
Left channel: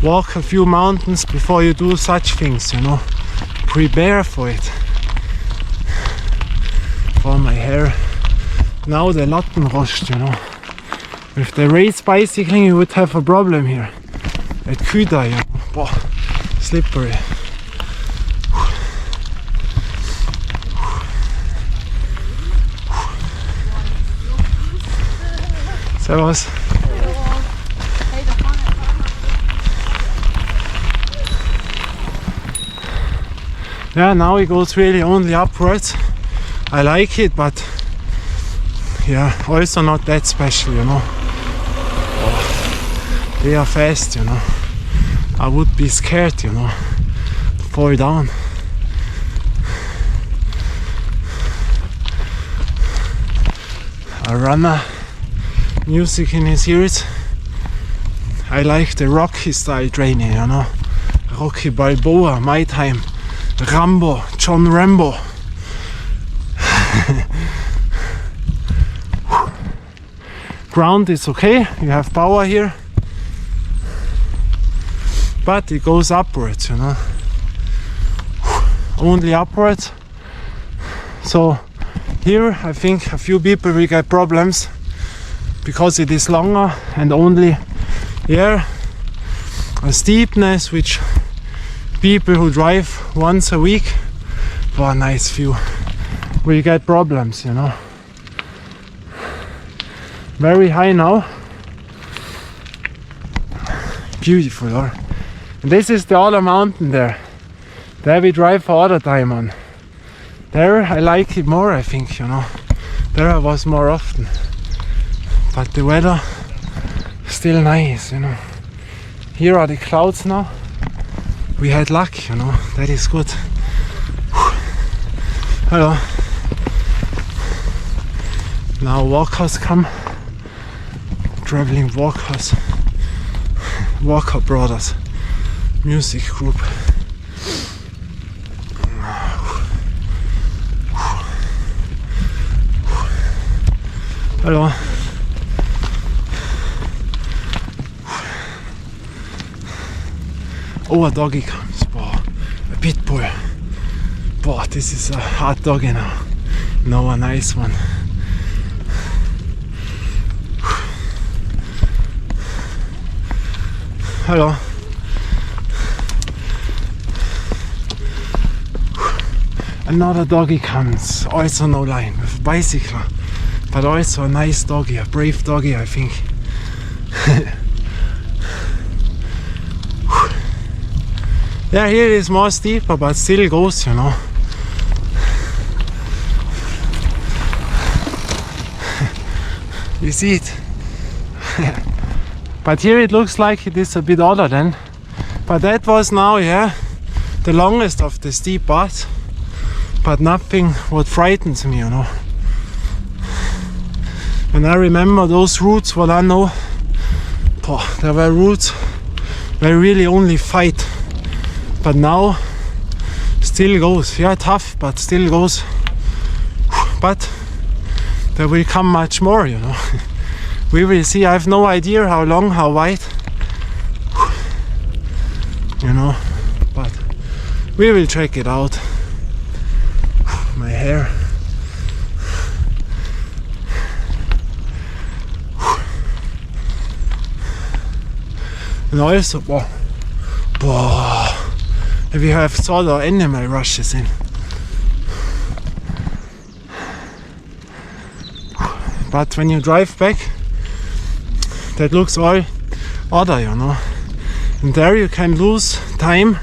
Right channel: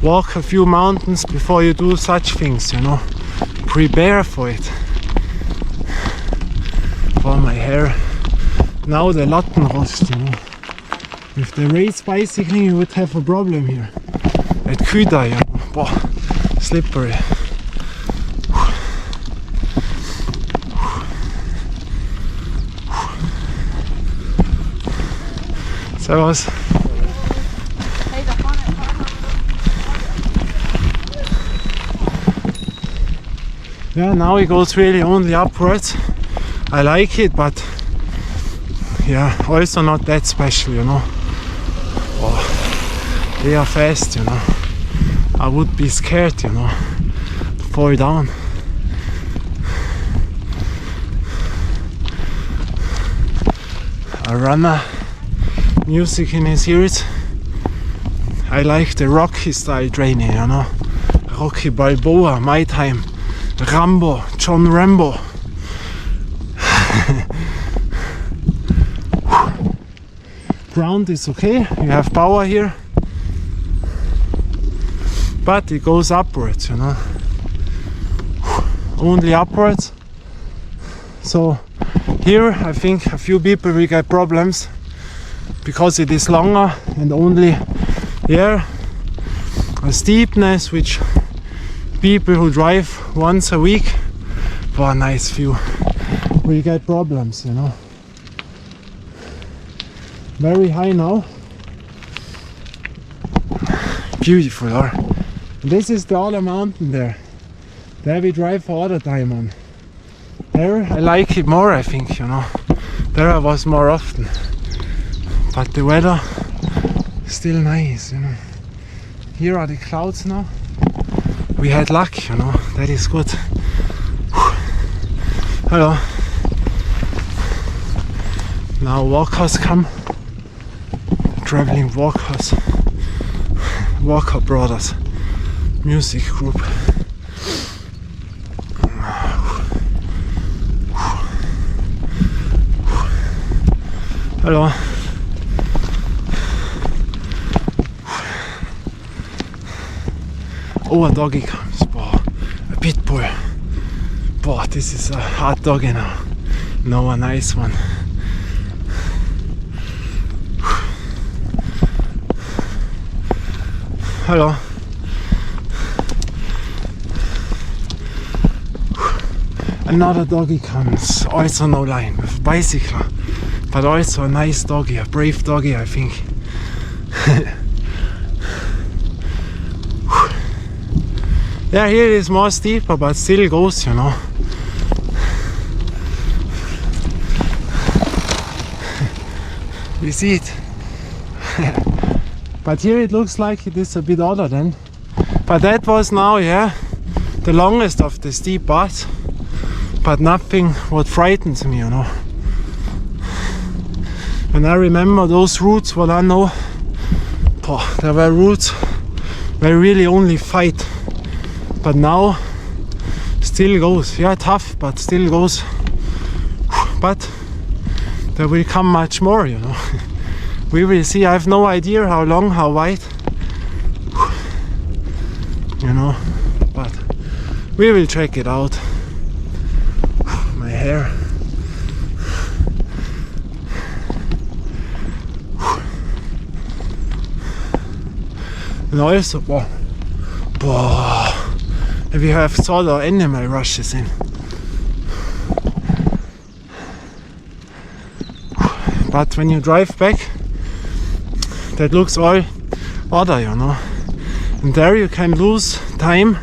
Walk a few mountains before you do such things, you know. Prepare for it. For my hair. Now the Lattenrost, you know. With the race bicycling you would have a problem here. At Küda, you know. Wow, slippery. Servus. Yeah, now it goes really only upwards. I like it, but yeah, also not that special, you know. Oh, they are fast, you know. I would be scared, you know, to fall down. A runner, music in his ears. I like the Rocky style training, you know. Rocky Balboa, my time. Rambo, John Rambo. Ground is okay, you have power here, but it goes upwards, you know. Only upwards. So here I think a few people will get problems because it is longer and only here a steepness which people who drive once a week for a nice view will get problems, you know. Very high now. Beautiful, or this is the other mountain there. There we drive for other time on. There I like it more, I think, you know. There I was more often. But the weather still nice, you know. Here are the clouds now. We had luck, you know, that is good. Hello. Now walkers come. Traveling walkers. Walker Brothers music group. Hello. Oh, a doggy comes. Boah, a pit bull. Boah, this is a hard doggy now. No, a nice one. Another doggy comes, also no line, with a bicycle, but also a nice doggy, a brave doggy, I think. Yeah, here it is more steeper, but still goes, you know. You see it. But here it looks like it is a bit other than. But that was now, yeah, the longest of the steep parts. But nothing what frightens me, you know. And I remember those routes, what I know, there were routes where really only fight. But now, still goes. Yeah, tough, but still goes. But there will come much more, you know. We will see. I have no idea how long, how wide, you know, but we will check it out. My hair. And also, if you have sort of animal rushes in. But when you drive back, that looks all other, you know. And there you can lose time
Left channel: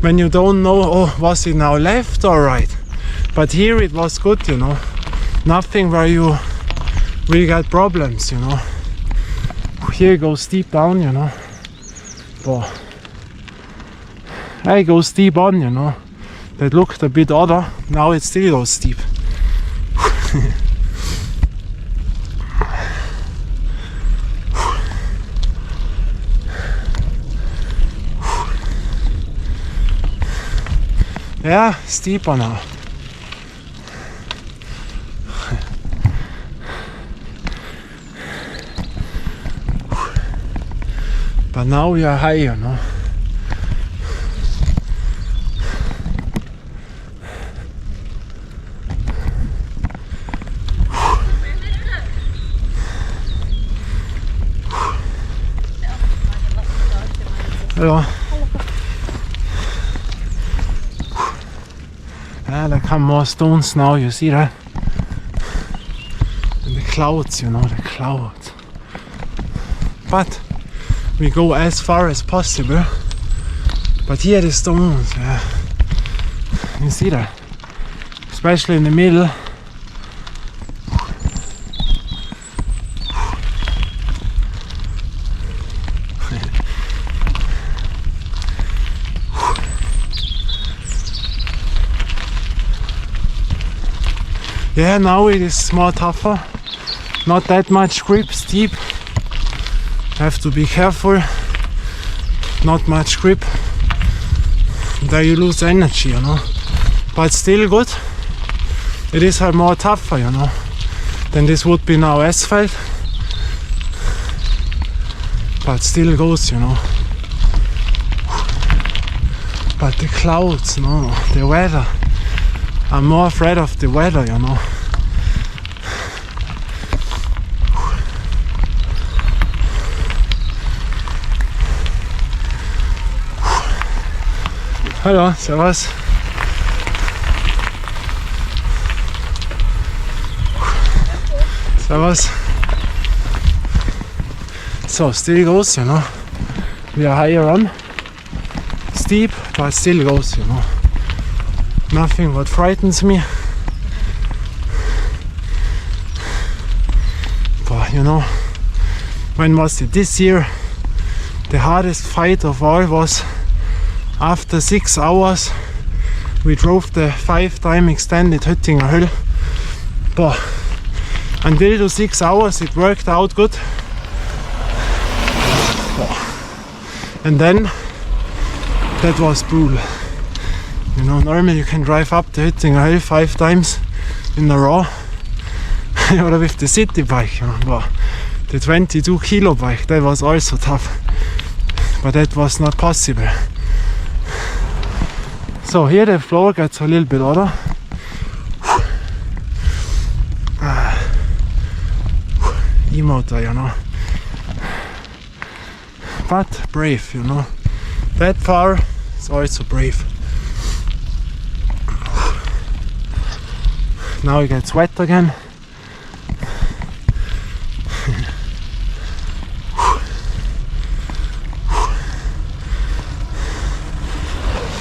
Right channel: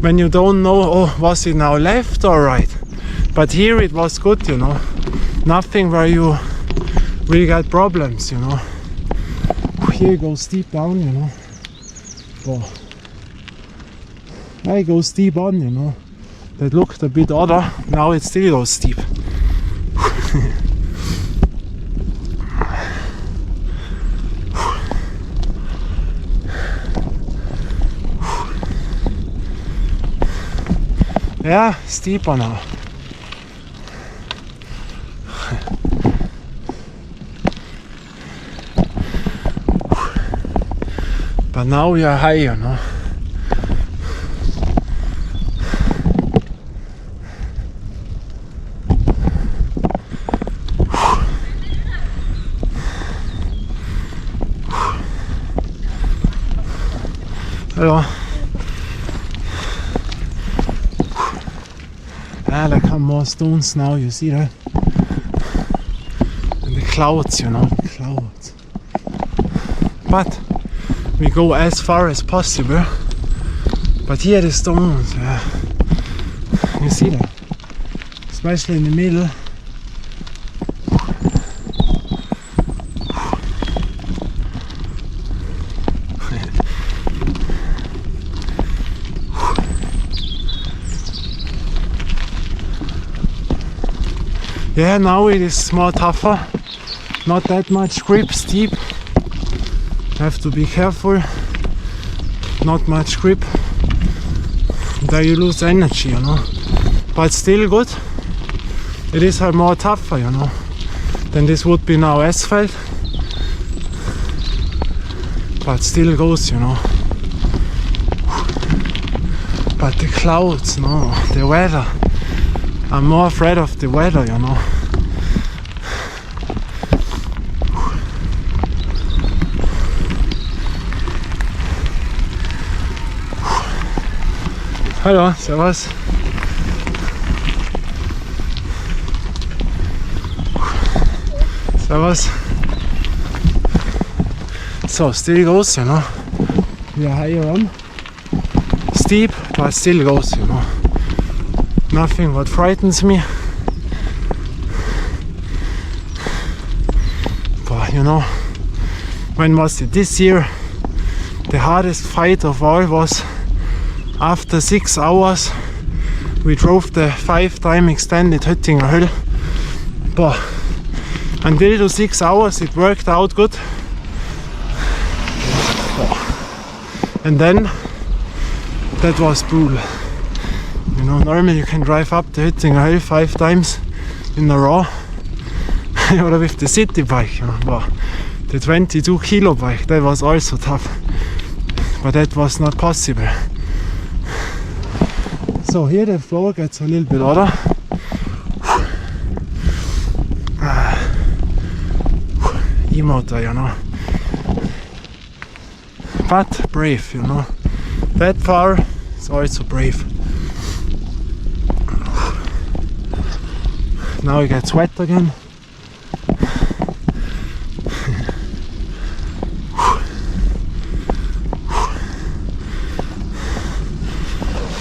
when you don't know, oh, was it now left or right? But here it was good, you know. Nothing where you will get problems, you know. Here it goes steep down, you know. I go steep on, you know. That looked a bit other. Now it still goes steep. Yeah, steeper now. But now we are high, you know. Hello. Ah, there come more stones now, you see that? And the clouds, you know, the clouds. But we go as far as possible. But here the stones, yeah. You see that? Especially in the middle. Yeah, now it is more tougher. Not that much grip, steep. Have to be careful. Not much grip. There you lose energy, you know. But still good. It is more tougher, you know. Than this would be now asphalt. But still goes, you know. But the clouds, no, the weather. I'm more afraid of the weather, you know. Hallo, servus. Servus. So, still goes, you know. We are higher on. Steep, but still goes, you know. Nothing what frightens me. But you know, when was it? This year, the hardest fight of all was after 6 hours. We drove the 5-time extended Höttinger Höll. But until the 6 hours, it worked out good. And then that was brutal. You know, normally you can drive up the Höttinger Höll 5 times in a row, or with the city bike, you know. But the 22 kilo bike, that was also tough, but that was not possible. So here the floor gets a little bit other. E-motor, you know. But brave, you know. That far is also brave. now it gets wet again.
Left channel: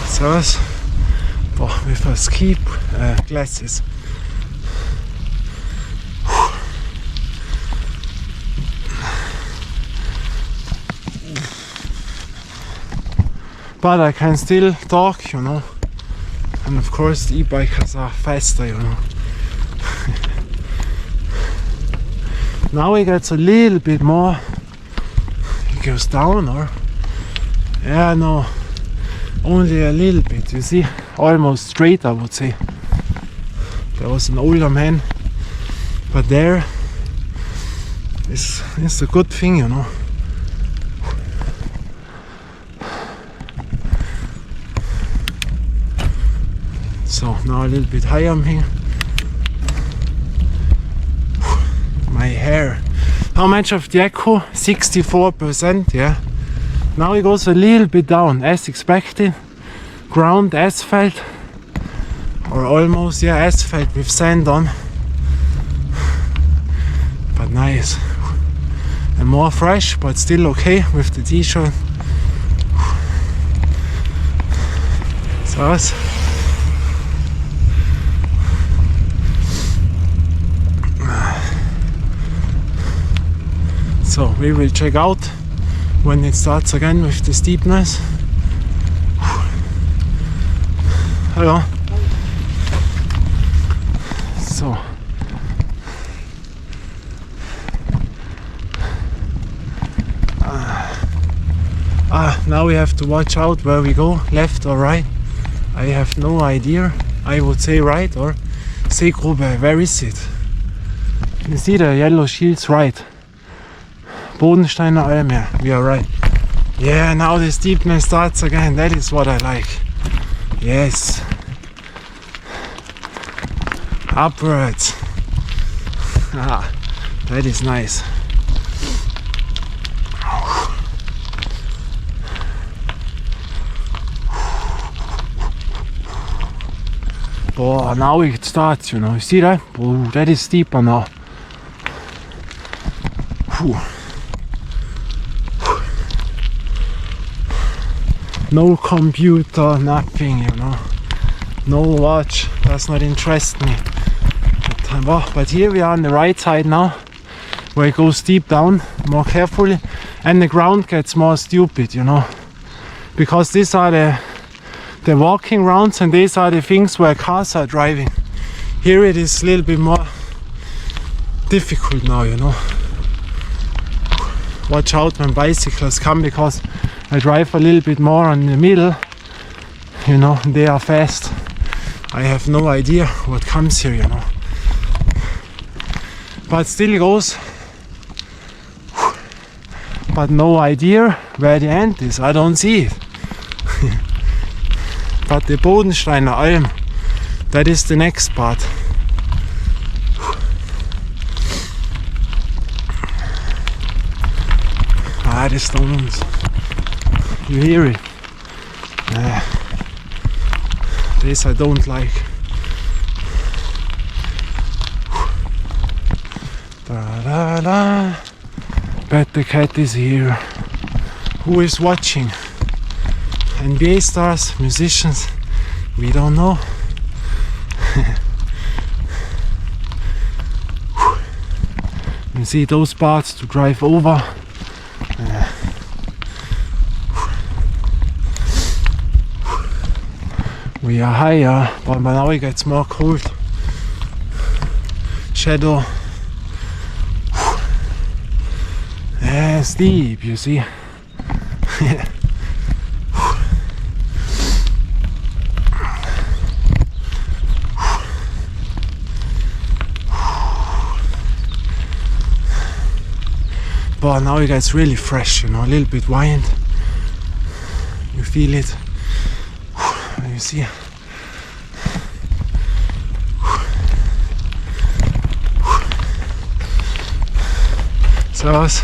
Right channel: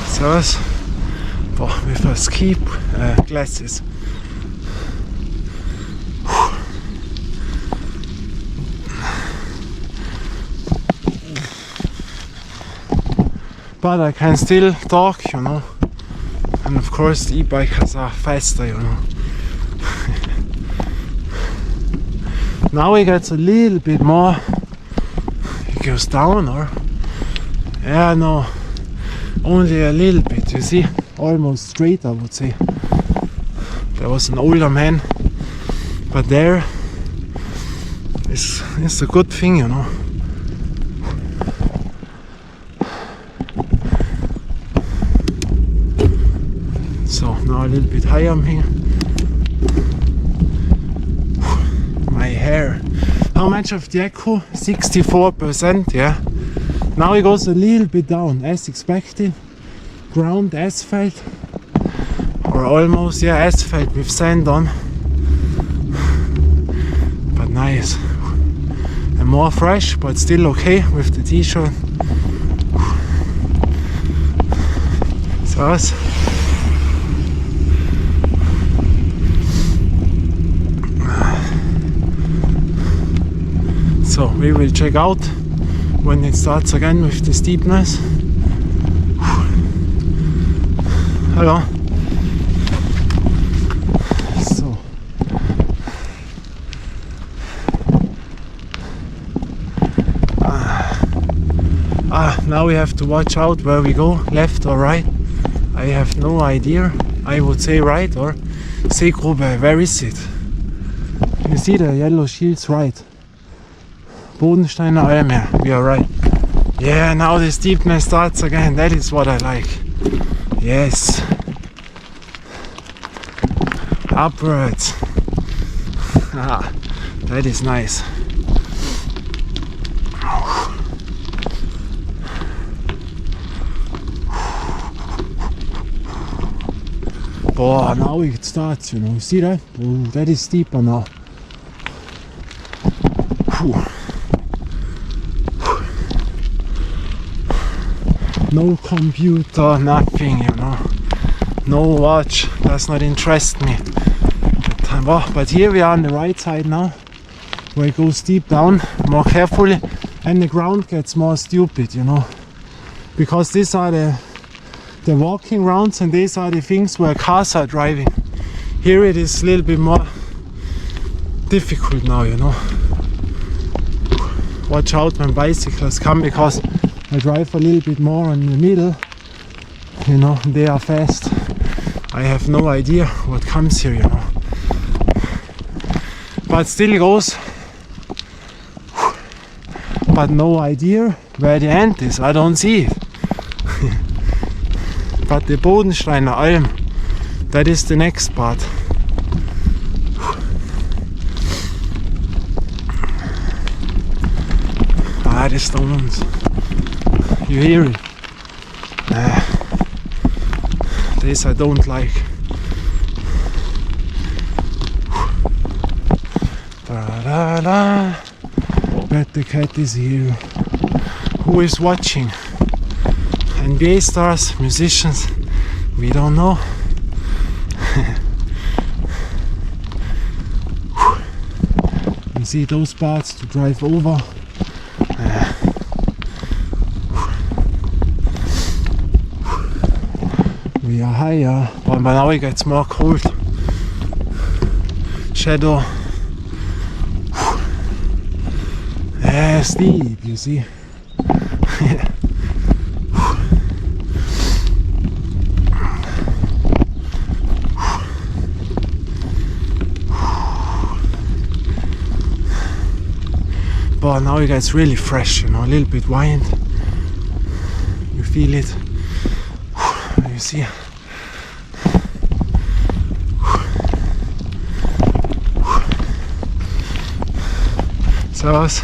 Servus. Boah, with our ski glasses. But I can still talk, you know. And of course the e-bikers are faster, you know. Now it gets a little bit more. It goes down, or? Yeah, no. Only a little bit, you see. Almost straight, I would say. There was an older man. But there is a good thing, you know. So now a little bit higher I'm here. My hair. How much of the echo? 64%, yeah. Now it goes a little bit down as expected. Ground asphalt. Or almost, yeah, asphalt with sand on. But nice. And more fresh, but still okay with the t-shirt. So So we will check out when it starts again with the steepness. Hello. So now we have to watch out where we go, left or right. I have no idea. I would say right or Seegrube. Where is it? You see the yellow shields, right? Bodensteiner Alm, yeah, we are right. Yeah, now the steepness starts again. That is what I like. Yes. Upwards. That is nice. Oh, now it starts, you know. You see that? Oh, that is steeper now. Whew. No computer, nothing, you know. No watch, does not interest me. But here we are on the right side now, where it goes deep down, more carefully, and the ground gets more stupid, you know. Because these are the walking rounds and these are the things where cars are driving. Here it is a little bit more difficult now, you know. Watch out when bicycles come, because I drive a little bit more in the middle, you know, they are fast. I have no idea what comes here, you know. But still goes. But no idea where the end is, I don't see it. But the Bodensteiner Alm, that is the next part. The stones. You hear it? This I don't like. Da-da-da. But the cat is here. Who is watching? NBA stars, musicians, we don't know. You see those parts to drive over. We are higher, but now it gets more cold. Shadow. Steep, you see. But now it gets really fresh, you know, a little bit wind. You feel it. You see. Servus.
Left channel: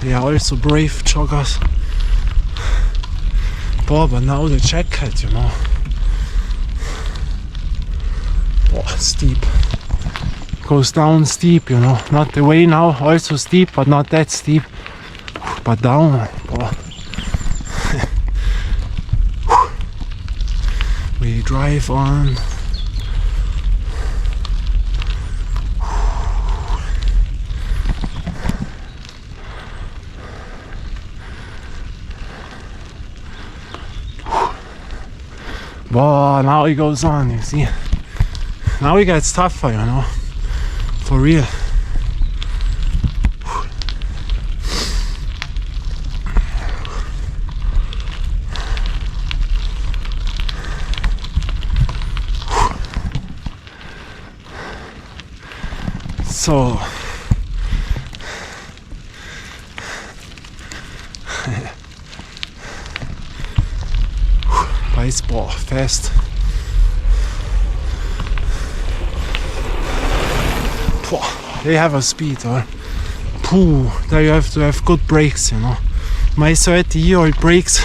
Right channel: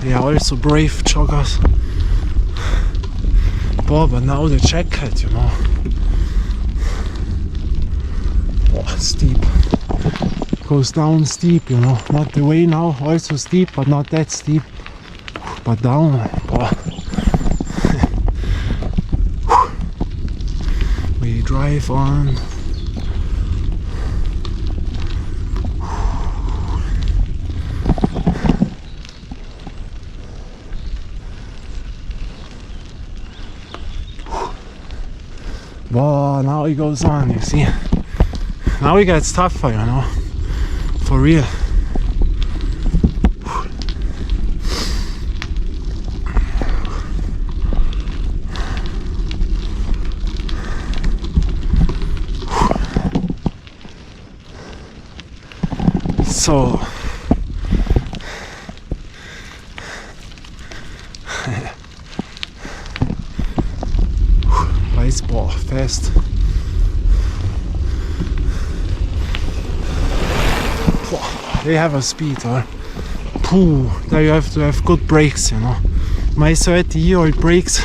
They are also brave joggers. But now the jacket, you know. Oh, steep. Goes down steep, you know. Not the way now, also steep, but not that steep. But down. Oh. We drive on. Wow, now it goes on, you see. Now it gets tougher, you know. For real. So baseball fast. They have a speed, or there you have to have good brakes, you know. My 30-year-old brakes.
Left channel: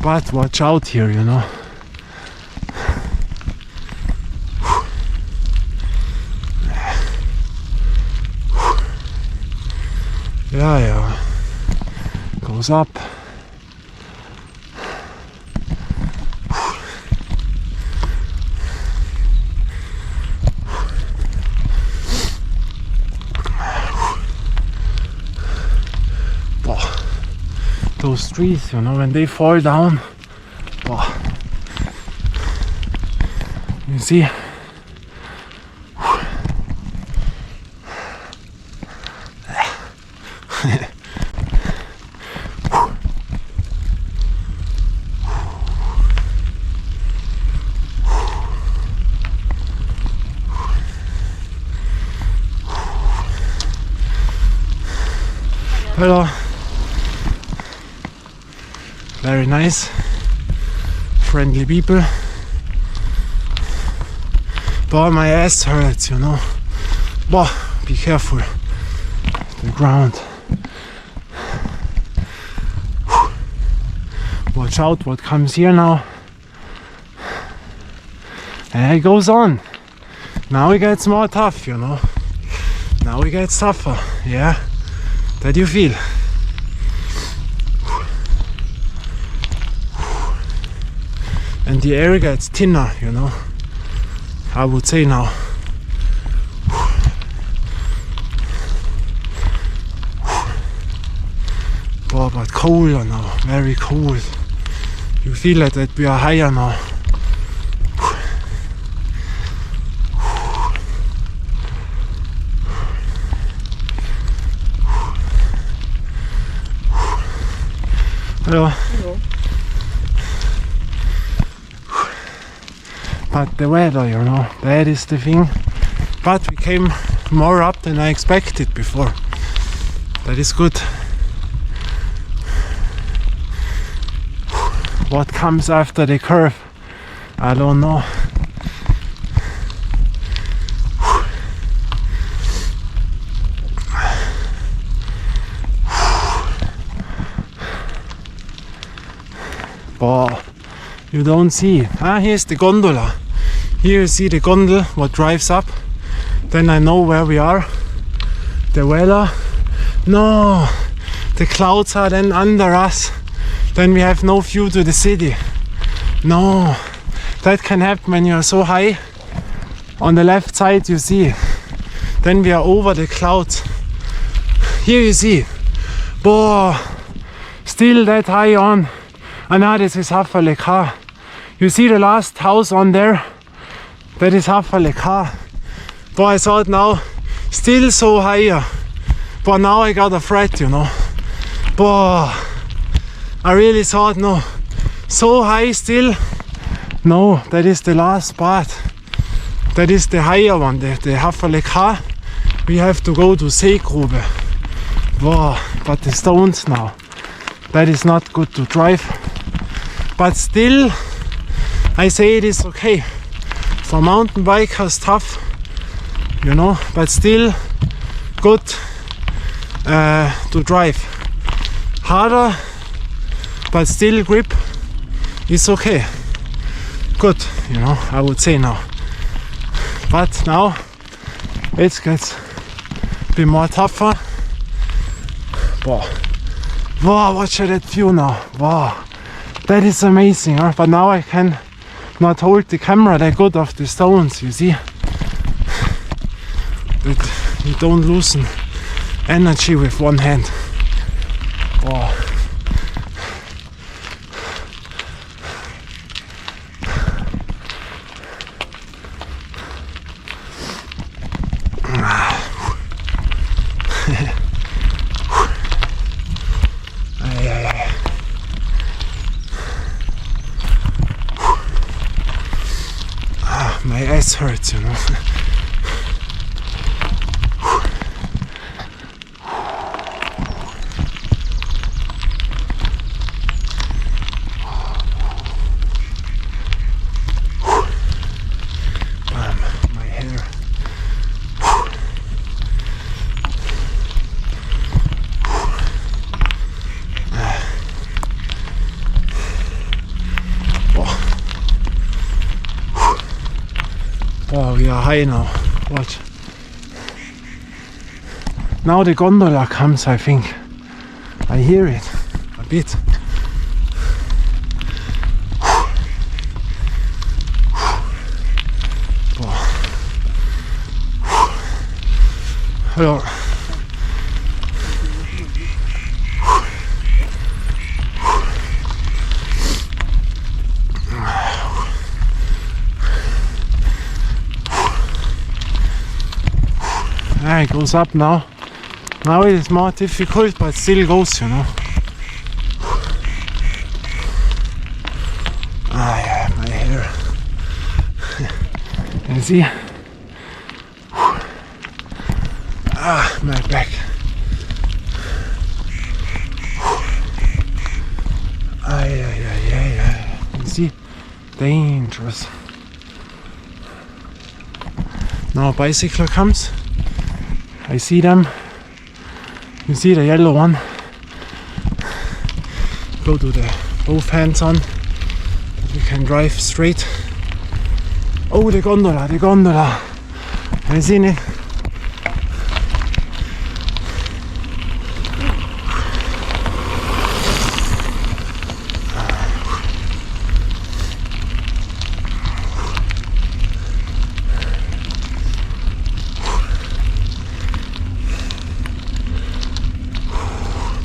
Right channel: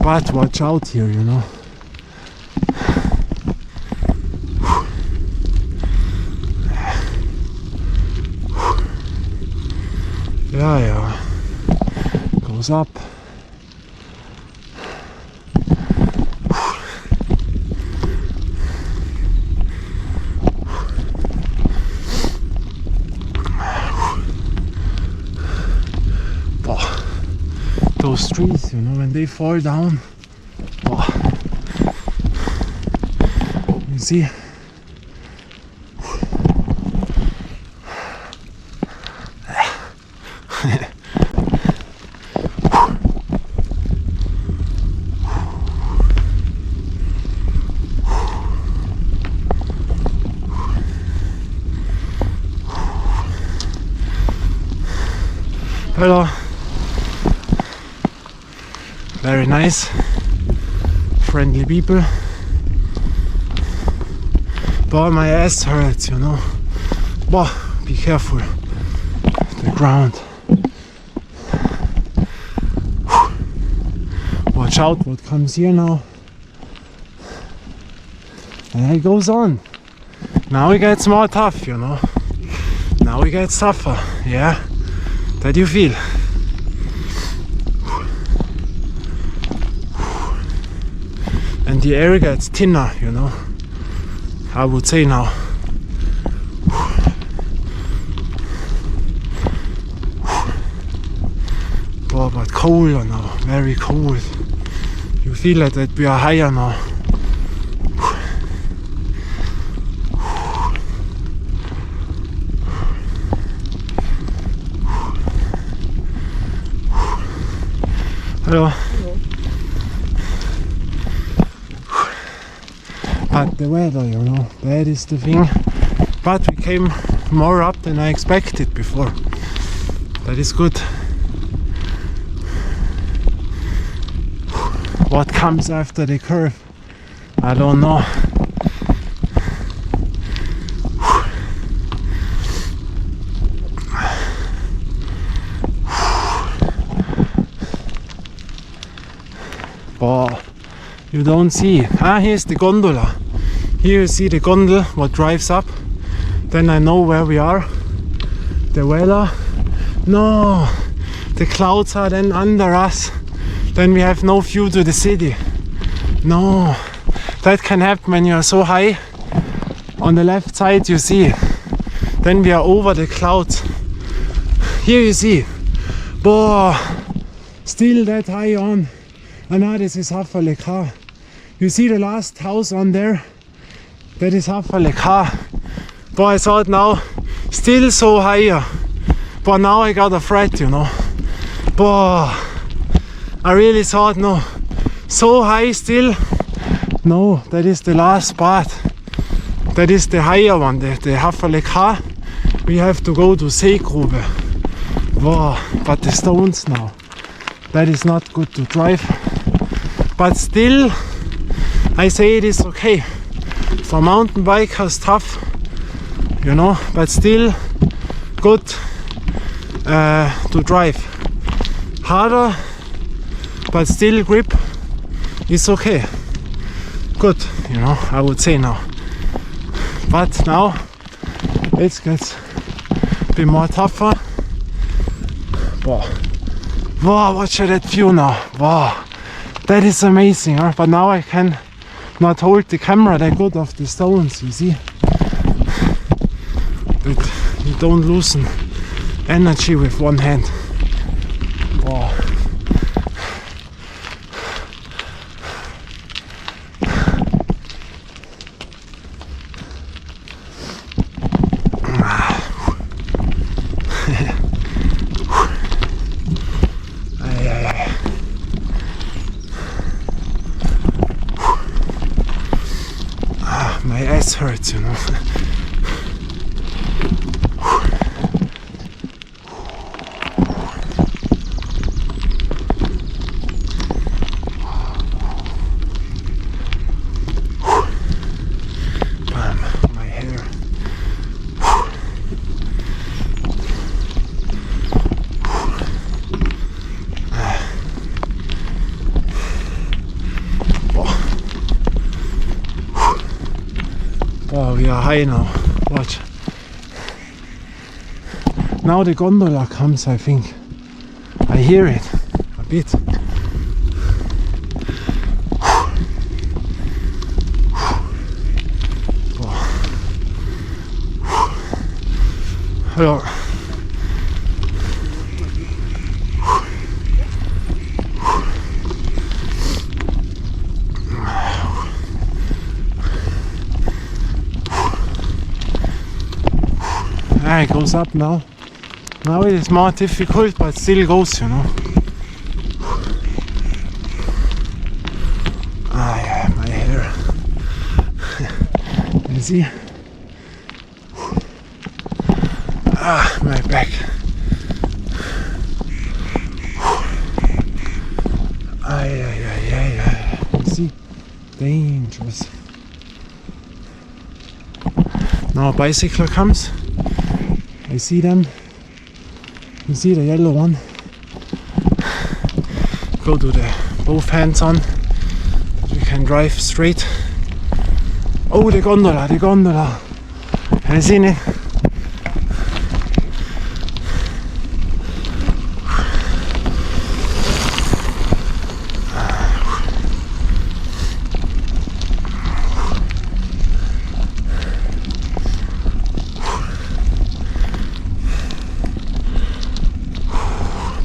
But watch out here, you know. Yeah, goes up. Those trees, you know, when they fall down, you see. Hello. Very nice, friendly people. But my ass hurts, you know. But be careful. The ground. Watch out what comes here now. And it goes on. Now it gets more tough, you know. Now it gets tougher, yeah. That you feel. And the air gets thinner, you know. I would say now. Oh, but colder now, very cold. You feel like that we are higher now. Hello. Hello. But the weather, you know, that is the thing. But we came more up than I expected before. That is good. What comes after the curve? I don't know. But you don't see. Here's the gondola. Here you see the gondola, what drives up. Then I know where we are. The weather. No, the clouds are then under us. Then we have no view to the city. No, that can happen when you are so high. On the left side you see. Then we are over the clouds. Here you see. Boah, still that high on. And now this is Haffa-Lekar. You see the last house on there? That is Haffa-Lekar. But I saw it now, still so higher. But now I got a threat, you know. But I really thought, no, so high still. No, that is the last part. That is the higher one, the Haffa-Lekar. We have to go to Seegrube. Wow, but the stones now. That is not good to drive. But still, I say it is okay. For mountain bikers, tough, you know, but still good to drive. Harder, but still grip is okay. good, you know, I would say now. But now it gets a bit more tougher. Wow, wow, watch that view now. Wow, that is amazing, huh? But now I can not hold the camera that good of the stones, you see. That you don't loosen energy with one hand. Wow. My ass hurts, you know. Bam, my hair. Oh, we are high now. Watch. Now the gondola comes, I think. I hear it a bit. Hello. It goes up now. Now it is more difficult, but still goes, you know. Ah, yeah, my hair. You see? Ah, my back. Ah, yeah. You see? Dangerous. Now a bicycle comes. I see them. You see the yellow one. Go to the both hands on. We can drive straight. Oh, the gondola. Have you seen it?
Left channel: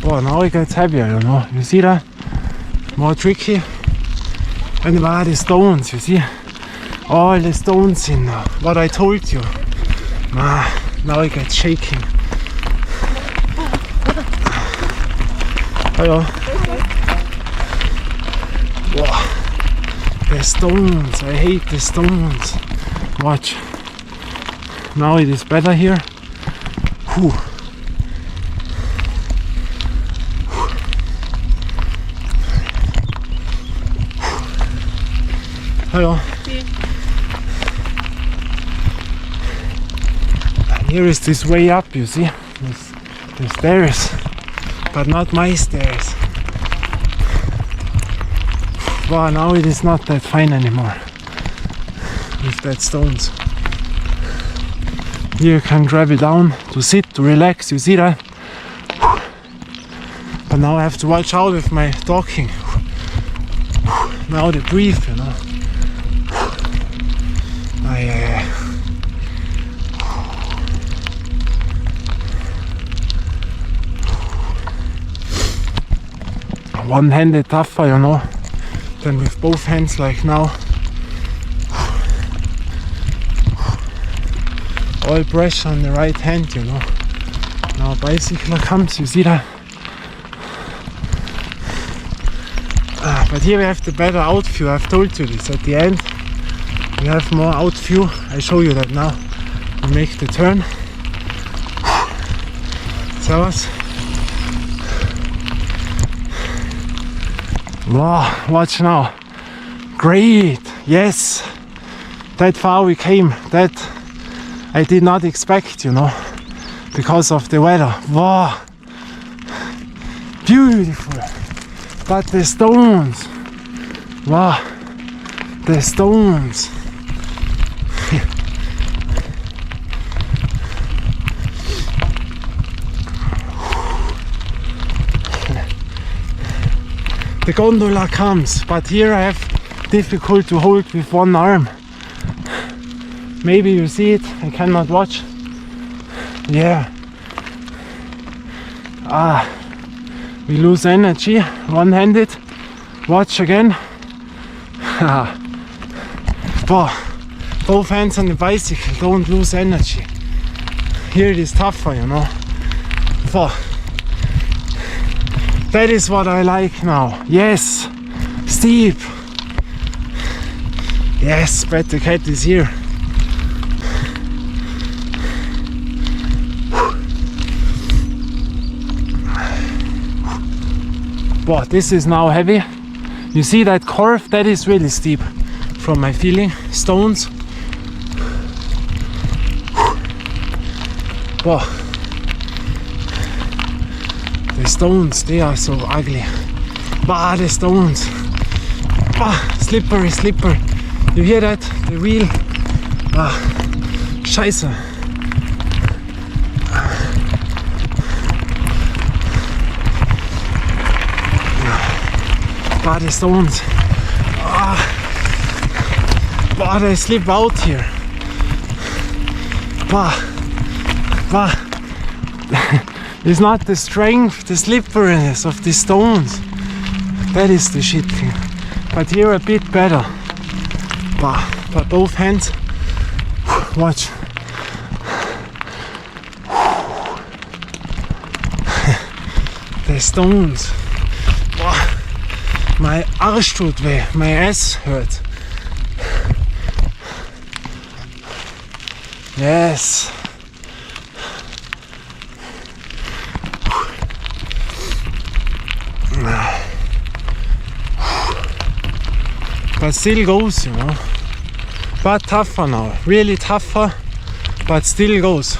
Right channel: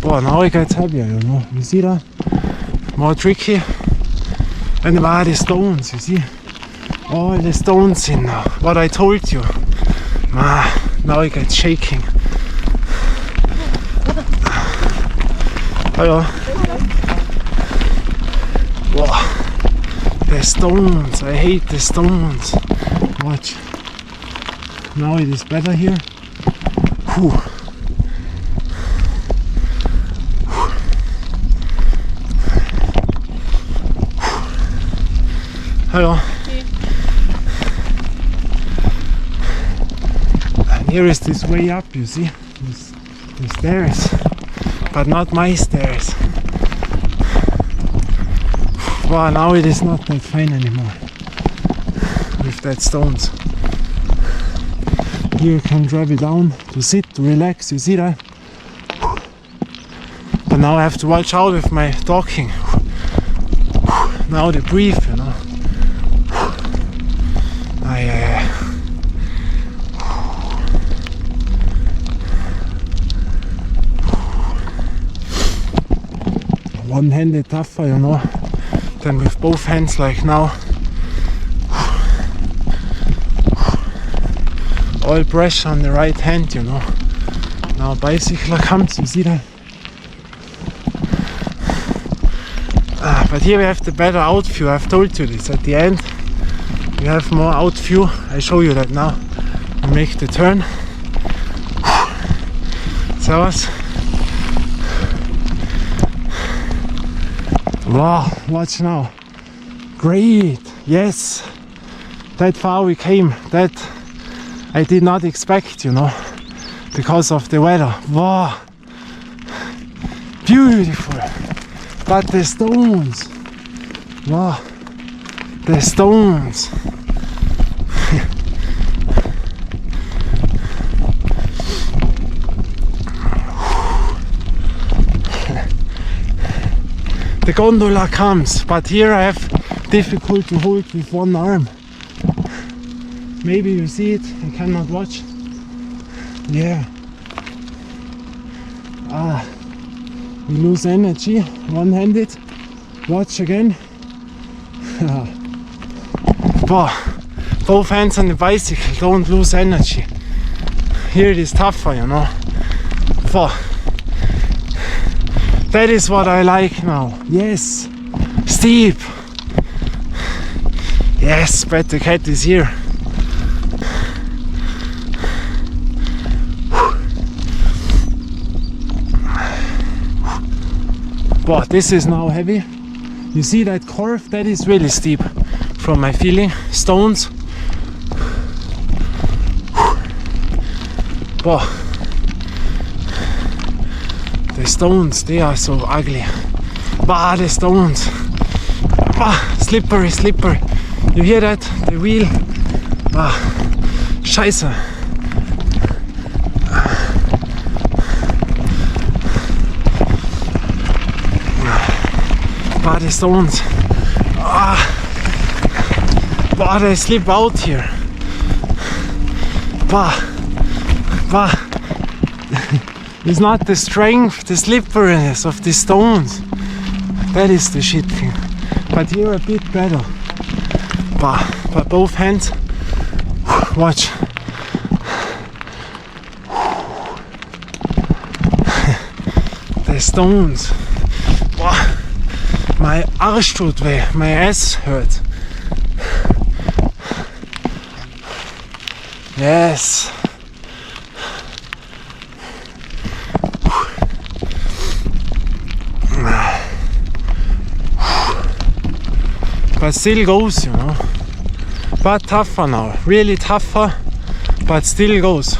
Oh, now it gets heavier, you know. You see that? More tricky. And the stones, you see? All the stones in now. What I told you. Now it gets shaking. Hello. Wow. The stones. I hate the stones. Watch. Now it is better here. Whew. Hello. And here is this way up, you see? The stairs, but not my stairs. Wow, now it is not that fine anymore with that stones. Here you can drive it down to sit, to relax, you see that? But now I have to watch out with my talking. Now the breathe, you know. One-handed tougher, you know, than with both hands like now. All pressure on the right hand, you know. Now a bicycle comes, you see that? But here we have the better out view. I've told you this at the end. We have more out view. I show you that now. I make the turn. Servus. Wow, watch now. Great. Yes. That far we came. That I did not expect, you know, because of the weather. Wow. Beautiful. But the stones. Wow. The stones. The gondola comes, but here I have difficult to hold with one arm. Maybe you see it, I cannot watch. Yeah. We lose energy, one-handed. Watch again. Both hands on the bicycle, don't lose energy. Here it is tougher, you know. That is what I like now. Yes, steep. Yes, but the cat is here. Wow, this is now heavy. You see that curve? That is really steep from my feeling. Stones. Wow. The stones, they are so ugly. Bah, the stones. Bah, slippery, slippery. You hear that? The wheel. Bah, scheiße. Bah, the stones. Bah, they slip out here. Bah, bah. It's not the strength, the slipperiness of the stones. That is the shit thing. But here a bit better. But both hands. Watch. The stones. My Arsch tut weh. My ass hurt. Yes. But still goes, you know. But tougher now, really tougher, but still goes.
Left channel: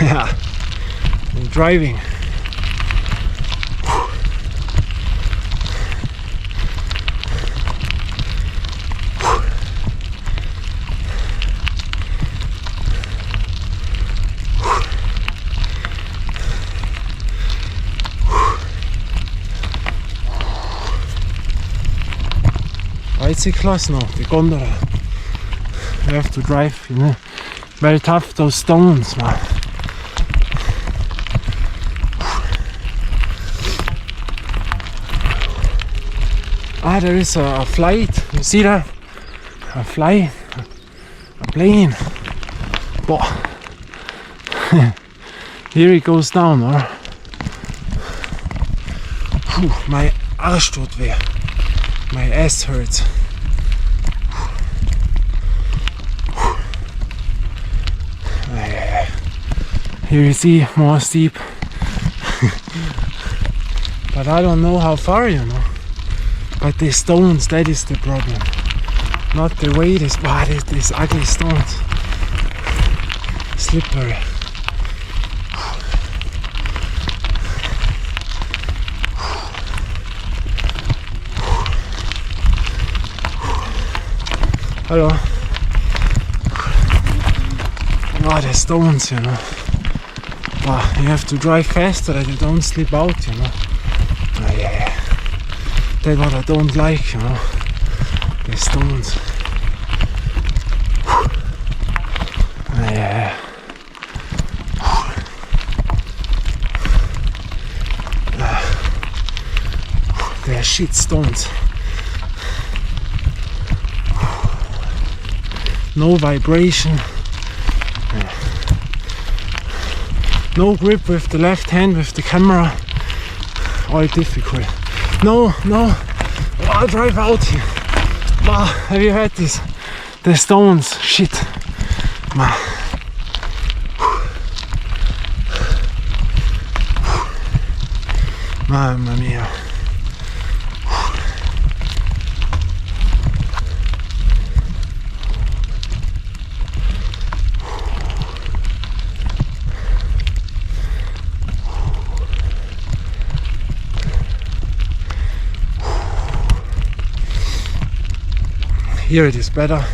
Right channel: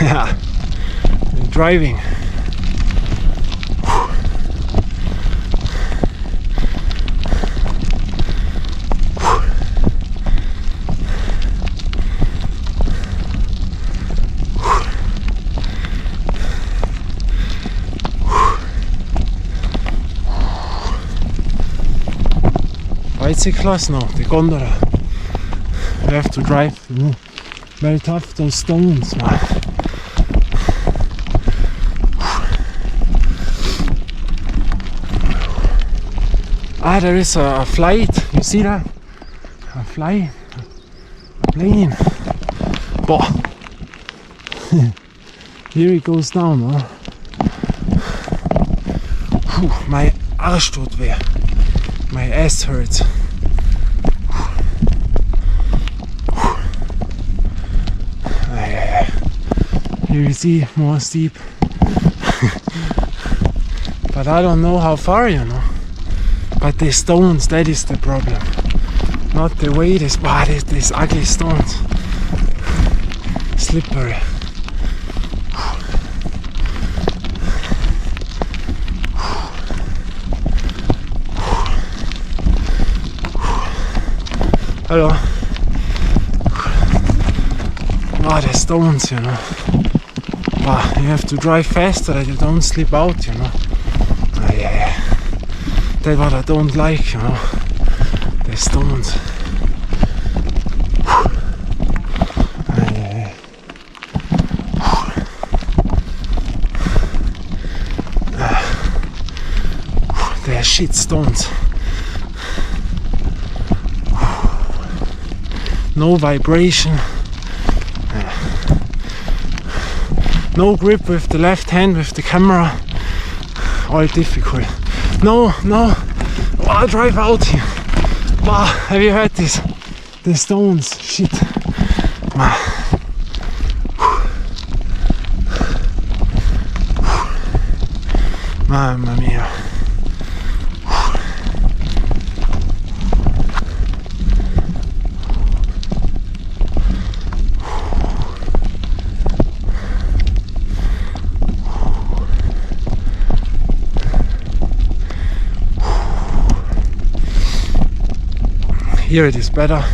Yeah, driving. Bicycles, no, the gondola. You have to drive, you know. Very tough, those stones, man. There is a flight, you see that? A plane. Boah. Here it goes down, huh? My Arsch tut weh. My ass hurts. Here you see more steep. But I don't know how far, you know. But the stones, that is the problem. Not the weight, is these ugly stones. Slippery. Hello. The stones, you know. You have to drive faster that you don't slip out, you know. Yeah. That's what I don't like, you know. The stones. Yeah. They are shit stones. No vibration. No grip with the left hand with the camera. All difficult. No. I'll drive out here. Have you heard this? The stones. Shit. Mamma mia. Here it is better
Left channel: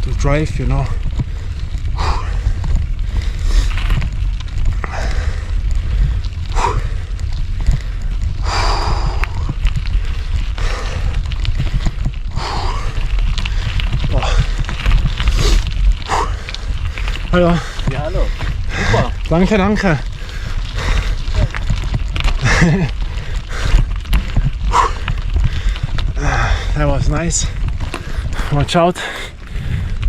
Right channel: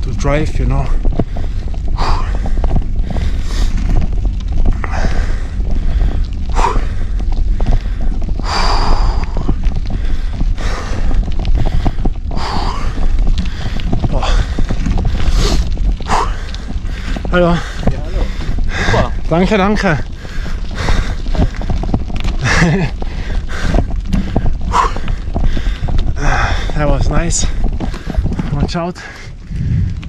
to drive, you know. Hallo. Ja, hallo. Super. Danke, danke. That was nice. Watch out.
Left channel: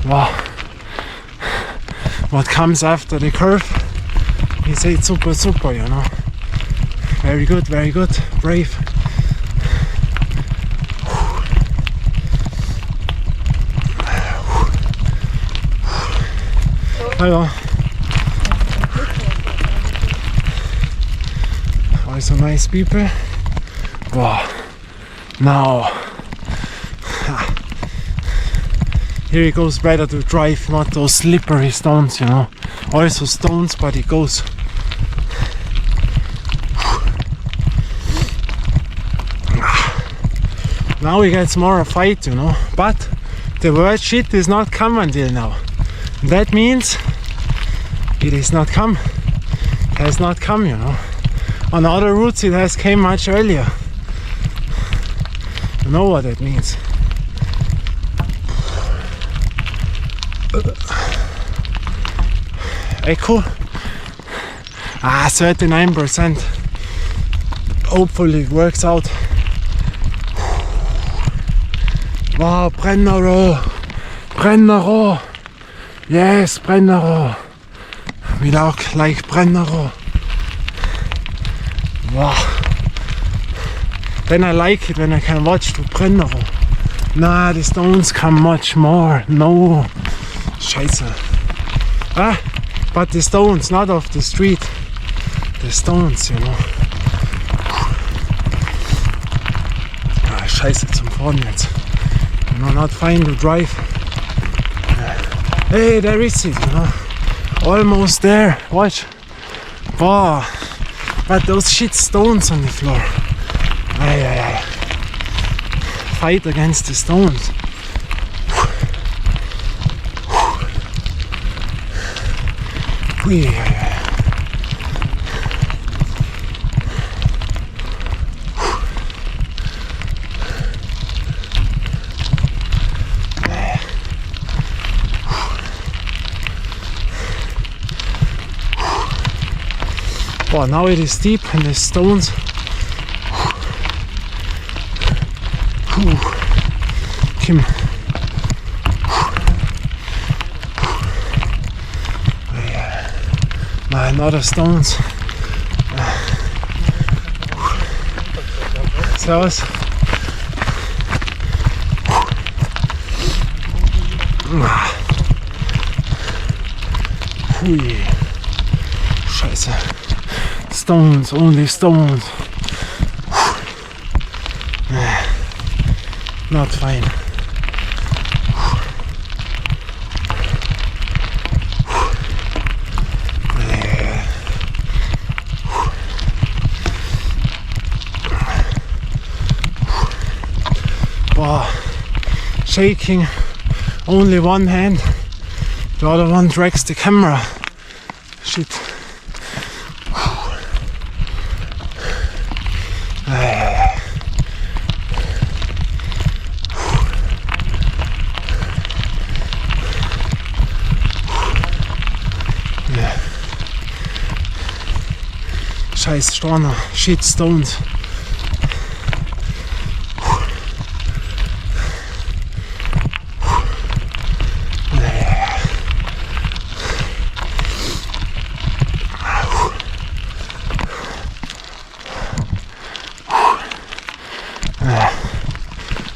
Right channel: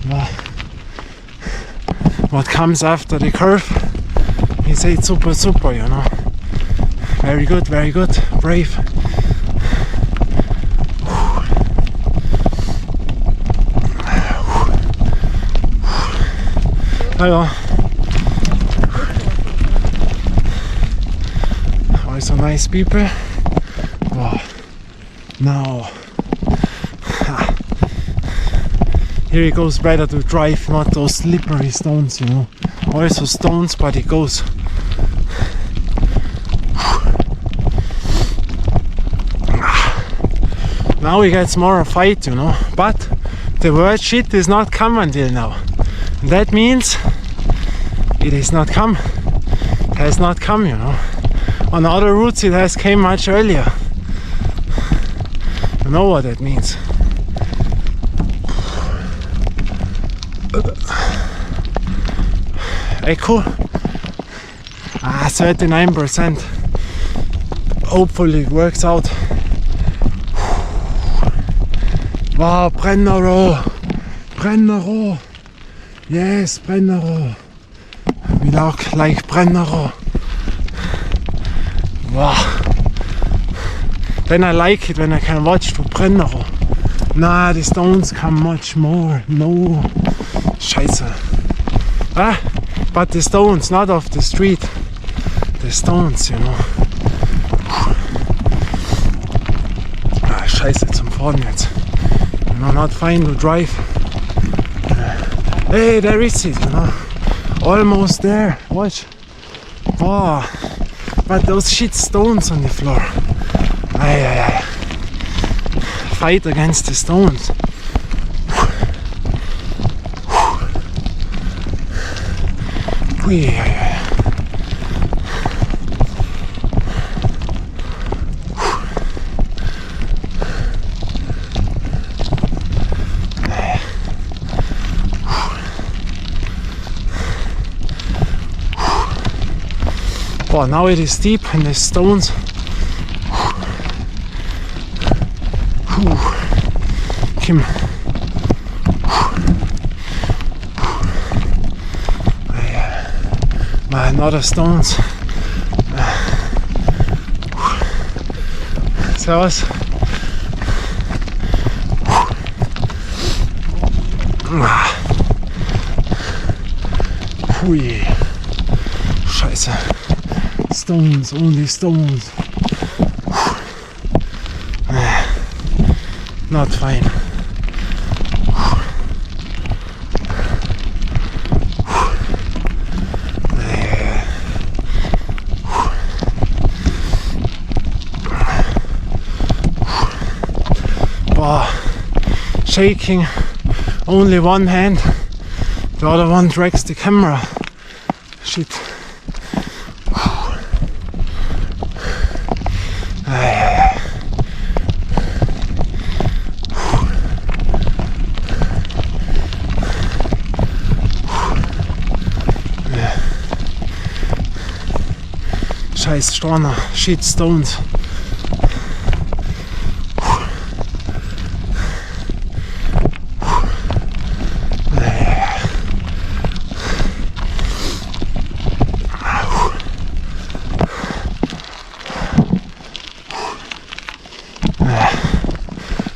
Wow. What comes after the curve? He said super, super, you know. Very good, very good. Brave. Hello. Also nice people. Wow. Now. Here it goes better to drive, not those slippery stones, you know. Also stones, but it goes. Now it gets more a fight, you know. But the word shit is not come until now. That means it is not come. Has not come, you know. On other routes it has came much earlier. You know what that means. Echo. 39%. Hopefully it works out. Wow, Brennero. Brennero. Yes, Brennero. We like Brennero. Wow. Then I like it when I can watch to Brennero. Nah, the stones come much more. No. Scheiße. Ah, but the stones, not off the street. The stones, you know. Ah, Scheiße zum Fahren jetzt. You know, not fine to drive. Hey, there is it, you know. Almost there. Watch. Wow. But those shit stones on the floor. Ay, ay, ay. Fight against the stones. Ui, ay, ay. Wow, now it is steep and the stones. Kim. Another stones. Servus. Hui. Scheiße. Stones, only stones. Not fine. Wow. Shaking, only one hand, the other one drags the camera. Shit. Scheiß Storner, shit stones.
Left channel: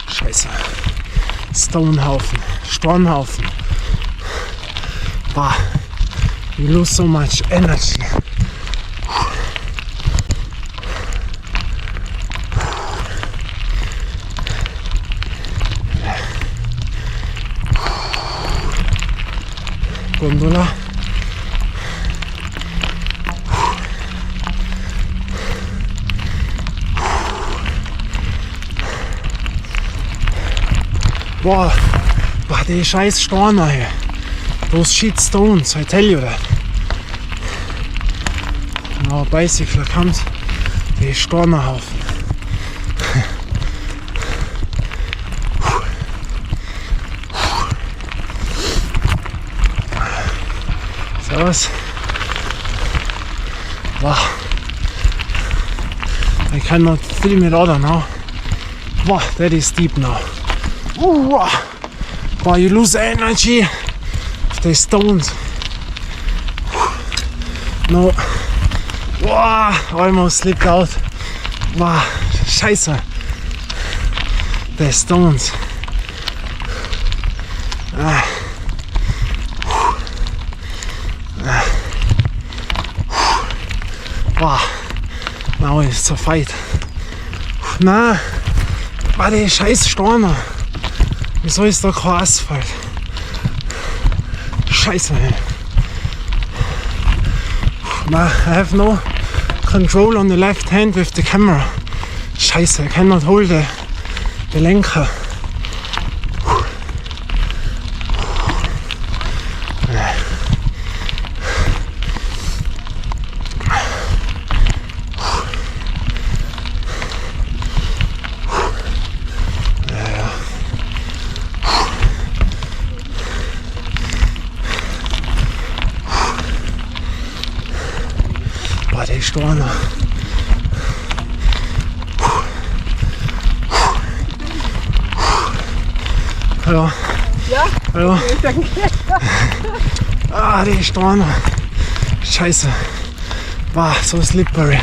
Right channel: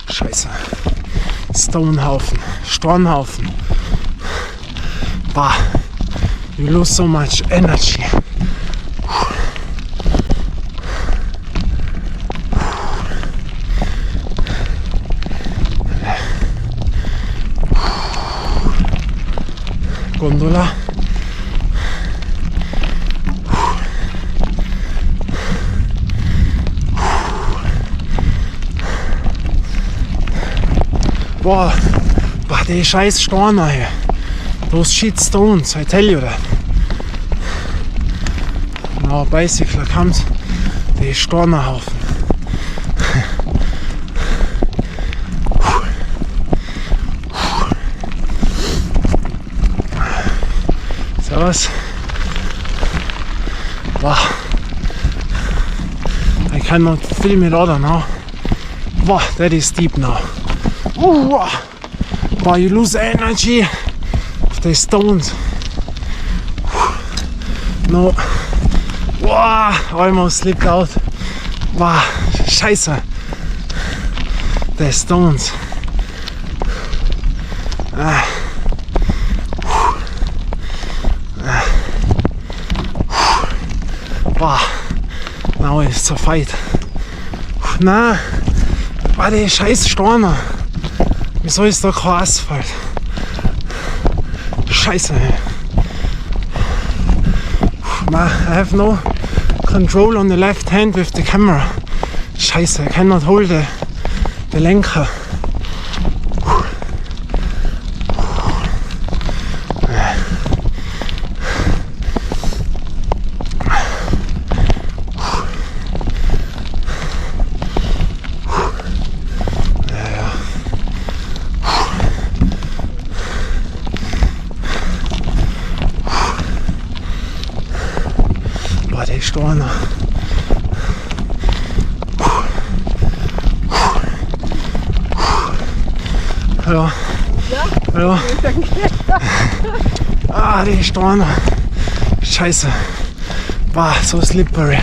Scheiße. Stonehaufen, Stornhaufen. Bah, you lose so much energy. Gondola. Boah, det er scheiß Storner her. Those shit stones, I tell you that. Now a bicycle comes, det er Stornerhaufen. Servus. Wow. I cannot film it other now. Wow, that is steep now. Wow. Wow, you lose energy of the stones. No. Wow, almost slipped out. Wow, scheiße. The stones. Wow, now it's a fight. Na, war der scheiß Storner. Wieso ist da kein Asphalt? Scheiße. Na, I have no control on the left hand with the camera. Scheiße, I cannot hold the Lenker. Der Storner. Hallo. Ja? Hallo. Danke. Der Storner. Scheiße. Wow, so slippery.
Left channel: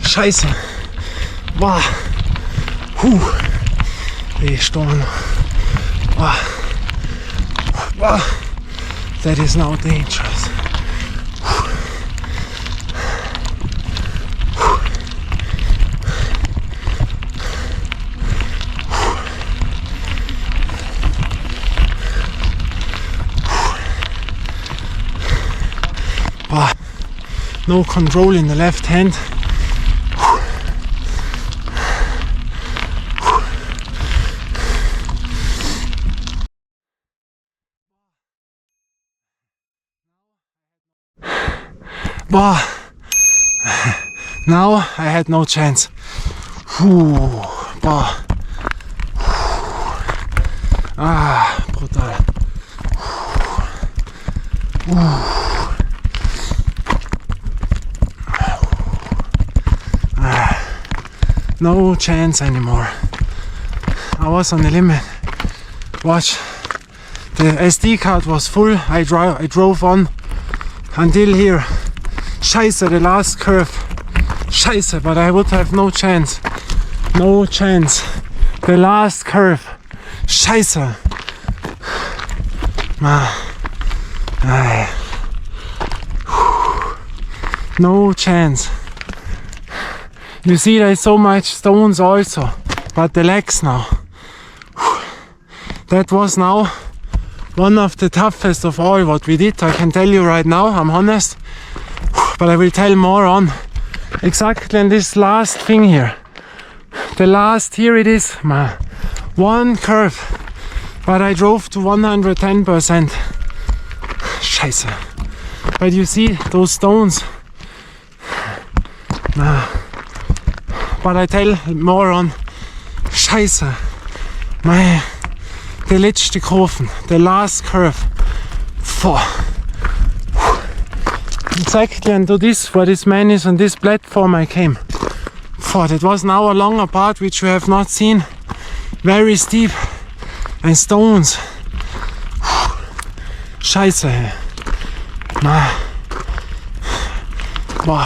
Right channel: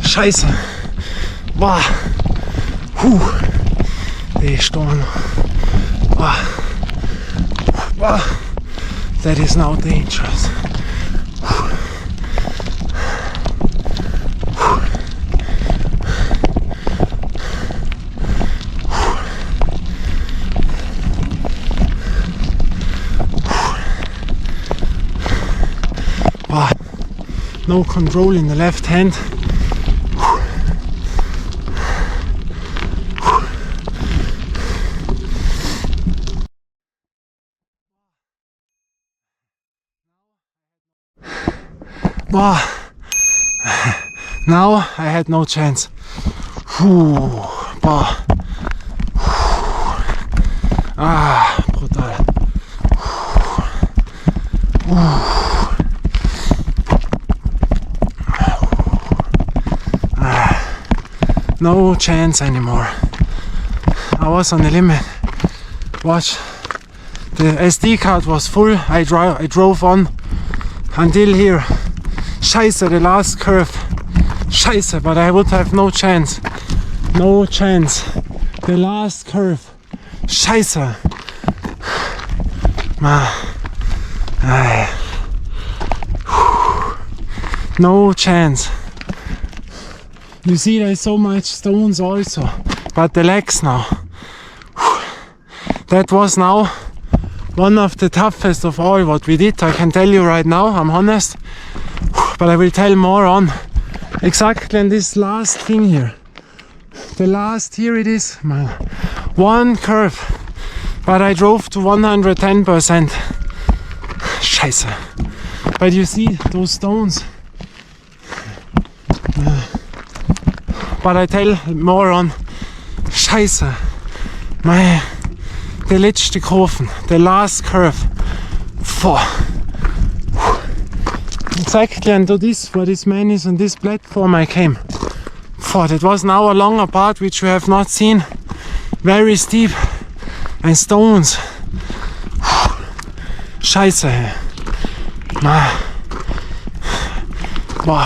Scheiße. Wow. Der Storner. Wow. Wow. That is now dangerous. No control in the left hand. Wow. Now I had no chance. Brutal. No chance anymore. I was on the limit. Watch, the SD card was full. I drove on until here. Scheiße, the last curve. Scheiße, but I would have no chance. No chance. The last curve. Scheiße. No chance. You see, there's so much stones also, but the legs now. That was now one of the toughest of all what we did. I can tell you right now, I'm honest, but I will tell more on. Exactly on this last thing here. The last, here it is, one curve, but I drove to 110%. Scheiße. But you see those stones. But I tell more on. Scheiße. The letzte Kurven, the last curve. Exactly into this, where this man is on this platform I came. That was now a longer part which we have not seen. Very steep and stones. Scheiße.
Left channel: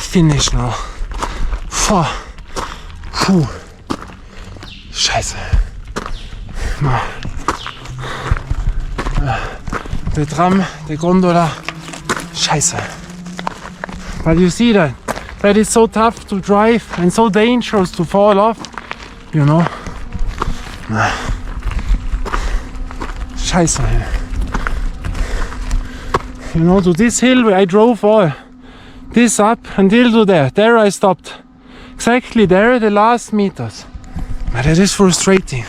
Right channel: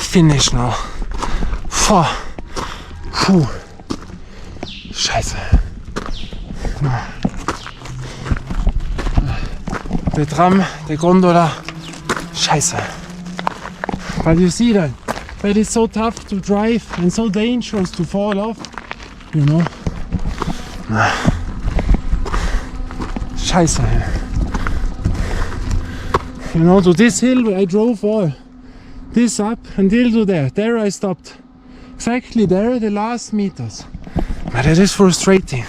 Finish now. Scheiße. The tram, the gondola. Scheiße. But you see that is so tough to drive and so dangerous to fall off, you know. Scheiße. You know, to this hill where I drove all this up until to there. There I stopped. Exactly there, the last meters. But it is frustrating.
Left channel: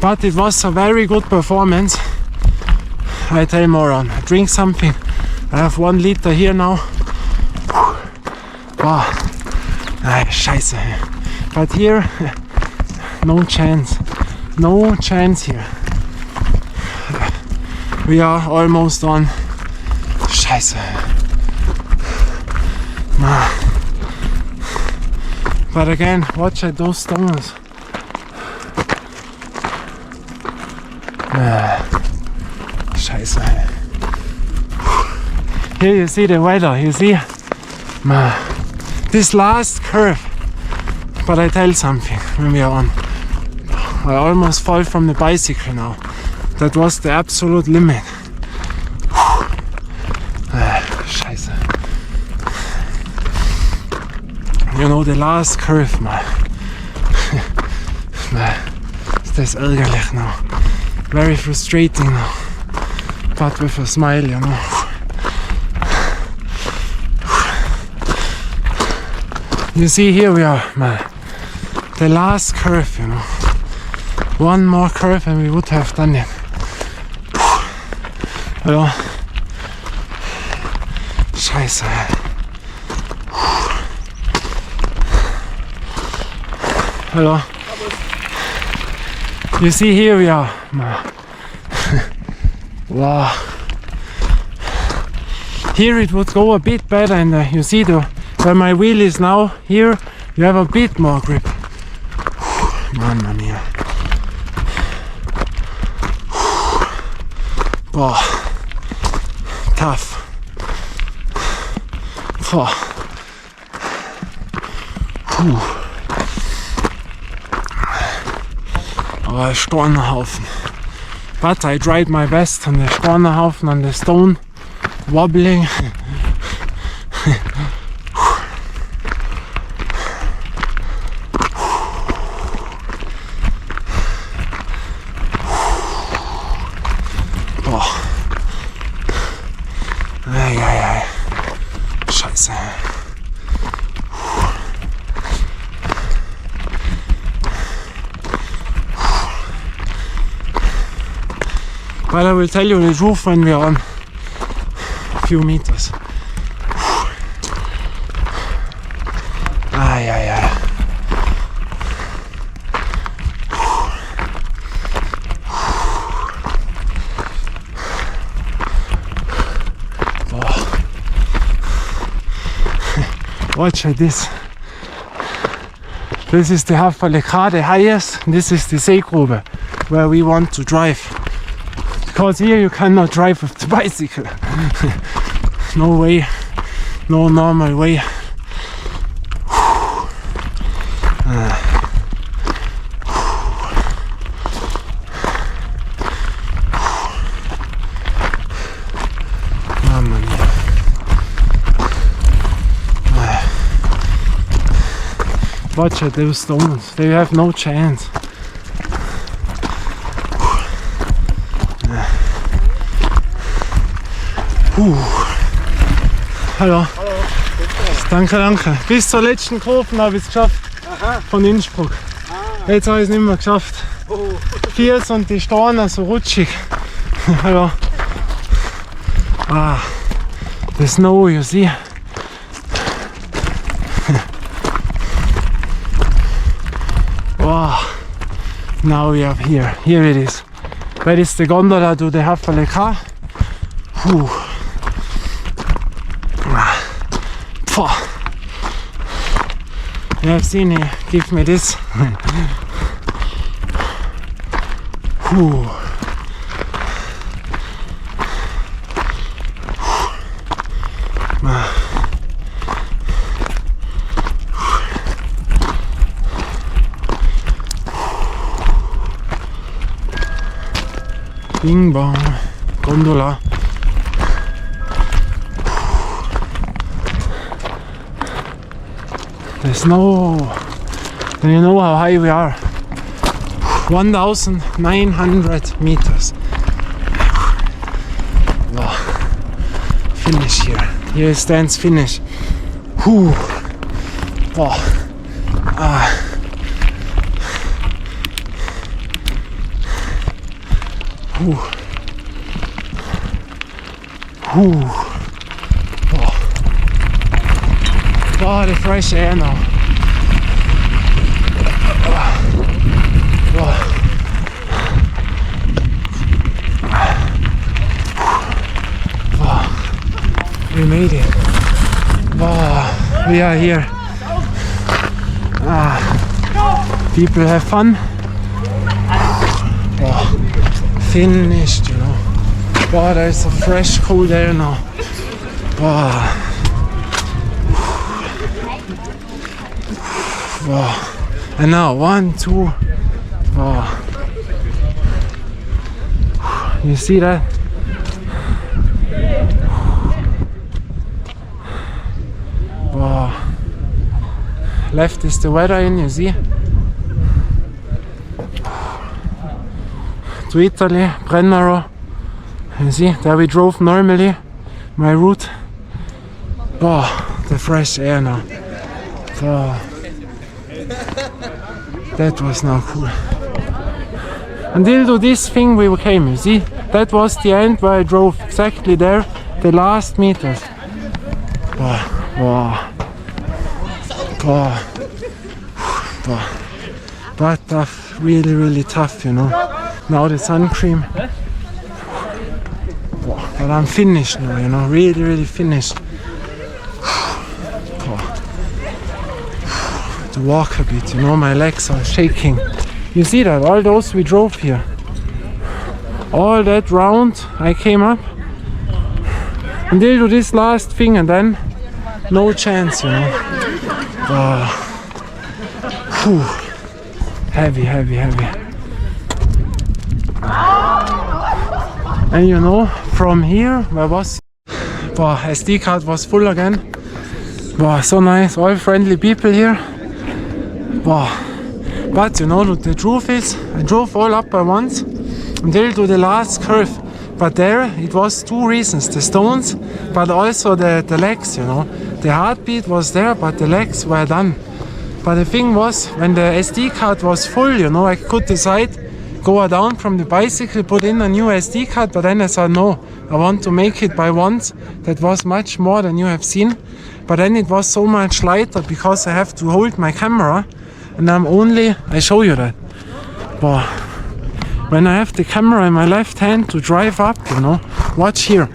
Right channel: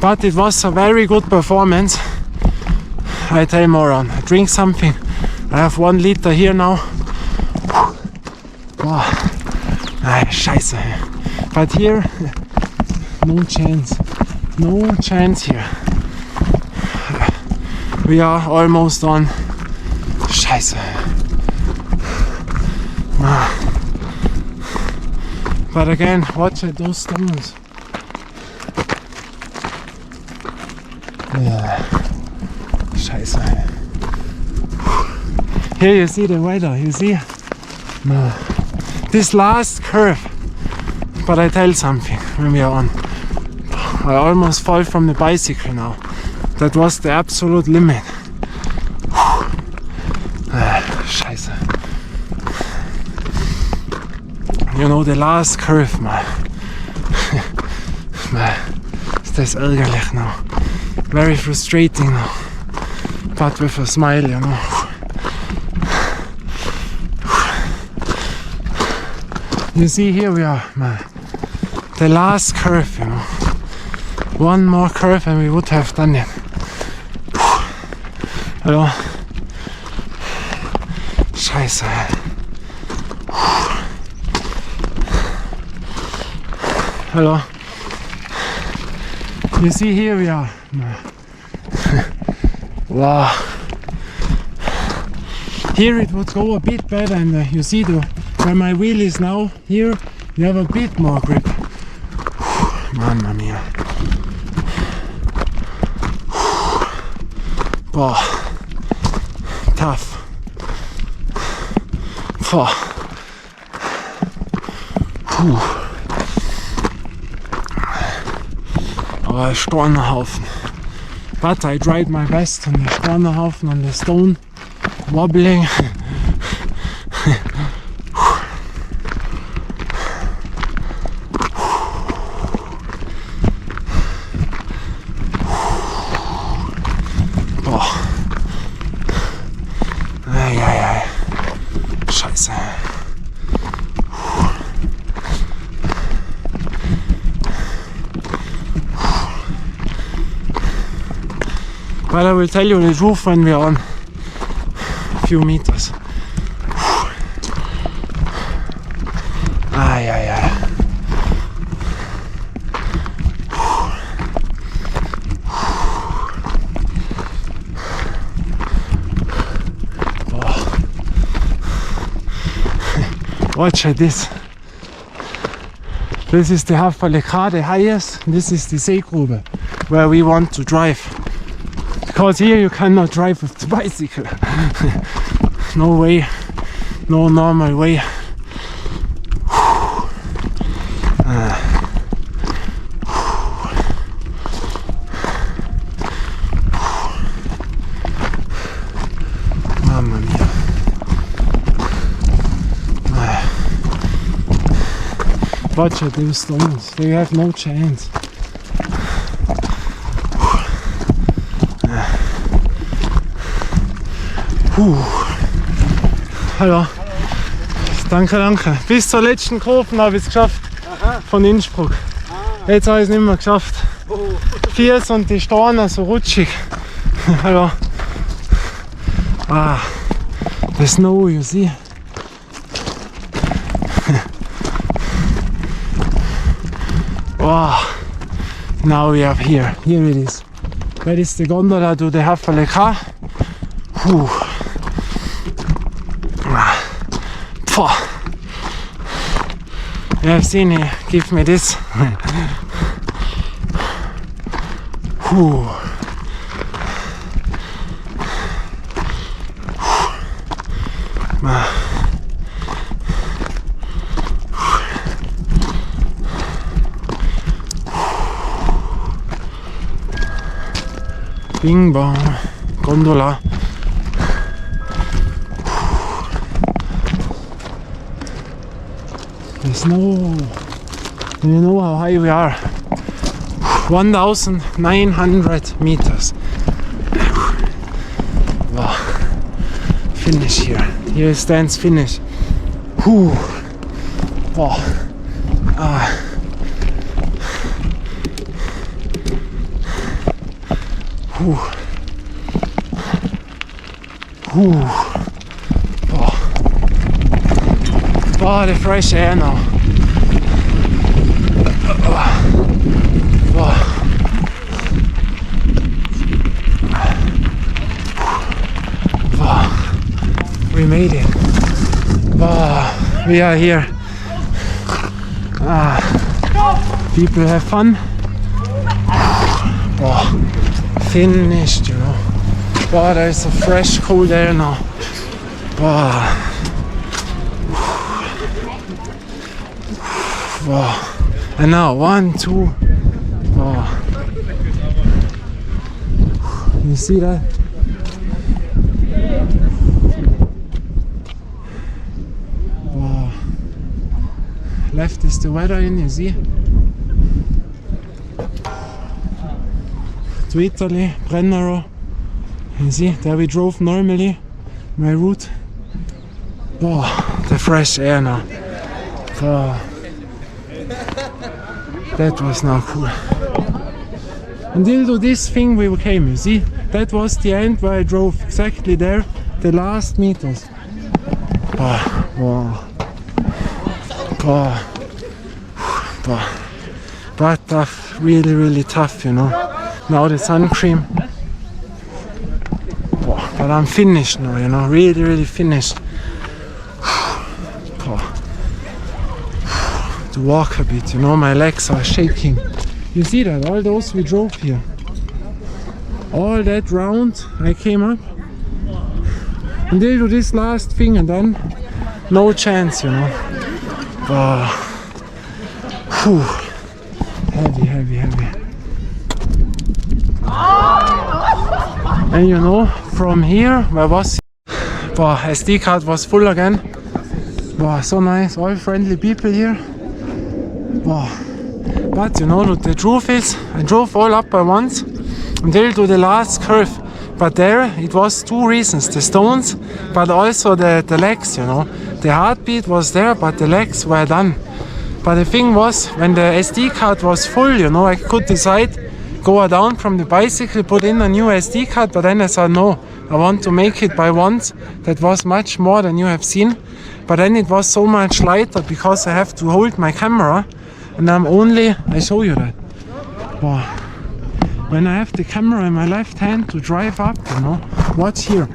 But it was a very good performance. I tell Moran, drink something. I have 1 liter here now. Wow. Scheiße. But here, no chance. No chance here. We are almost on. Scheiße. But again, watch at those stones. Scheiße. Here you see the weather, you see? This last curve. But I tell something when we are on. I almost fall from the bicycle now. That was the absolute limit. Scheiße. You know, the last curve, man. That's ärgerlich now. Very frustrating now. But with a smile, you know. You see, here we are, man. The last curve, you know. One more curve and we would have done it. Hello. Scheiße. Hello. You see, here we are. Wow. Here it would go a bit better, and you see where my wheel is now. Here you have a bit more grip. Mamma mia. Wow. Tough. Aber Stornhaufen. But I tried my best on the Stornhaufen, on the stone, wobbling. Boah. Ei. Scheiße. But I will tell you the truth when we are on a few meters. Ei. Watch at this. This is the Hafalekar, the highest. This is the Seegrube, where we want to drive. Because here you cannot drive with the bicycle. No way, no normal way. Mamma mia. Watch at those stones, they have no chance. Hallo. Danke. Bis zur letzten Kurve habe ich es geschafft. Aha. Von Innsbruck. Jetzt habe ich es nicht mehr geschafft. Viers und die Steine so rutschig. Hallo. The snow, you see. Wow. Now we are here. Here it is. That is the gondola to the Hafalekar. You have seen it. Give me this. Bing bong. Gondola. The snow. And you know how high we are. 1,900 meters. Wow. Finish here. Here stands finish. Wow. Whew. Whew. Oh. Oh, the fresh air now. Oh. Oh. We made it. Oh, we are here. People have fun. Oh, finished, you know. Oh, there's a fresh cold air now. Oh. Oh. And now 1, 2. Oh. You see that? Oh. Left is the weather in, you see? To Italy, Brennero. You see, there we drove normally, my route. Oh, the fresh air now. Oh. That was not cool. Until to this thing we came, you see? That was the end where I drove, exactly there, the last meters. Oh, wow. Oh. Oh. But tough, really, really tough, you know. Now the sun cream. Oh, but I'm finished now, you know, really, really finished. Oh. To walk a bit, you know, my legs are shaking. You see that, all those we drove here. All that round I came up. Until to this last thing and then no chance, you know. Whew. Heavy, heavy, heavy. And you know, from here, where was SD card was full again. Wow, so nice, all friendly people here. Wow. But you know, the truth is, I drove all up by once until to the last curve. But there, it was two reasons, the stones, but also the legs, you know. The heartbeat was there, but the legs were done. But the thing was, when the SD card was full, you know, I could decide, go down from the bicycle, put in a new SD card, but then I said, no, I want to make it by once. That was much more than you have seen. But then it was so much lighter because I have to hold my camera, and I show you that. Wow. When I have the camera in my left hand to drive up, you know, watch here.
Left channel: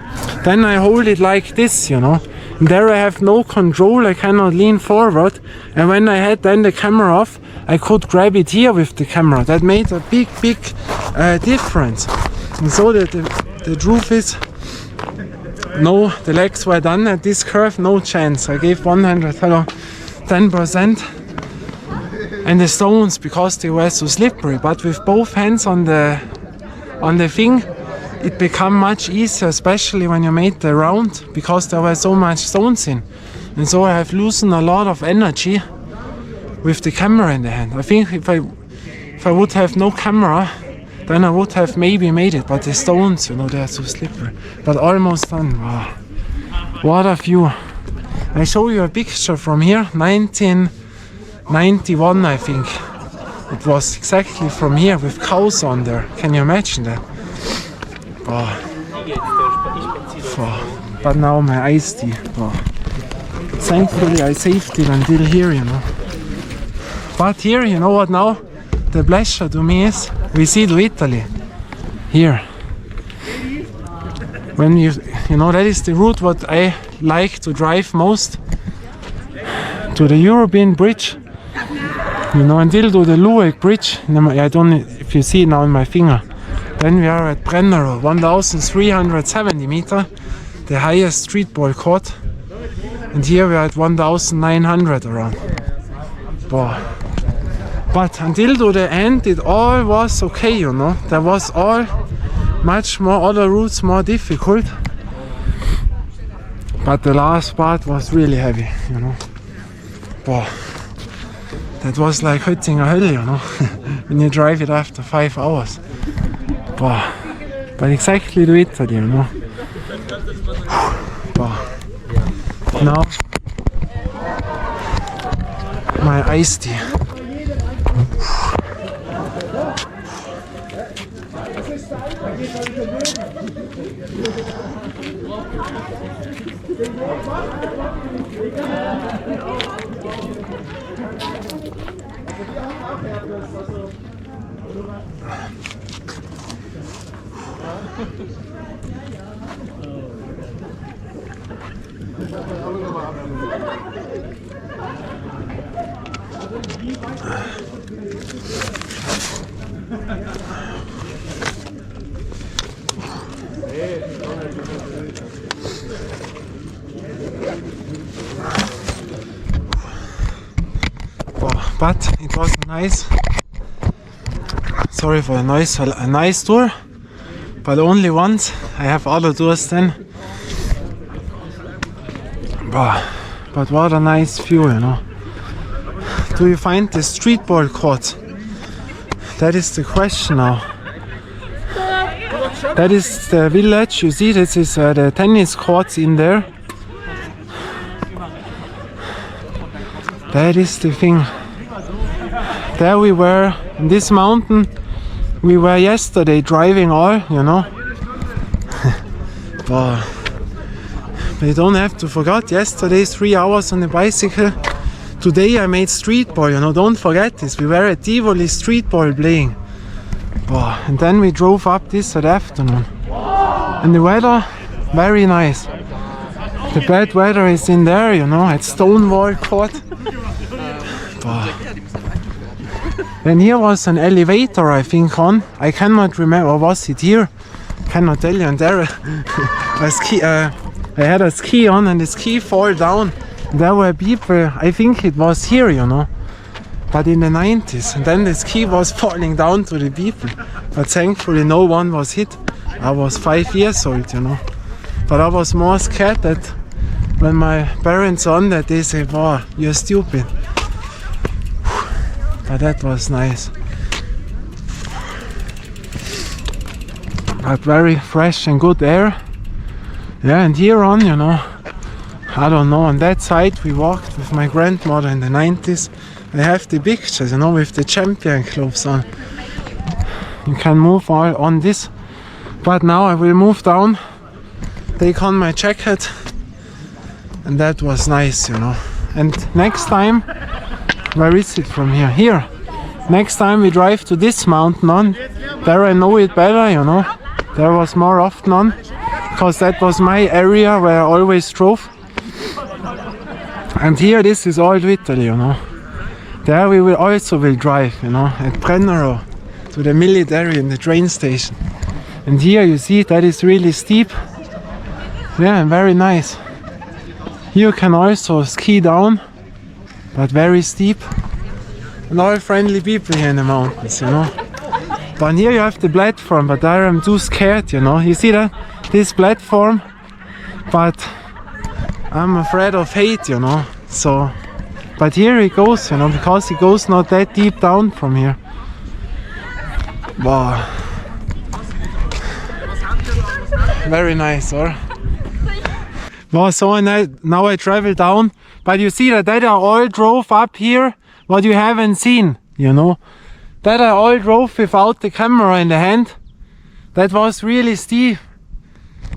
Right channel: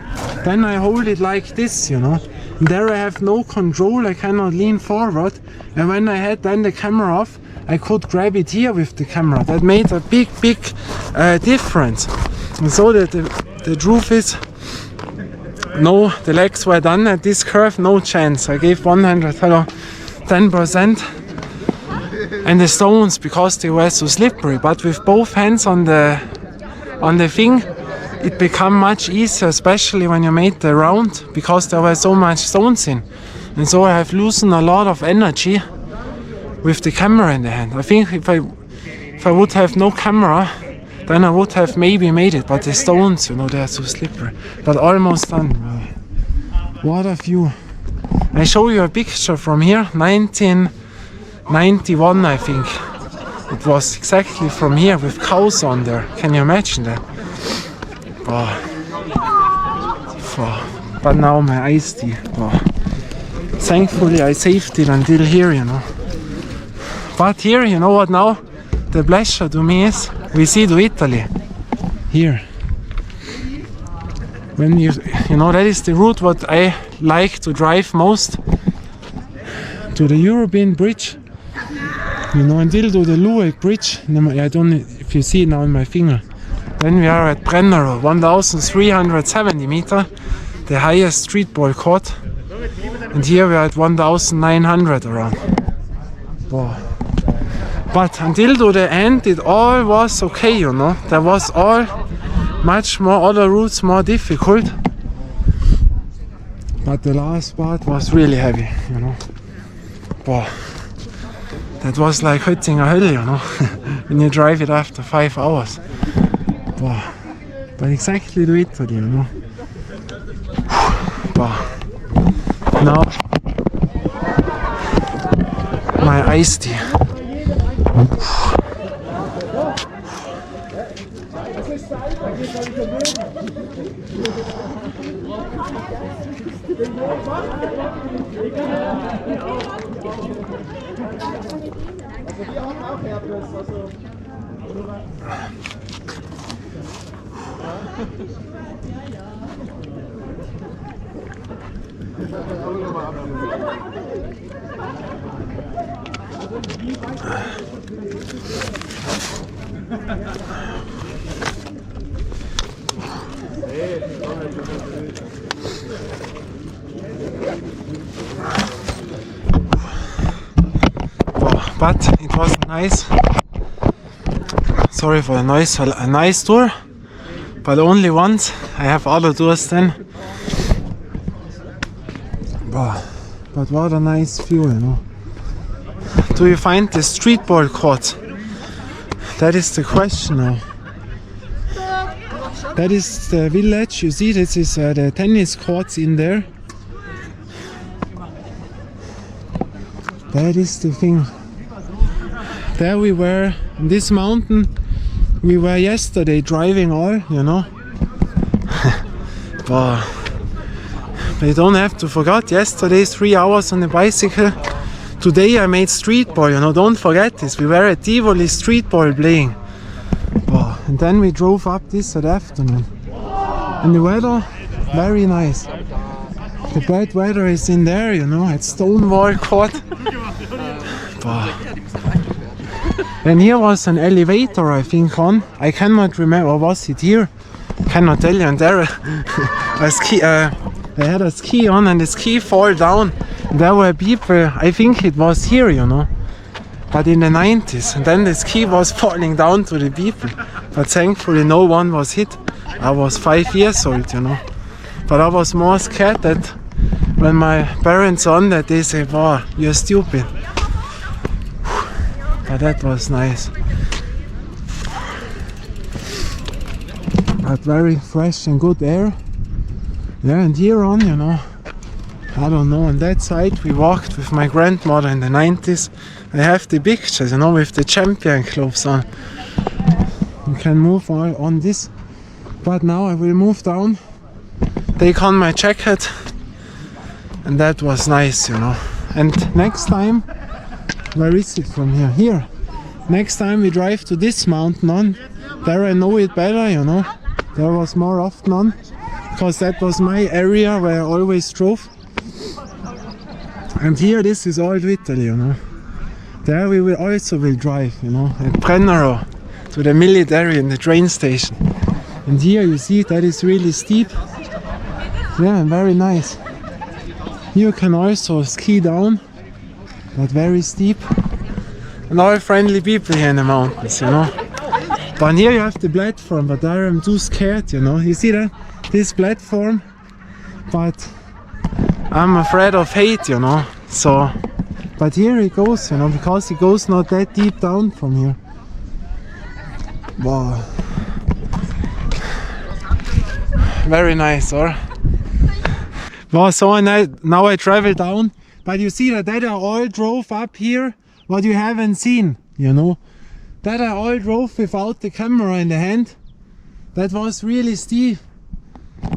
Then I hold it like this, you know. And there I have no control, I cannot lean forward. And when I had then the camera off, I could grab it here with the camera. That made a big difference. And so that the truth is, no, the legs were done at this curve, no chance. I gave 10%. And the stones, because they were so slippery, but with both hands on the thing, it became much easier, especially when you made the round, because there were so much stones in. And so I have loosened a lot of energy with the camera in the hand. I think if I would have no camera, then I would have maybe made it, but the stones, you know, they are so slippery. But almost done. Wow. What a view. I show you a picture from here, 1991, I think. It was exactly from here with cows on there. Can you imagine that? Oh. Oh. But now my iced tea. Oh. Thankfully I saved it until here, you know. But here, you know what now? The pleasure to me is, we see to Italy. Here. When you know, that is the route what I like to drive most. To the European bridge. You know, until to the Lueg bridge. I don't know if you see it now on my finger. Then we are at Brennero, 1,370 meter, the highest street ball court. And here we are at 1,900 around. Wow. But until to the end, it all was okay, you know. There was all much more other routes more difficult. But the last part was really heavy, you know. Wow. That was like hitting a hill, you know, when you drive it after 5 hours. Wow. But exactly to Italy, you know. Wow. Now, my iced tea. But it was nice. Sorry for the noise. A nice tour, but only once. I have other tours then. But what a nice view, you know. Do you find the street ball court? That is the question now. That is the village. You see, this is the tennis courts in there. That is the thing. There we were in this mountain. We were yesterday driving all, you know. But you don't have to forget, yesterday 3 hours on the bicycle. Today I made street ball, you know, don't forget this. We were at Tivoli street ball playing. And then we drove up this afternoon. And the weather, very nice. The bad weather is in there, you know, at Stonewall Court. And here was an elevator, I think, on. I cannot remember, or was it here? Cannot tell you. And there I had a ski on and the ski fall down. There were people, I think it was here, you know, but in the 90s. And then the ski was falling down to the people. But thankfully no one was hit. I was 5 years old, you know. But I was more scared that when my parents on that, they say, wow, you're stupid. But that was nice. But very fresh and good air. Yeah, and here on, you know, I don't know, on that side we walked with my grandmother in the 90s. I have the pictures, you know, with the champion clothes on. You can move all on this. But now I will move down, take on my jacket. And that was nice, you know. And next time, where is it from here? Here. Next time we drive to this mountain on. There I know it better, you know. There was more often on. Because that was my area where I always drove. And here this is Old Italy, you know. There we will also drive, you know, at Brennero to the military and the train station. And here you see that is really steep. Yeah, very nice. You can also ski down, but very steep. And all friendly people here in the mountains, you know. But here you have the platform, but there I'm too scared, you know. You see that? This platform, but I'm afraid of height, you know. So, but here it goes, you know, because it goes not that deep down from here. Wow. Very nice, or? Well, so now I travel down, but you see that I all drove up here, what you haven't seen, you know. That I all drove without the camera in the hand. That was really steep.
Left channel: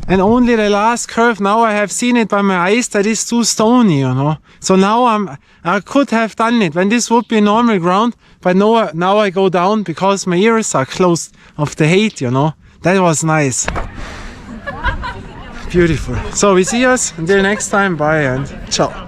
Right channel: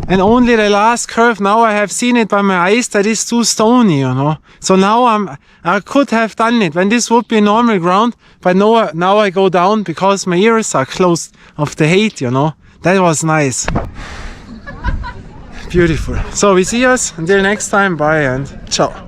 And only the last curve, now I have seen it by my eyes, that is too stony, you know. So now I could have done it when this would be normal ground, but no, now I go down because my ears are closed of the height, you know. That was nice. Beautiful. So we see us until next time. Bye and ciao.